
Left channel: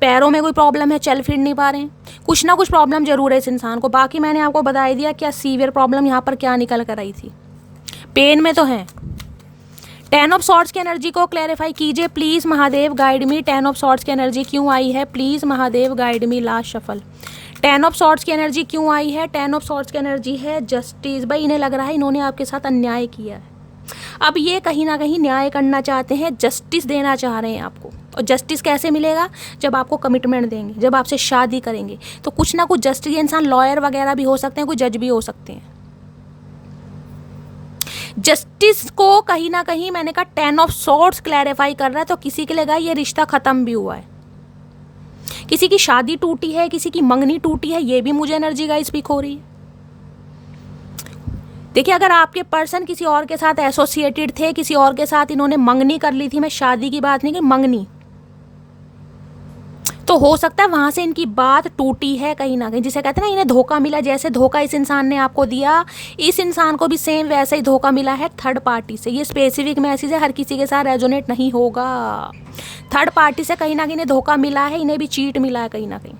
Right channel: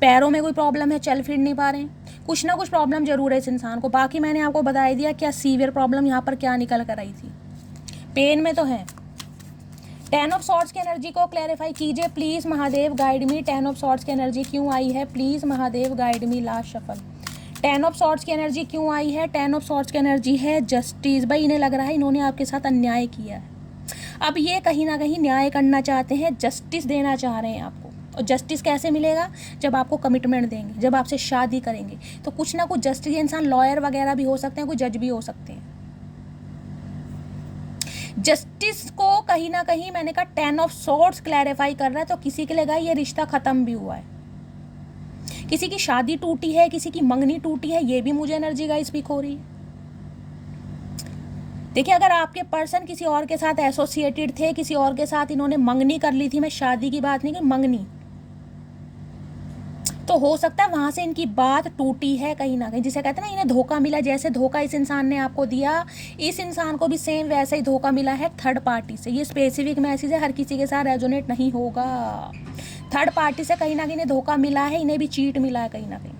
पैरों में कोई प्रॉब्लम है, चल फिर नहीं पा रहे हैं, कुछ ना कुछ प्रॉब्लम जरूर है इस इंसान को। बाकी मैंने आपको बता ही दिया क्या सीवियर प्रॉब्लम यहाँ पर क्या निकल कर आई थी। पेन में तो है। 10 ऑफ सॉर्ड्स की एनर्जी को क्लैरिफाई कीजिए please Mahadev, guide me. 10 of swords की एनर्जी क्यों आई है please Mahadev, guide me. Last shuffle. 10 of swords की एनर्जी क्यों आई है? 10 ऑफ सॉर्ड्स की एनर्जी है जस्टिस। भाई इन्हें लग रहा है इन्होंने आपके साथ अन्याय किया है, अब ये कहीं ना कहीं न्याय करना चाहते हैं, जस्टिस देना चाह रहे हैं आपको। और जस्टिस कैसे मिलेगा? जब आपको कमिटमेंट देंगे, जब आपसे शादी करेंगे, तो कुछ ना कुछ जस्टिस। ये इंसान लॉयर वगैरह भी हो सकते हैं, कोई जज भी हो सकते हैं। जस्टिस को कहीं ना कहीं मैंने कहा 10 ऑफ सॉर्ड्स क्लैरिफाई कर रहा है। तो किसी के लिए ये रिश्ता खत्म भी हुआ है, किसी की शादी टूटी है, किसी की मंगनी टूटी है, ये भी मुझे एनर्जी गाइस पिक हो रही है। देखिए अगर आपके पर्सन किसी और के साथ एसोसिएटेड थे, किसी और के साथ इन्होंने मंगनी कर ली थी, मैं शादी की बात नहीं की, मंगनी, तो हो सकता है वहां से इनकी बात टूटी है कहीं ना कहीं, जिसे कहते हैं ना इन्हें धोखा मिला। जैसे धोखा इस इंसान ने आपको दिया, इस इंसान को भी सेम वैसे ही धोखा मिला है थर्ड पार्टी से। ये स्पेसिफिक मैसेज है, हर किसी के साथ रेजोनेट नहीं होगा। थर्ड पार्टी से कहीं ना कहीं इन्हें धोखा मिला है, इन्हें भी चीट मिला है कहीं ना कहीं।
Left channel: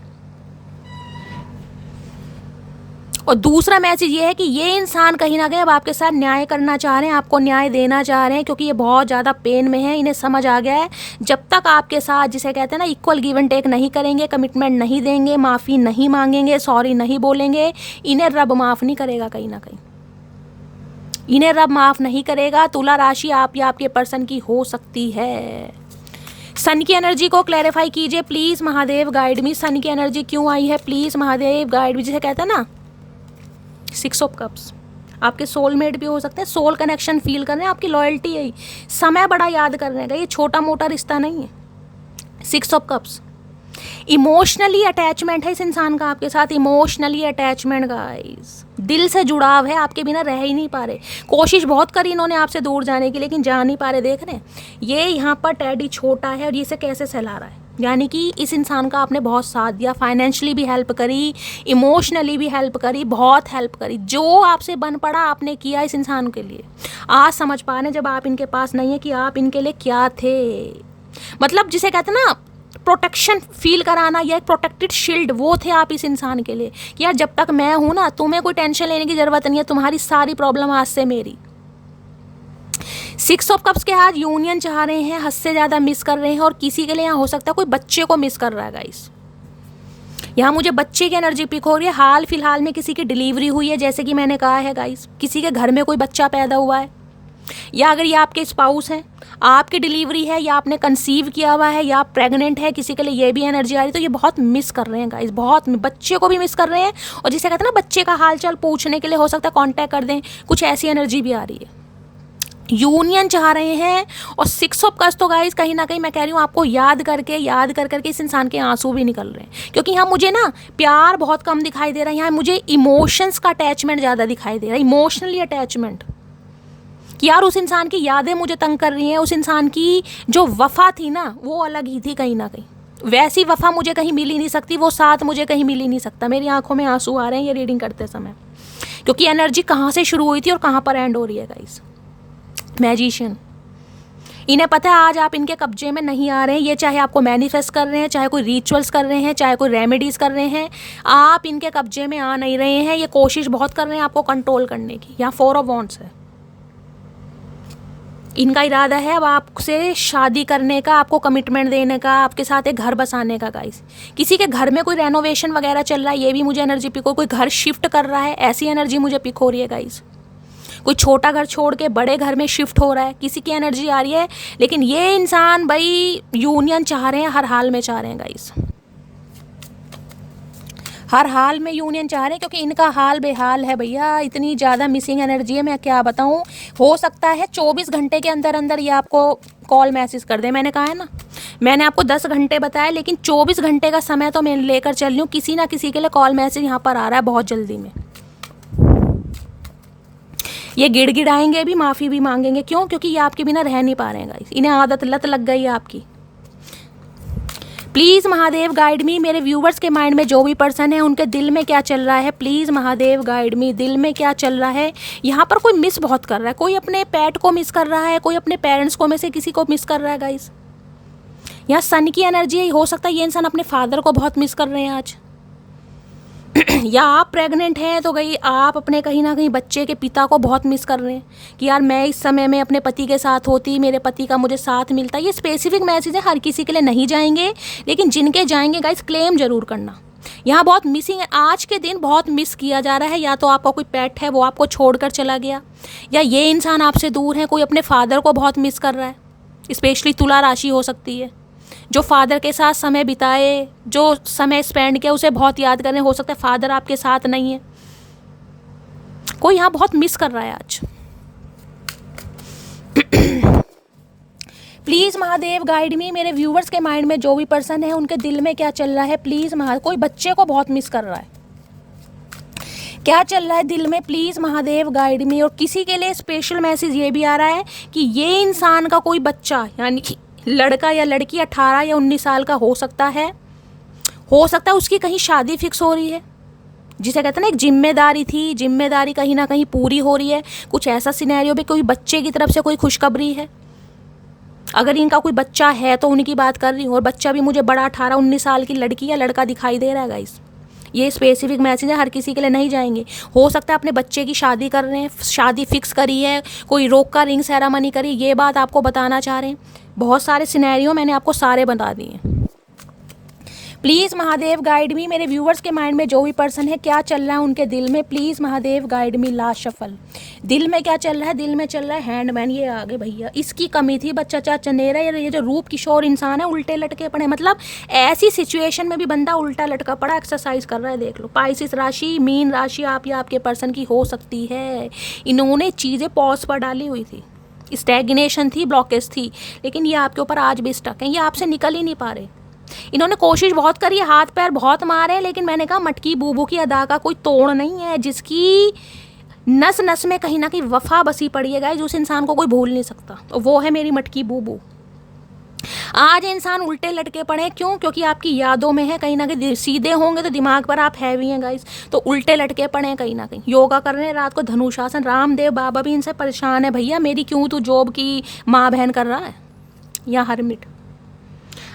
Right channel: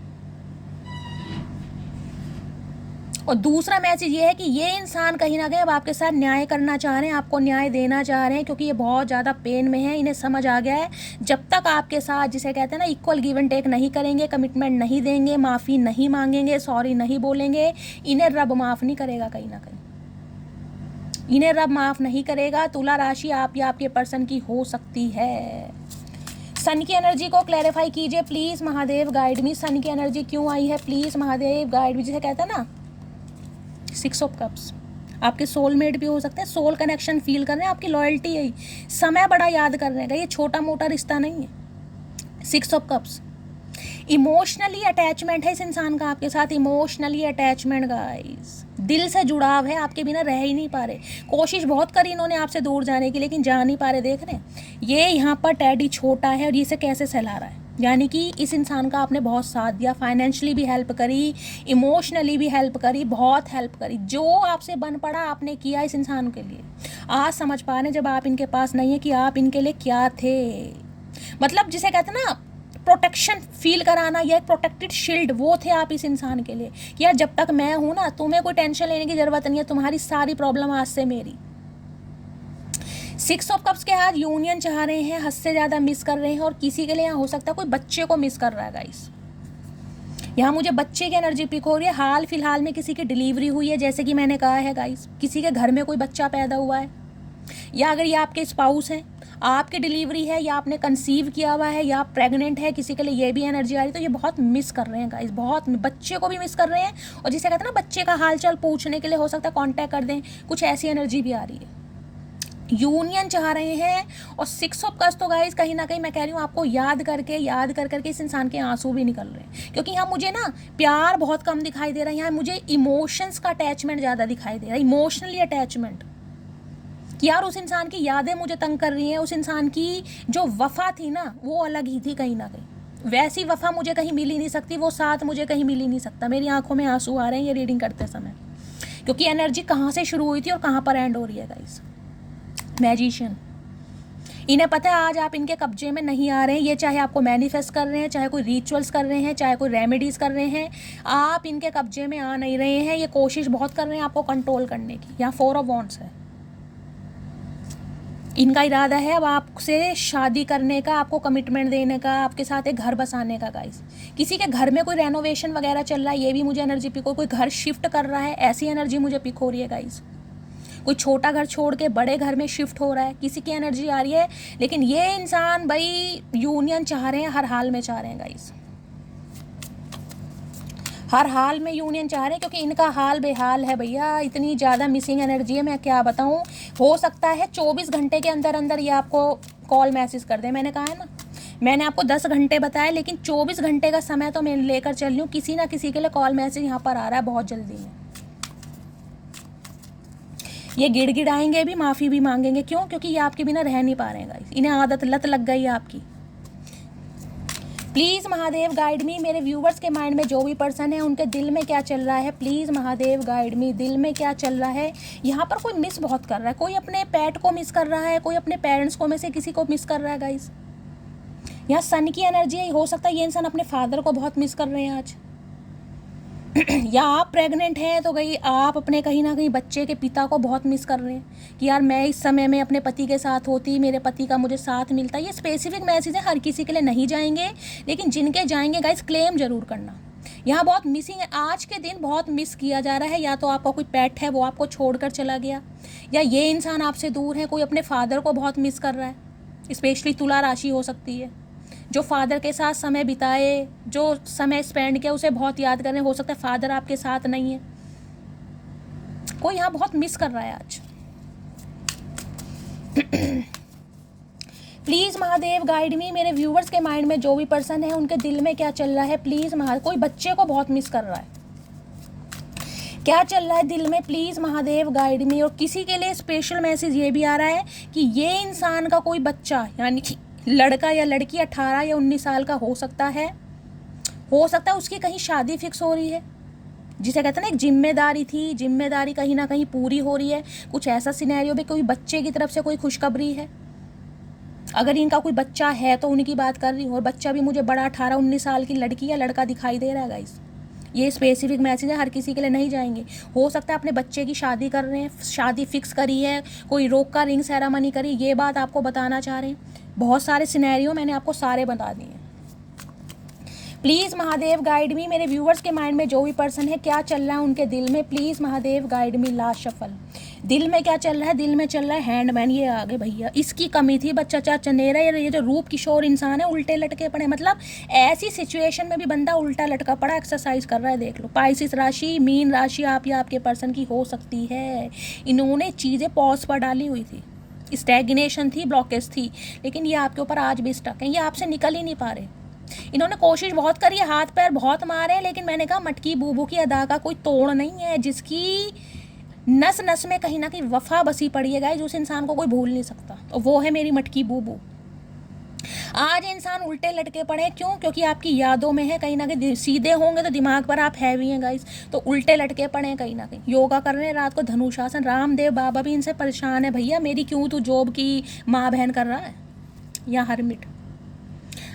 और दूसरा मैसेज ये है कि ये इंसान कहीं ना कहीं अब आपके साथ न्याय करना चाह रहे हैं, आपको न्याय देना चाह रहे हैं, क्योंकि ये बहुत ज़्यादा पेन में है। इन्हें समझ आ गया है जब तक आपके साथ, जिसे कहते हैं ना, इक्वल गिव एंड टेक नहीं करेंगे, कमिटमेंट नहीं देंगे, माफ़ी नहीं मांगेंगे, सॉरी नहीं बोलेंगे, इन्हें रब माफ़ नहीं करेगा। कहीं ना कहीं इन्हें रब माफ़ नहीं करेगा। तुला राशि आप या आपके पर्सन की हो सकती है। सन की एनर्जी को क्लैरिफाई कीजिए प्लीज़ महादेव, गाइड मी। सन की एनर्जी क्यों आई है प्लीज़ महादेव, गाइड मी। जिसे कहते हैं ना 6 ऑफ कप्स, आपके सोलमेट भी हो सकता है, सोल कनेक्शन फील कर रहे हैं, आपकी लॉयल्टी है, समय बड़ा याद कर रहे हैं, ये छोटा मोटा रिश्ता नहीं है। 6 ऑफ कप्स, इमोशनली अटैचमेंट है इस इंसान का आपके साथ, इमोशनली अटैचमेंट गाइस, दिल से जुड़ाव है, आपके बिना रह ही नहीं पा रहे। कोशिश बहुत करी इन्होंने आपसे दूर जाने की, लेकिन जा नहीं पा रहे। देख रहे हैं ये यहाँ पर टैडी छोटा है और इसे कैसे सहला रहा है, यानी कि इस इंसान का आपने बहुत साथ दिया, फाइनेंशियली भी हेल्प करी, इमोशनली भी हेल्प करी, बहुत हेल्प करी, जो आपसे बन पड़ा आपने किया इस इंसान के लिए। आज समझ पा रहे जब आप इनके पास नहीं है कि आप इनके लिए क्या थे। मतलब जिसे कहते हैं ना प्रोटेक्शन फील कराना, या एक प्रोटेक्टेड शील्ड, वो थे आप इस इंसान के लिए कि यार जब तक मैं हूं ना, तुम्हें कोई टेंशन लेने की जरूरत नहीं है, तुम्हारी सारी प्रॉब्लम आज से मेरी। 6 ऑफ कप्स के आज यूनियन चाह रहे हैं, हद से ज़्यादा मिस कर रहे हैं, और किसी के लिए यहाँ हो सकता है कोई बच्चे को मिस कर रहा है गाइस। यहाँ मुझे बच्चे की एनर्जी पिक हो रही है। हाल फिलहाल में किसी की डिलीवरी हुई है, जैसे कि मैंने कहा है गाइस, किसी के घर में कोई बच्चा पैदा हुआ है, या अगर ये आपके स्पाउस हैं, आपकी डिलीवरी है, या आपने कंसीव किया हुआ है, या आप प्रेग्नेंट है, किसी के लिए ये भी एनर्जी आ रही है। तो ये बहुत मिस कर रहे हैं गाइस, बहुत बच्चे को भी मिस कर रहे हैं, और जिसे कहते हैं ना बच्चे का हाल चाल पूछने के लिए हो सकता है कांटेक्ट कर दें, कुछ ऐसी एनर्जी भी आ रही है। यूनियन चाह रहे हैं, और 6 ऑफ कप्स तो गाइस कहीं ना कहीं मैं कह रही हूँ आपको याद करके इस इंसान के आंसू भी निकल रहे हैं, क्योंकि यहाँ मुझे ना प्यार बहुत कम दिखाई दे रहा है, यहाँ मुझे इमोशंस का अटैचमेंट ज़्यादा दिखाई दे रहा है, इमोशनली अटैचमेंट, कि यार उस इंसान की यादें मुझे तंग कर रही हैं, उस इंसान की जो वफा थी ना वो अलग ही थी, कहीं ना कहीं वैसी वफा मुझे कहीं मिल ही नहीं सकती, वो साथ मुझे कहीं मिल ही नहीं सकता। मेरी आंखों में आंसू आ रहे हैं ये रीडिंग करते समय, क्योंकि एनर्जी कहाँ से शुरू हुई थी और कहाँ पर एंड हो रही है गाइस। मैजिशियन, इन्हें पता है आज आप इनके कब्जे में नहीं आ रहे हैं, ये चाहे आपको मैनिफेस्ट कर रहे हैं, चाहे कोई रिचुअल्स कर रहे हैं, चाहे कोई रेमेडीज कर रहे हैं, आप इनके कब्जे में आ नहीं रहे हैं। ये कोशिश बहुत कर रहे हैं आपको कंट्रोल करने की। यहाँ 4 ऑफ वॉन्ड्स है, इनका इरादा है अब आपसे शादी करने का, आपको कमिटमेंट देने का, आपके साथ एक घर बसाने का गाइस। किसी के घर में कोई रेनोवेशन वगैरह चल रहा है, ये भी मुझे एनर्जी पिक हो, कोई घर शिफ्ट कर रहा है, ऐसी एनर्जी मुझे पिक हो रही है गाइस। कोई छोटा घर छोड़ के बड़े घर में शिफ्ट हो रहा है, किसी की एनर्जी आ रही है। लेकिन ये इंसान भाई यूनियन चाह रहे हैं, हर हाल में चाह रहे हैं गाइस, हर हाल में यूनियन चाह रहे हैं, क्योंकि इनका हाल बेहाल है भैया, इतनी ज़्यादा मिसिंग एनर्जी है, मैं क्या बताऊँ। हो सकता है 24 घंटे के अंदर अंदर ये आपको कॉल मैसेज कर दे। मैंने कहा है ना, मैंने आपको 10 घंटे बताया, लेकिन 24 घंटे का समय तो मैं लेकर चल रही हूँ, किसी ना किसी के लिए कॉल मैसेज यहाँ पर आ रहा है बहुत जल्दी में। ये गिड़गिड़ाएंगे भी, माफ़ी भी मांगेंगे, क्यों? क्योंकि ये आपके बिना रह नहीं पा रहे हैं गाइस, इन्हें आदत लत लग गई है आपकी। प्लीज़ महादेव गाइड मी, मेरे व्यूवर्स के माइंड में जो भी पर्सन है उनके दिल में क्या चल रहा है, प्लीज़ महादेव गाइड मी, दिल में क्या चल रहा है। यहाँ पर कोई मिस बहुत कर रहा है, कोई अपने पेट को मिस कर रहा है, कोई अपने पेरेंट्स को में से किसी को मिस कर रहा है गाइस। यहाँ सन की एनर्जी हो सकता है ये इंसान अपने फादर को बहुत मिस कर रहे हैं आज या आप प्रेग्नेंट हैं तो गई आप अपने कहीं ना कहीं बच्चे के पिता को बहुत मिस कर रहे हैं कि यार मैं इस समय में अपने पति के साथ होती, मेरे पति का मुझे साथ मिलता। ये स्पेसिफिक मैसेज है, हर किसी के लिए नहीं जाएंगे, लेकिन जिनके जाएंगे गाइस क्लेम जरूर करना। यहाँ बहुत मिसिंग है, आज के दिन बहुत मिस किया जा रहा है। या तो आपका कोई पेट है वो आपको छोड़कर चला गया, या ये इंसान आपसे दूर है, कोई अपने फादर को बहुत मिस कर रहा है। स्पेशली तुला राशि हो सकती है, जो फादर के साथ समय बिताए, जो समय स्पेंड किया, उसे बहुत याद करें। हो सकता है फादर आपके साथ नहीं है, कोई यहाँ बहुत मिस कर रहा है आज। प्लीज़ महादेव गाइड मी, मेरे व्यूवर्स के माइंड में जो भी पर्सन है उनके दिल में क्या चल रहा है, प्लीज़ कोई बच्चे को बहुत मिस कर रहा है, क्या चल रहा है दिल में, प्लीज़ महादेव गाइड मी। और किसी के लिए स्पेशल मैसेज ये भी आ रहा है कि ये इंसान का कोई बच्चा, यानी कि लड़का या लड़की 18 या 19 साल का हो सकता है उसकी कहीं शादी फिक्स हो रही है। जिसे कहते हैं ना एक जिम्मेदारी थी, जिम्मेदारी कहीं ना कहीं पूरी हो रही है। कुछ ऐसा सिनेरियो भी, कोई बच्चे की तरफ से कोई खुशखबरी है। अगर इनका कोई बच्चा है तो उनकी बात कर रही हूँ, और बच्चा भी मुझे बड़ा 18-19 साल की लड़की या लड़का दिखाई दे रहा है गाइस। ये स्पेसिफिक मैसेज है, हर किसी के लिए नहीं जाएंगे। हो सकता है अपने बच्चे की शादी कर रहे हैं, शादी फिक्स करी है, कोई रोक का रिंग सेरेमनी करी, ये बात आपको बताना चाह रहे हैं। बहुत सारे सिनेरियो मैंने आपको सारे बता दिए। प्लीज़ महादेव गाइड मी, मेरे व्यूवर्स के माइंड में जो भी पर्सन है क्या चल रहा है उनके दिल में, please Mahadev guide me. Last shuffle, दिल में क्या चल रहा है? दिल में चल रहा है हैंडमैन। ये आ गए भैया, इसकी कमी थी बच्चा चाचा नेरा। ये जो रूप किशोर इंसान है उल्टे लटके पड़े, मतलब ऐसी सिचुएशन में भी बंदा उल्टा लटका पड़ा, एक्सरसाइज कर रहा है। देख लो, पाइसिस राशि, मीन राशि आप या आपके पर्सन की हो सकती है। इन्होंने चीज़ें पॉज पर डाली हुई थी, स्टैग्नेशन थी, ब्लॉकेज थी, लेकिन ये आपके ऊपर आज भी स्टक है। ये आपसे निकल ही नहीं पा रहे। इन्होंने कोशिश बहुत करी है, हाथ पैर बहुत मारे, लेकिन मैंने कहा मटकी बूबू की अदा का कोई तोड़ नहीं है। जिसकी नस नस में कहीं ना कहीं वफा बसी पड़ी है गाइस, उस इंसान को कोई भूल नहीं सकता, और वो है मेरी मटकी बूबू। आज इंसान उल्टे लटके पड़े, क्यों? क्योंकि आपकी यादों में है। कहीं ना कहीं सीधे होंगे तो दिमाग पर आप हैवी हैं गाइस, तो उल्टे लटके पड़े हैं कहीं ना कहीं। योगा कर रहे हैं रात को, धनुषासन। रामदेव बाबा भी इनसे परेशान है, भैया मेरी क्यों तू जॉब की माँ बहन कर रहा है। या हरमिट,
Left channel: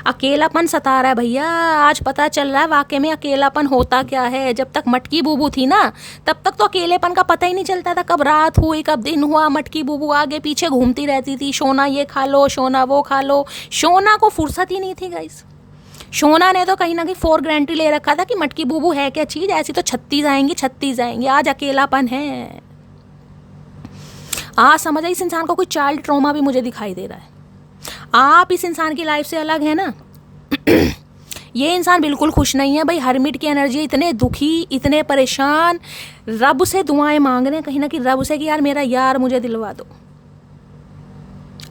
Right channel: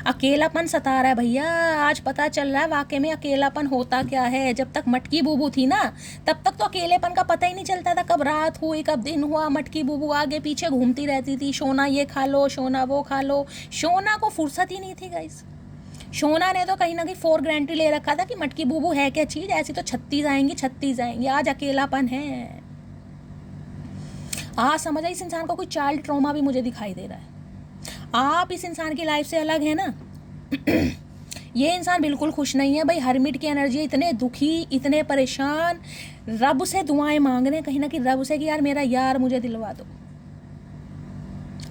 अकेलापन सता रहा है भैया। आज पता चल रहा है वाकई में अकेलापन होता क्या है। जब तक मटकी बूबू थी ना, तब तक तो अकेलेपन का पता ही नहीं चलता था, कब रात हुई कब दिन हुआ। मटकी बूबू आगे पीछे घूमती रहती थी, शोना ये खा लो, शोना वो खा लो। शोना को फुर्सत ही नहीं थी गाइस। शोना ने तो कहीं ना कहीं फॉर ग्रांटेड ले रखा था कि मटकी बूबू है क्या चीज़, ऐसी तो 36 आएंगी 36 आएंगी। आज अकेलापन है। आज समझ आई, इस इंसान को कोई चाइल्ड ट्रॉमा भी मुझे दिखाई दे रहा है। आप इस इंसान की लाइफ से अलग है ना। ये इंसान बिल्कुल खुश नहीं है भाई। हरमिट की एनर्जी, इतने दुखी, इतने परेशान, रब से दुआएं मांग रहे हैं कहीं ना कहीं रब से कि यार मेरा यार मुझे दिलवा दो।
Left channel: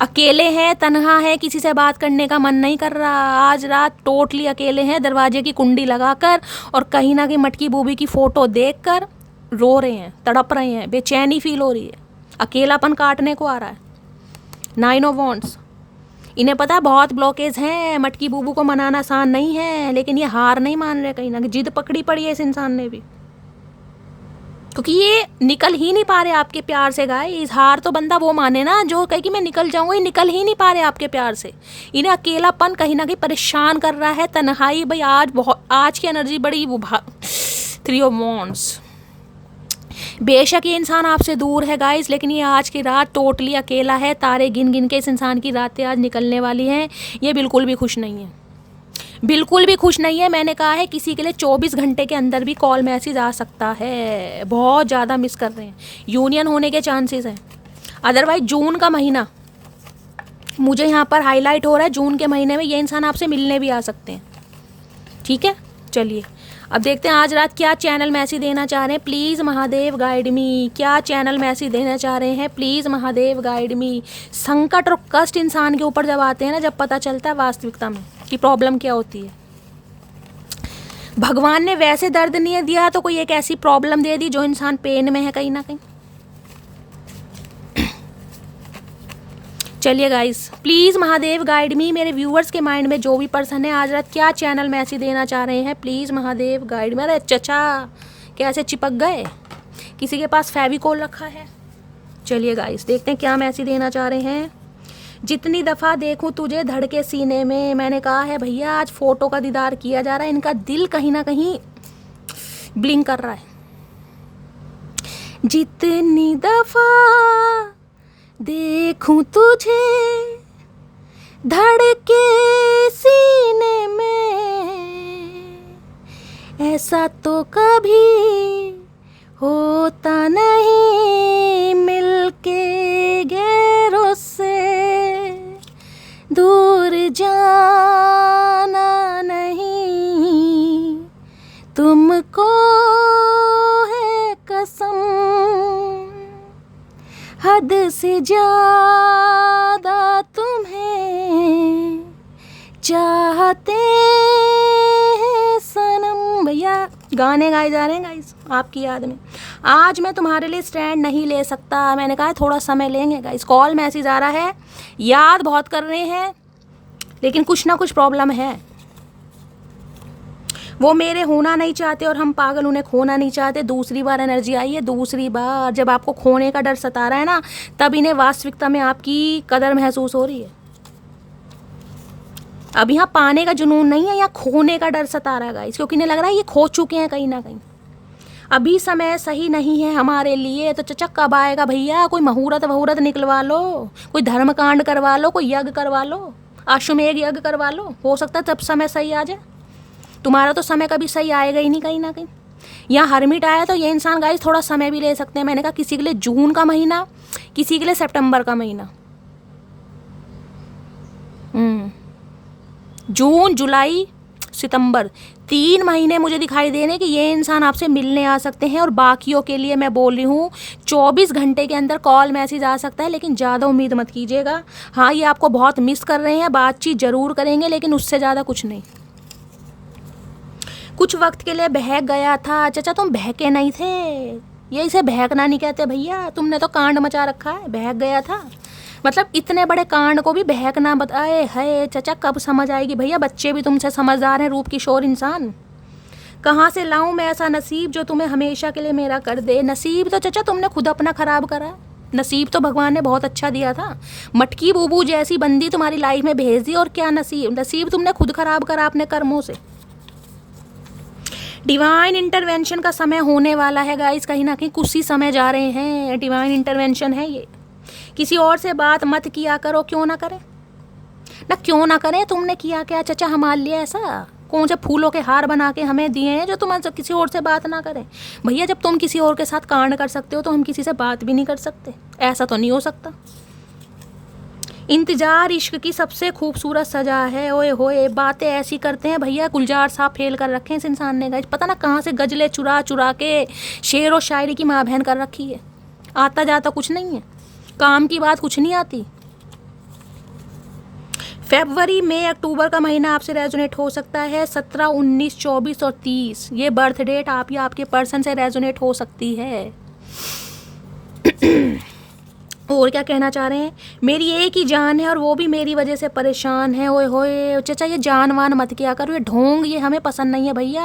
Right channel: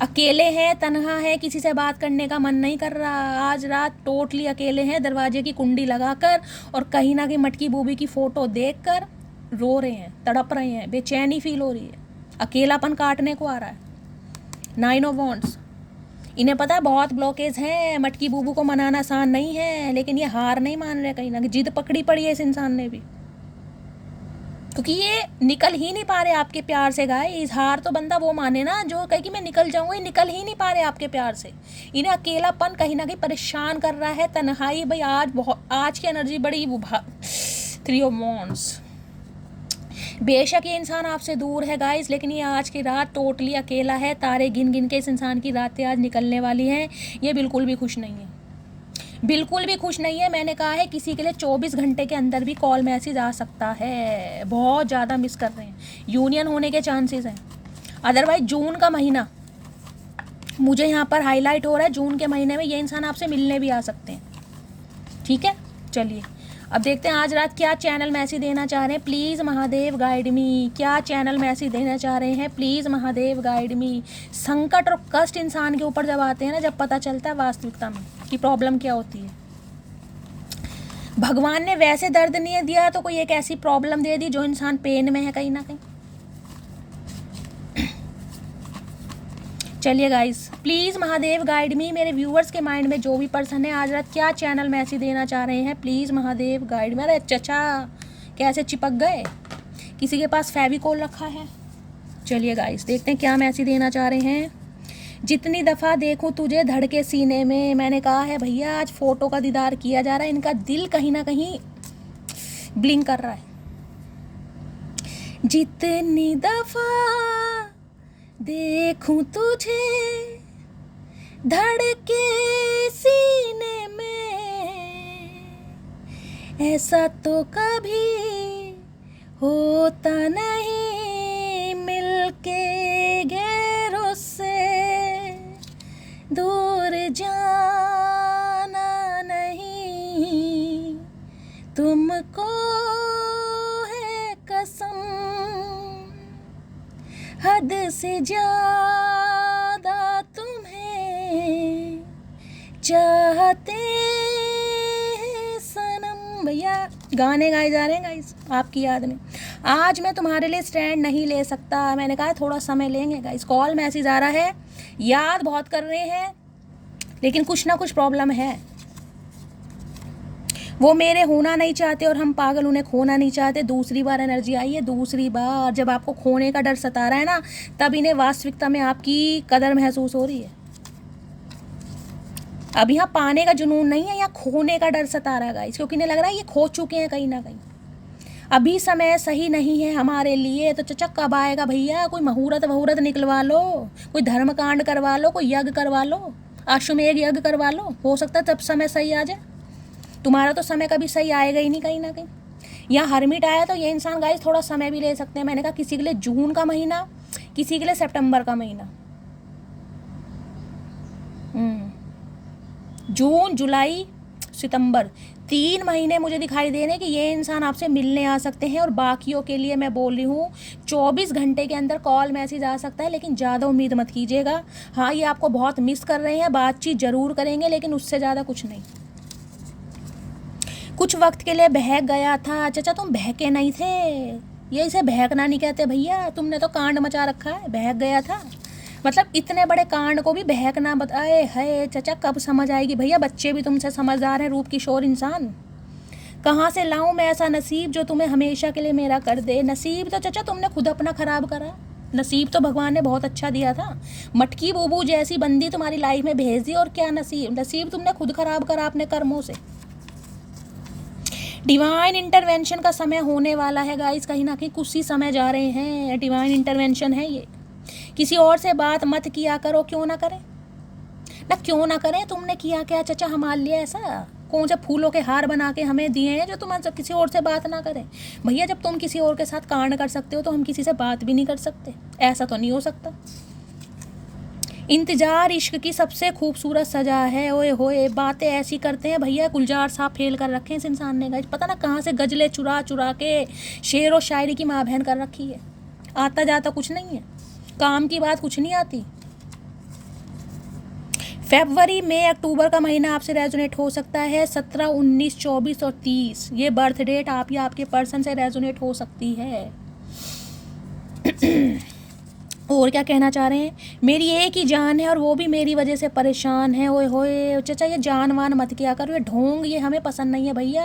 अकेले हैं, तन्हा है, किसी से बात करने का मन नहीं कर रहा। आज रात टोटली अकेले हैं, दरवाजे की कुंडी लगाकर, और कहीं ना कहीं मटकी बूबी की फोटो देखकर रो रहे हैं, तड़प रहे हैं, बेचैनी फील हो रही है, अकेलापन काटने को आ रहा है। 9 ऑफ वॉन्ड्स, इन्हें पता बहुत ब्लॉकेज हैं, मटकी बूबू को मनाना आसान नहीं है, लेकिन ये हार नहीं मान रहे। कहीं ना कहीं जिद पकड़ी पड़ी है इस इंसान ने भी, क्योंकि ये निकल ही नहीं पा रहे आपके प्यार से। गाइस, हार तो बंदा वो माने ना जो कहे कि मैं निकल जाऊंगा। ये निकल ही नहीं पा रहे आपके प्यार से। इन्हें अकेलापन कहीं ना कहीं परेशान कर रहा है, तन्हाई। भाई आज की एनर्जी बड़ी 3 ऑफ वॉन्ड्स। बेशक ये इंसान आपसे दूर है गाइस, लेकिन ये आज की रात टोटली अकेला है। तारे गिन गिन के इस इंसान की रातें आज निकलने वाली हैं। ये बिल्कुल भी खुश नहीं है, बिल्कुल भी खुश नहीं है। मैंने कहा है किसी के लिए 24 घंटे के अंदर भी कॉल मैसेज आ सकता है। बहुत ज़्यादा मिस कर रहे हैं, यूनियन होने के चांसेस हैं। अदरवाइज जून का महीना मुझे यहाँ पर हाईलाइट हो रहा है, जून के महीने में ये इंसान आपसे मिलने भी आ सकते हैं। ठीक है, चलिए अब देखते हैं आज रात क्या चैनल मैसेज देना चाह रहे हैं। प्लीज़ महादेव गाइड मी, क्या चैनल मैसेज देना चाह रहे हैं, प्लीज़ महादेव गाइड मी। संकट और कष्ट इंसान के ऊपर जब आते हैं ना, जब पता चलता है वास्तविकता में कि प्रॉब्लम क्या होती है। भगवान ने वैसे दर्द नहीं दिया तो कोई एक ऐसी प्रॉब्लम दे दी जो इंसान पेन में है कहीं ना कहीं। चलिए गाइस, प्लीज़ महादेव गाइड मी। मेरे व्यूवर्स के माइंड में जो भी पर्सन है आज रात क्या चैनल मैसेज देना चाह रहे हैं, प्लीज़ महादेव गाइड मी। अरे चचा कैसे चिपक गए, किसी के पास फेविकोल रखा है। चलिए गाइस, देखते हैं क्या मैसेज देना चाह रहे हैं। जितनी दफ़ा देखूं तुझे धड़के सीने में। मैंने कहा है भैया आज फ़ोटो का दीदार किया जा रहा है। इनका दिल कहीं ना कहीं ब्लिंक कर रहा है। जितनी दफ़ा देखूं तुझे धड़के सीने में, ऐसा तो कभी होता नहीं। मिलके गैरों से दूर जाना नहीं, तुमको है कसम, हद से ज्यादा तुम्हें चाहते हैं सनम। भैया गाने गाए जा रहे हैं गाइस आपकी याद में। आज मैं तुम्हारे लिए स्टैंड नहीं ले सकता। मैंने कहा थोड़ा समय लेंगे गाइस। कॉल मैसेज आ रहा है, याद बहुत कर रहे हैं, लेकिन कुछ ना कुछ प्रॉब्लम है। वो मेरे होना नहीं चाहते और हम पागल उन्हें खोना नहीं चाहते। दूसरी बार एनर्जी आई है, दूसरी बार जब आपको खोने का डर सता रहा है ना, तब इन्हें वास्तविकता में आपकी कदर महसूस हो रही है। अब यहाँ पाने का जुनून नहीं है, यहाँ खोने का डर सता रहा है गाइस, क्योंकि इन्हें लग रहा है ये खो चुके हैं कहीं ना कहीं। अभी समय सही नहीं है हमारे लिए, तो चचा कब आएगा भैया? कोई मुहूर्त वहूर्त निकलवा लो, कोई धर्म कांड करवा लो, कोई यज्ञ करवा लो, अश्वमेध यज्ञ करवा लो, हो सकता है तब समय सही आ जाए। तुम्हारा तो समय कभी सही आएगा ही नहीं कहीं ना कहीं। यहाँ हरमिट आया तो ये इंसान गाइस थोड़ा समय भी ले सकते हैं। मैंने कहा किसी के लिए जून का महीना, किसी के लिए सितंबर का महीना, जून जुलाई सितंबर, 3 महीने मुझे दिखाई दे रहे कि ये इंसान आपसे मिलने आ सकते हैं। और बाकियों के लिए मैं बोल रही हूँ 24 घंटे के अंदर कॉल मैसेज आ सकता है, लेकिन ज़्यादा उम्मीद मत कीजिएगा। हाँ, ये आपको बहुत मिस कर रहे हैं, बातचीत ज़रूर करेंगे, लेकिन उससे ज़्यादा कुछ नहीं। कुछ वक्त के लिए बहक गया था। चाचा तुम बहके नहीं थे, ये इसे बहकना नहीं कहते भैया, तुमने तो कांड मचा रखा है। बहक गया था मतलब इतने बड़े कांड को भी बहकना बताए है। चाचा कब समझ आएगी भैया? बच्चे भी तुमसे समझदार हैं, रूप किशोर इंसान। कहाँ से लाऊं मैं ऐसा नसीब जो तुम्हें हमेशा के लिए मेरा कर दे? नसीब तो चाचा तुमने खुद अपना खराब करा है। नसीब तो भगवान ने बहुत अच्छा दिया था, मटकी बूबू जैसी बंदी तुम्हारी लाइफ में भेज दी। और क्या नसीब? नसीब तुमने खुद खराब करा अपने कर्मों से। डिवाइन इंटरवेंशन का समय होने वाला है गाइस, कहीं ना कहीं कुछ ही समय जा रहे हैं। डिवाइन इंटरवेंशन है ये। किसी और से बात मत किया करो, क्यों ना करें ना, क्यों ना करें। तुमने किया क्या चाचा हमारे लिए ऐसा? कौन से फूलों के हार बना के हमें दिए हैं जो तुम किसी और से बात ना करें? भैया जब तुम किसी और के साथ कांड कर सकते हो तो हम किसी से बात भी नहीं कर सकते? ऐसा तो नहीं हो सकता। इंतजार इश्क की सबसे खूबसूरत सजा है। ओए होए, बातें ऐसी करते हैं भैया, गुलजार साहब फेल कर रखे हैं इस इंसान ने गाइस। पता ना कहाँ से गजले चुरा चुरा के शेर और शायरी की माँ बहन कर रखी है। आता जाता कुछ नहीं है, काम की बात कुछ नहीं आती। फरवरी मई अक्टूबर का महीना आपसे रेजोनेट हो सकता है। 17, 19, 24 और 30 ये बर्थ डेट आप या आपके पर्सन से रेजोनेट हो सकती है। और क्या कहना चाह रहे हैं? मेरी एक ही जान है और वो भी मेरी वजह से परेशान है। ओए होए चाचा ये जान वान मत किया करो, ये ढोंग ये हमें पसंद नहीं है भैया।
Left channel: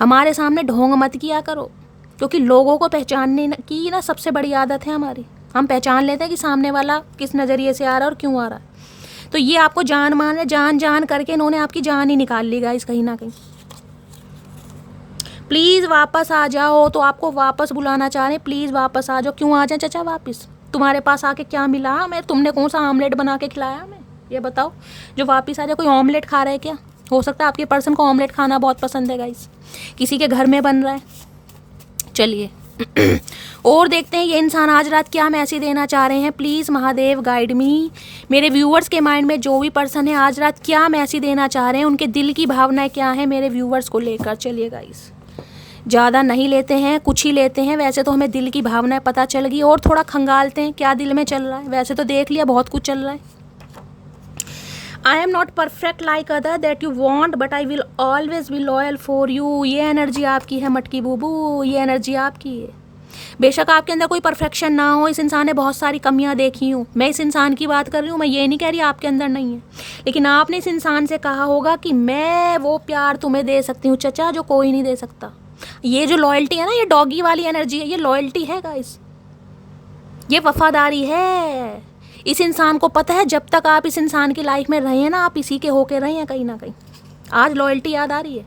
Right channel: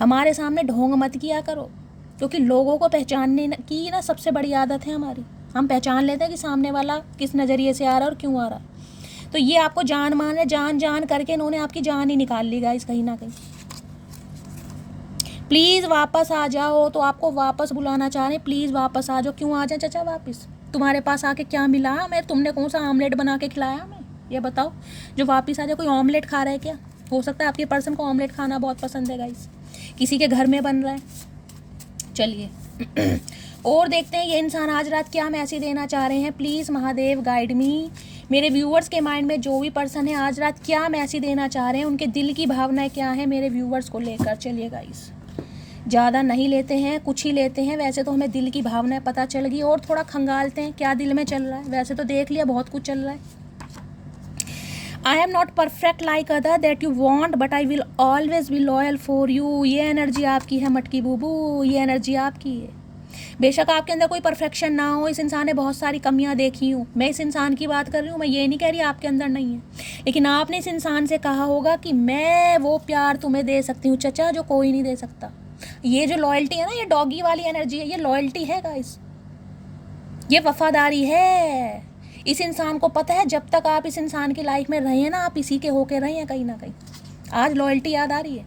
हमारे सामने ढोंग मत किया करो, क्योंकि लोगों को पहचानने की ना सबसे बड़ी आदत है हमारी। हम पहचान लेते हैं कि सामने वाला किस नज़रिए से आ रहा है और क्यों आ रहा है। तो ये आपको जान मान है, जान जान करके इन्होंने आपकी जान ही निकाल ली गाइस कहीं ना कहीं। प्लीज़ वापस आ जाओ, तो आपको वापस बुलाना चाह रहे हैं। प्लीज़ वापस आ जाओ। क्यों आ जाए चाचा वापस? तुम्हारे पास आके क्या मिला हमें? तुमने कौन सा ऑमलेट बना के खिलाया हमें? ये बताओ, जो वापस आ जाए। कोई ऑमलेट खा रहे हैं क्या? हो सकता है आपके पर्सन को ऑमलेट खाना बहुत पसंद है गाइस, किसी के घर में बन रहा है। चलिए और देखते हैं ये इंसान आज रात क्या मैसेज देना चाह रहे हैं। प्लीज़ महादेव गाइड मी। मेरे व्यूवर्स के माइंड में जो भी पर्सन है आज रात क्या मैसेज देना चाह रहे हैं, उनके दिल की भावनाएं क्या है मेरे व्यूवर्स को लेकर। चलिए गाइस, ज़्यादा नहीं लेते हैं, कुछ ही लेते हैं। वैसे तो हमें दिल की भावनाएं पता चल गई, और थोड़ा खंगालते हैं क्या दिल में चल रहा है। वैसे तो देख लिया बहुत कुछ चल रहा है। I am not perfect like other that you want, but I will always be loyal for you. ये एनर्जी आपकी है मटकी बूबू, ये एनर्जी आपकी है। बेशक आपके अंदर कोई परफेक्शन ना हो, इस इंसान ने बहुत सारी कमियां देखी हूँ। मैं इस इंसान की बात कर रही हूँ, मैं ये नहीं कह रही आपके अंदर नहीं है। लेकिन आपने इस इंसान से कहा होगा कि मैं वो प्यार तुम्हें दे सकती हूँ चचा जो कोई नहीं दे सकता। ये जो लॉयल्टी है ना, ये डॉगी वाली एनर्जी है, ये लॉयल्टी है गाइस, ये वफादारी है। इस इंसान को पता है जब तक आप इस इंसान की लाइफ में रहे हैं ना, आप इसी के होके रहे हैं कहीं ना कहीं। आज लॉयल्टी याद आ रही है।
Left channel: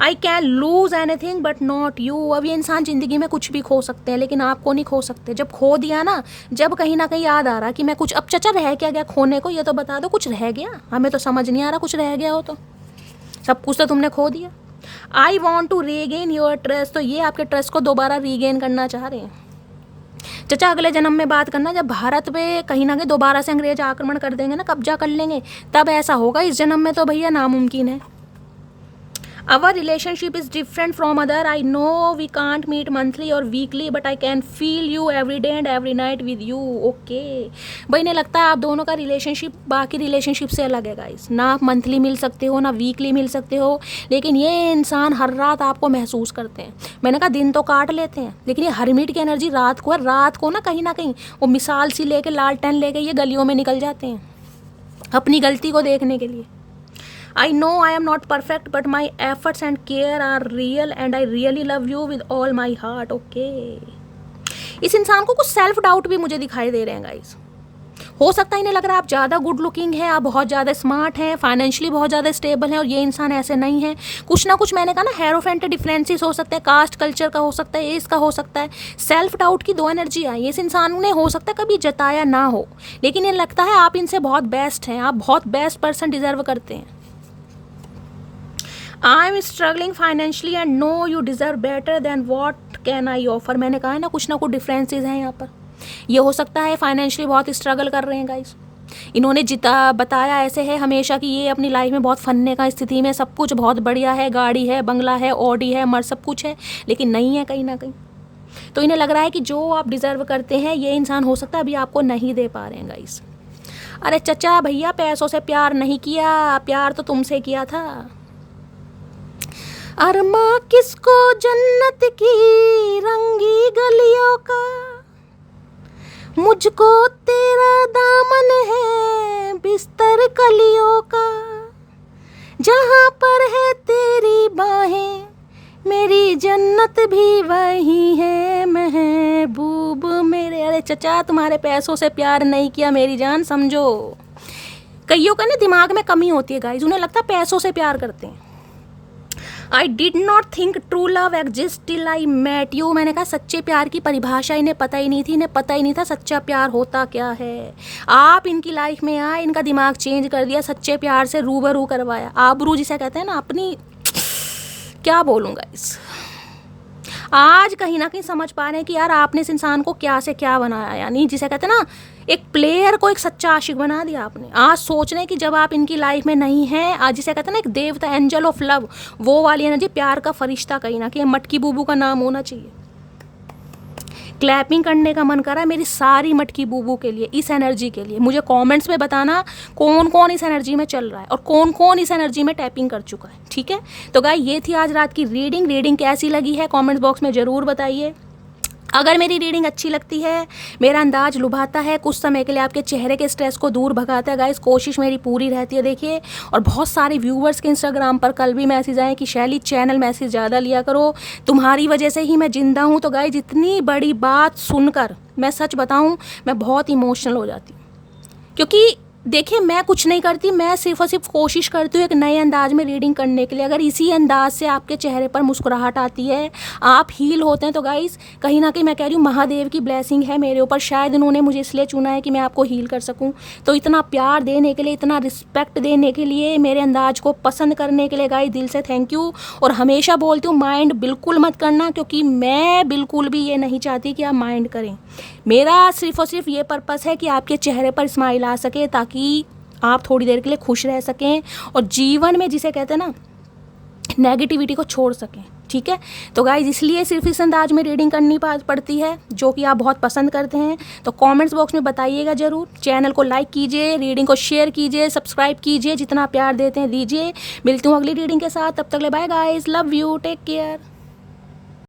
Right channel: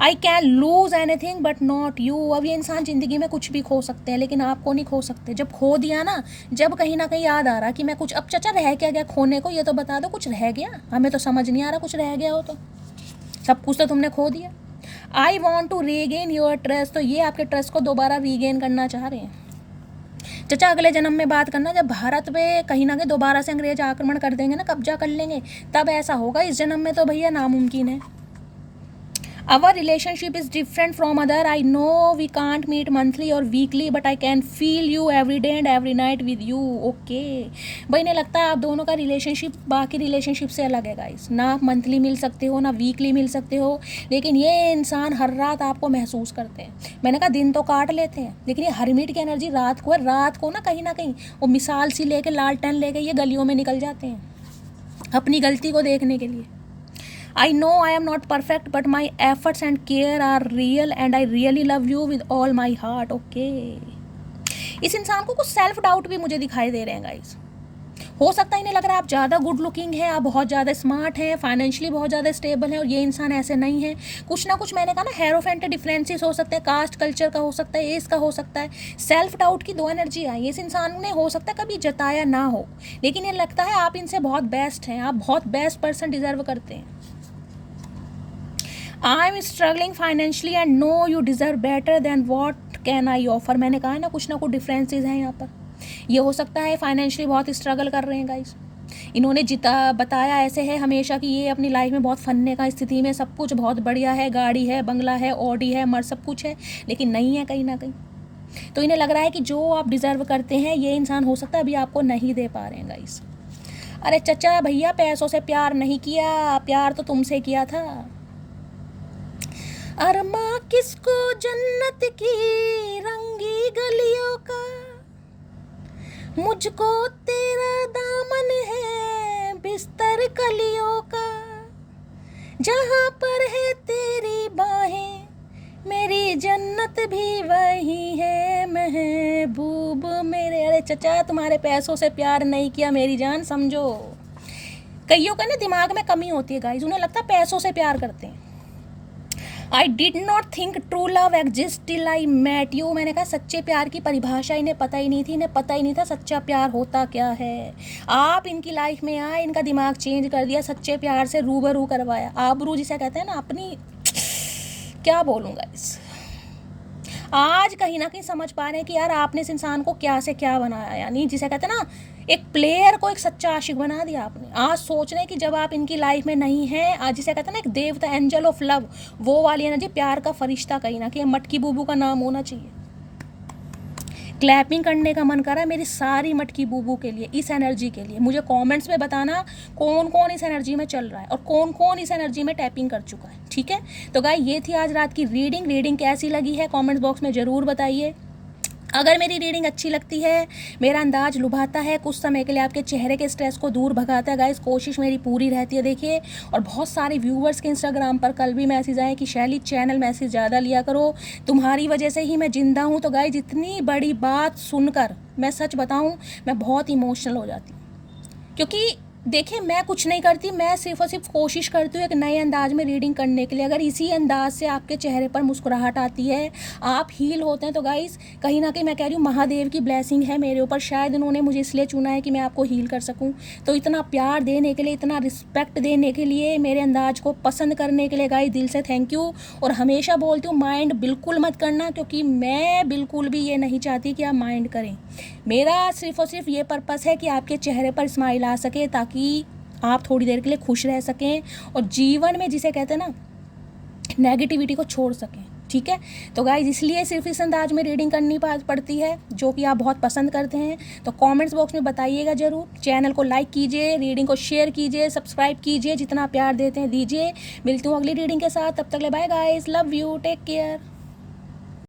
I can lose anything but not you. अब ये इंसान ज़िंदगी में कुछ भी खो सकते हैं, लेकिन आपको नहीं खो सकते। जब खो दिया ना, जब कहीं ना कहीं याद आ रहा कि मैं कुछ, अब चचा रह क्या गया खोने को? ये तो बता दो, कुछ रह गया? हमें तो समझ नहीं आ रहा कुछ रह गया हो तो। सब कुछ तो तुमने खो दिया। I want to regain your trust. तो ये आपके ट्रस्ट को दोबारा रीगेन करना चाह रहे हैं चचा। अगले जन्म में बात करना, जब भारत पे कहीं ना कहीं दोबारा से अंग्रेज आक्रमण कर देंगे ना, कब्जा कर लेंगे, तब ऐसा होगा। इस जन्म में तो भैया नामुमकिन है। Our relationship is different from other. I know we can't meet monthly or weekly, but I can feel you every day and every night with you. Okay. भाई नहीं लगता आप दोनों का रिलेशनशिप बाकी रिलेशनशिप से अलग है गाइस। ना आप मंथली मिल सकते हो, ना वीकली मिल सकते हो, लेकिन ये इंसान हर रात आपको महसूस करते हैं। मैंने कहा दिन तो काट लेते हैं, लेकिन ये हरमिट की एनर्जी रात को है। रात को ना कहीं वो मिसाल सी लेके, लालटेन लेके ये गलियों में निकल जाते हैं अपनी गलती को देखने के लिए। I know I am not perfect, but my efforts and care are real and I really love you with all my heart. Okay. इस इंसान को कुछ सेल्फ डाउट भी मुझे दिखाई दे रहे हैं गाइस। हो सकता है इन्हें लग रहा है आप ज़्यादा गुड लुकिंग है, आप बहुत ज़्यादा स्मार्ट हैं, फाइनेंशियली बहुत ज़्यादा स्टेबल हैं, और ये इंसान ऐसे नहीं है। कुछ ना कुछ मैंने कहा ना, हेरोफेंट डिफरेंसेस हो सकते हैं, कास्ट कल्चर का हो सकता है, एज का हो सकता है, सेल्फ डाउट की 2 एनर्जी आई। इस इंसान ने हो सकता है कभी जताया ना हो, लेकिन ये लगता है आप इनसे बहुत बेस्ट हैं, आप बहुत बेस्ट पर्सन डिजर्व करते हैं। I am struggling financially and know you deserve better than what can I offer. मैंने कहा है ना, कुछ ना कुछ डिफरेंसेस हैं यहाँ पर। ये हो सकता है फाइनेंशियली बहुत स्ट्रगल कर रहे हैं गाइस। इन्होंने बताया ऐसे है हमेशा कि ये अपनी लाइफ में बहुत फन्ने का स्थिति में, सब कुछ बहुत बढ़िया है, गाड़ी है, बंगला है, ऑडी है, मर सब कुछ है, लेकिन नहीं है कहीं ना कहीं। तो इन्हें लग रहा है कि जो आप डिज़र्व करते हैं ये इंसान हो सकता है अभी आपको नहीं दे पा रहे हैं गाइस। अरे चचा भैया, पैसों से प्यार नहीं किया, प्यार तो तुमसे किया था। अरमा किसको जन्नत की रंगी गलियों का, मुझको तेरा दामन है बिस्तर कलियों का, जहाँ पर है तेरी बाहें मेरी जन्नत भी वही है महबूब मेरे। अरे चचा, तुम्हारे पैसों से प्यार नहीं किया मेरी जान, समझो। कईयों का ना दिमाग में कमी होती है गाइस, उन्हें लगता है पैसों से प्यार करते हैं। I did not think true love exist till I met you. मैंने कहा सच्चे प्यार की परिभाषा इन्हें पता ही नहीं थी, इन्हें पता ही नहीं था सच्चा प्यार होता क्या है। आप इनकी लाइफ में आए, इनका दिमाग चेंज कर दिया, सच्चे प्यार से रूबरू करवाया। आबरू जिसे कहते हैं ना, अपनी क्या बोलूँगा इस, आज कहीं ना कहीं समझ पा रहे हैं कि यार आपने इस इंसान को क्या से क्या बनाया, यानी जिसे कहते हैं ना, एक प्लेयर को एक सच्चा आशिक बना दिया आपने। आज सोच रहे हैं कि जब आप इनकी लाइफ में नहीं हैं, आज जिसे कहते हैं ना एक देवता, एंजल ऑफ लव, वो वाली एनर्जी, प्यार का फरिश्ता कहीं ना कहीं, मटकी बूबू का नाम होना चाहिए। क्लैपिंग करने का मन कर रहा है मेरी सारी मटकी बूबू के लिए, इस एनर्जी के लिए। मुझे कमेंट्स में बताना कौन कौन इस एनर्जी में चल रहा है और कौन कौन इस एनर्जी में टैपिंग कर चुका है, ठीक है। तो गाइस, ये थी आज रात की रीडिंग कैसी लगी है कमेंट्स बॉक्स में ज़रूर बताइए। अगर मेरी रीडिंग अच्छी लगती है, मेरा अंदाज लुभाता है, कुछ समय के लिए आपके चेहरे के स्ट्रेस को दूर भगाता है गाइस, कोशिश मेरी पूरी रहती है। देखिए, और बहुत सारे व्यूवर्स के इंस्टाग्राम पर कल भी मैसेज आए कि शैली चैनल मैसेज ज़्यादा लिया करो, तुम्हारी वजह से ही मैं जिंदा हूँ। तो गाइस, इतनी बड़ी बात सुनकर मैं सच बताऊँ, मैं बहुत इमोशनल हो जाती हूँ, क्योंकि देखिए मैं कुछ नहीं करती, मैं सिर्फ और सिर्फ कोशिश करती हूँ एक नए अंदाज में रीडिंग करने के लिए। अगर इसी अंदाज से आपके चेहरे पर मुस्कुराहट आती है, आप हील होते हैं, तो गाइस कहीं ना कहीं मैं कह रही हूँ महादेव की ब्लेसिंग है मेरे ऊपर। शायद इन्होंने मुझे इसलिए चुना है कि मैं आपको हील कर सकूँ। तो इतना प्यार देने के लिए, इतना रिस्पेक्ट देने के लिए, मेरे अंदाज को पसंद करने के लिए गाइस दिल से थैंक यू। और हमेशा बोलती हूँ माइंड बिल्कुल मत करना, क्योंकि मैं बिल्कुल भी ये नहीं चाहती कि आप माइंड करें। मेरा सिर्फ और सिर्फ ये पर्पस है कि आपके चेहरे पर स्माइल आ सके, ताकि आप थोड़ी देर के लिए खुश रह सकें और जीवन में जिसे कहते हैं ना नेगेटिविटी को छोड़ सकें, ठीक है। तो गाइज, इसलिए सिर्फ इस अंदाज में रीडिंग करनी पड़ती है, जो कि आप बहुत पसंद करते हैं। तो कमेंट्स बॉक्स में बताइएगा ज़रूर। चैनल को लाइक कीजिए, रीडिंग को शेयर कीजिए, सब्सक्राइब कीजिए, जितना प्यार देते हैं दीजिए। मिलती हूँ अगली रीडिंग के साथ, तब तक ले bye guys, love you, take care.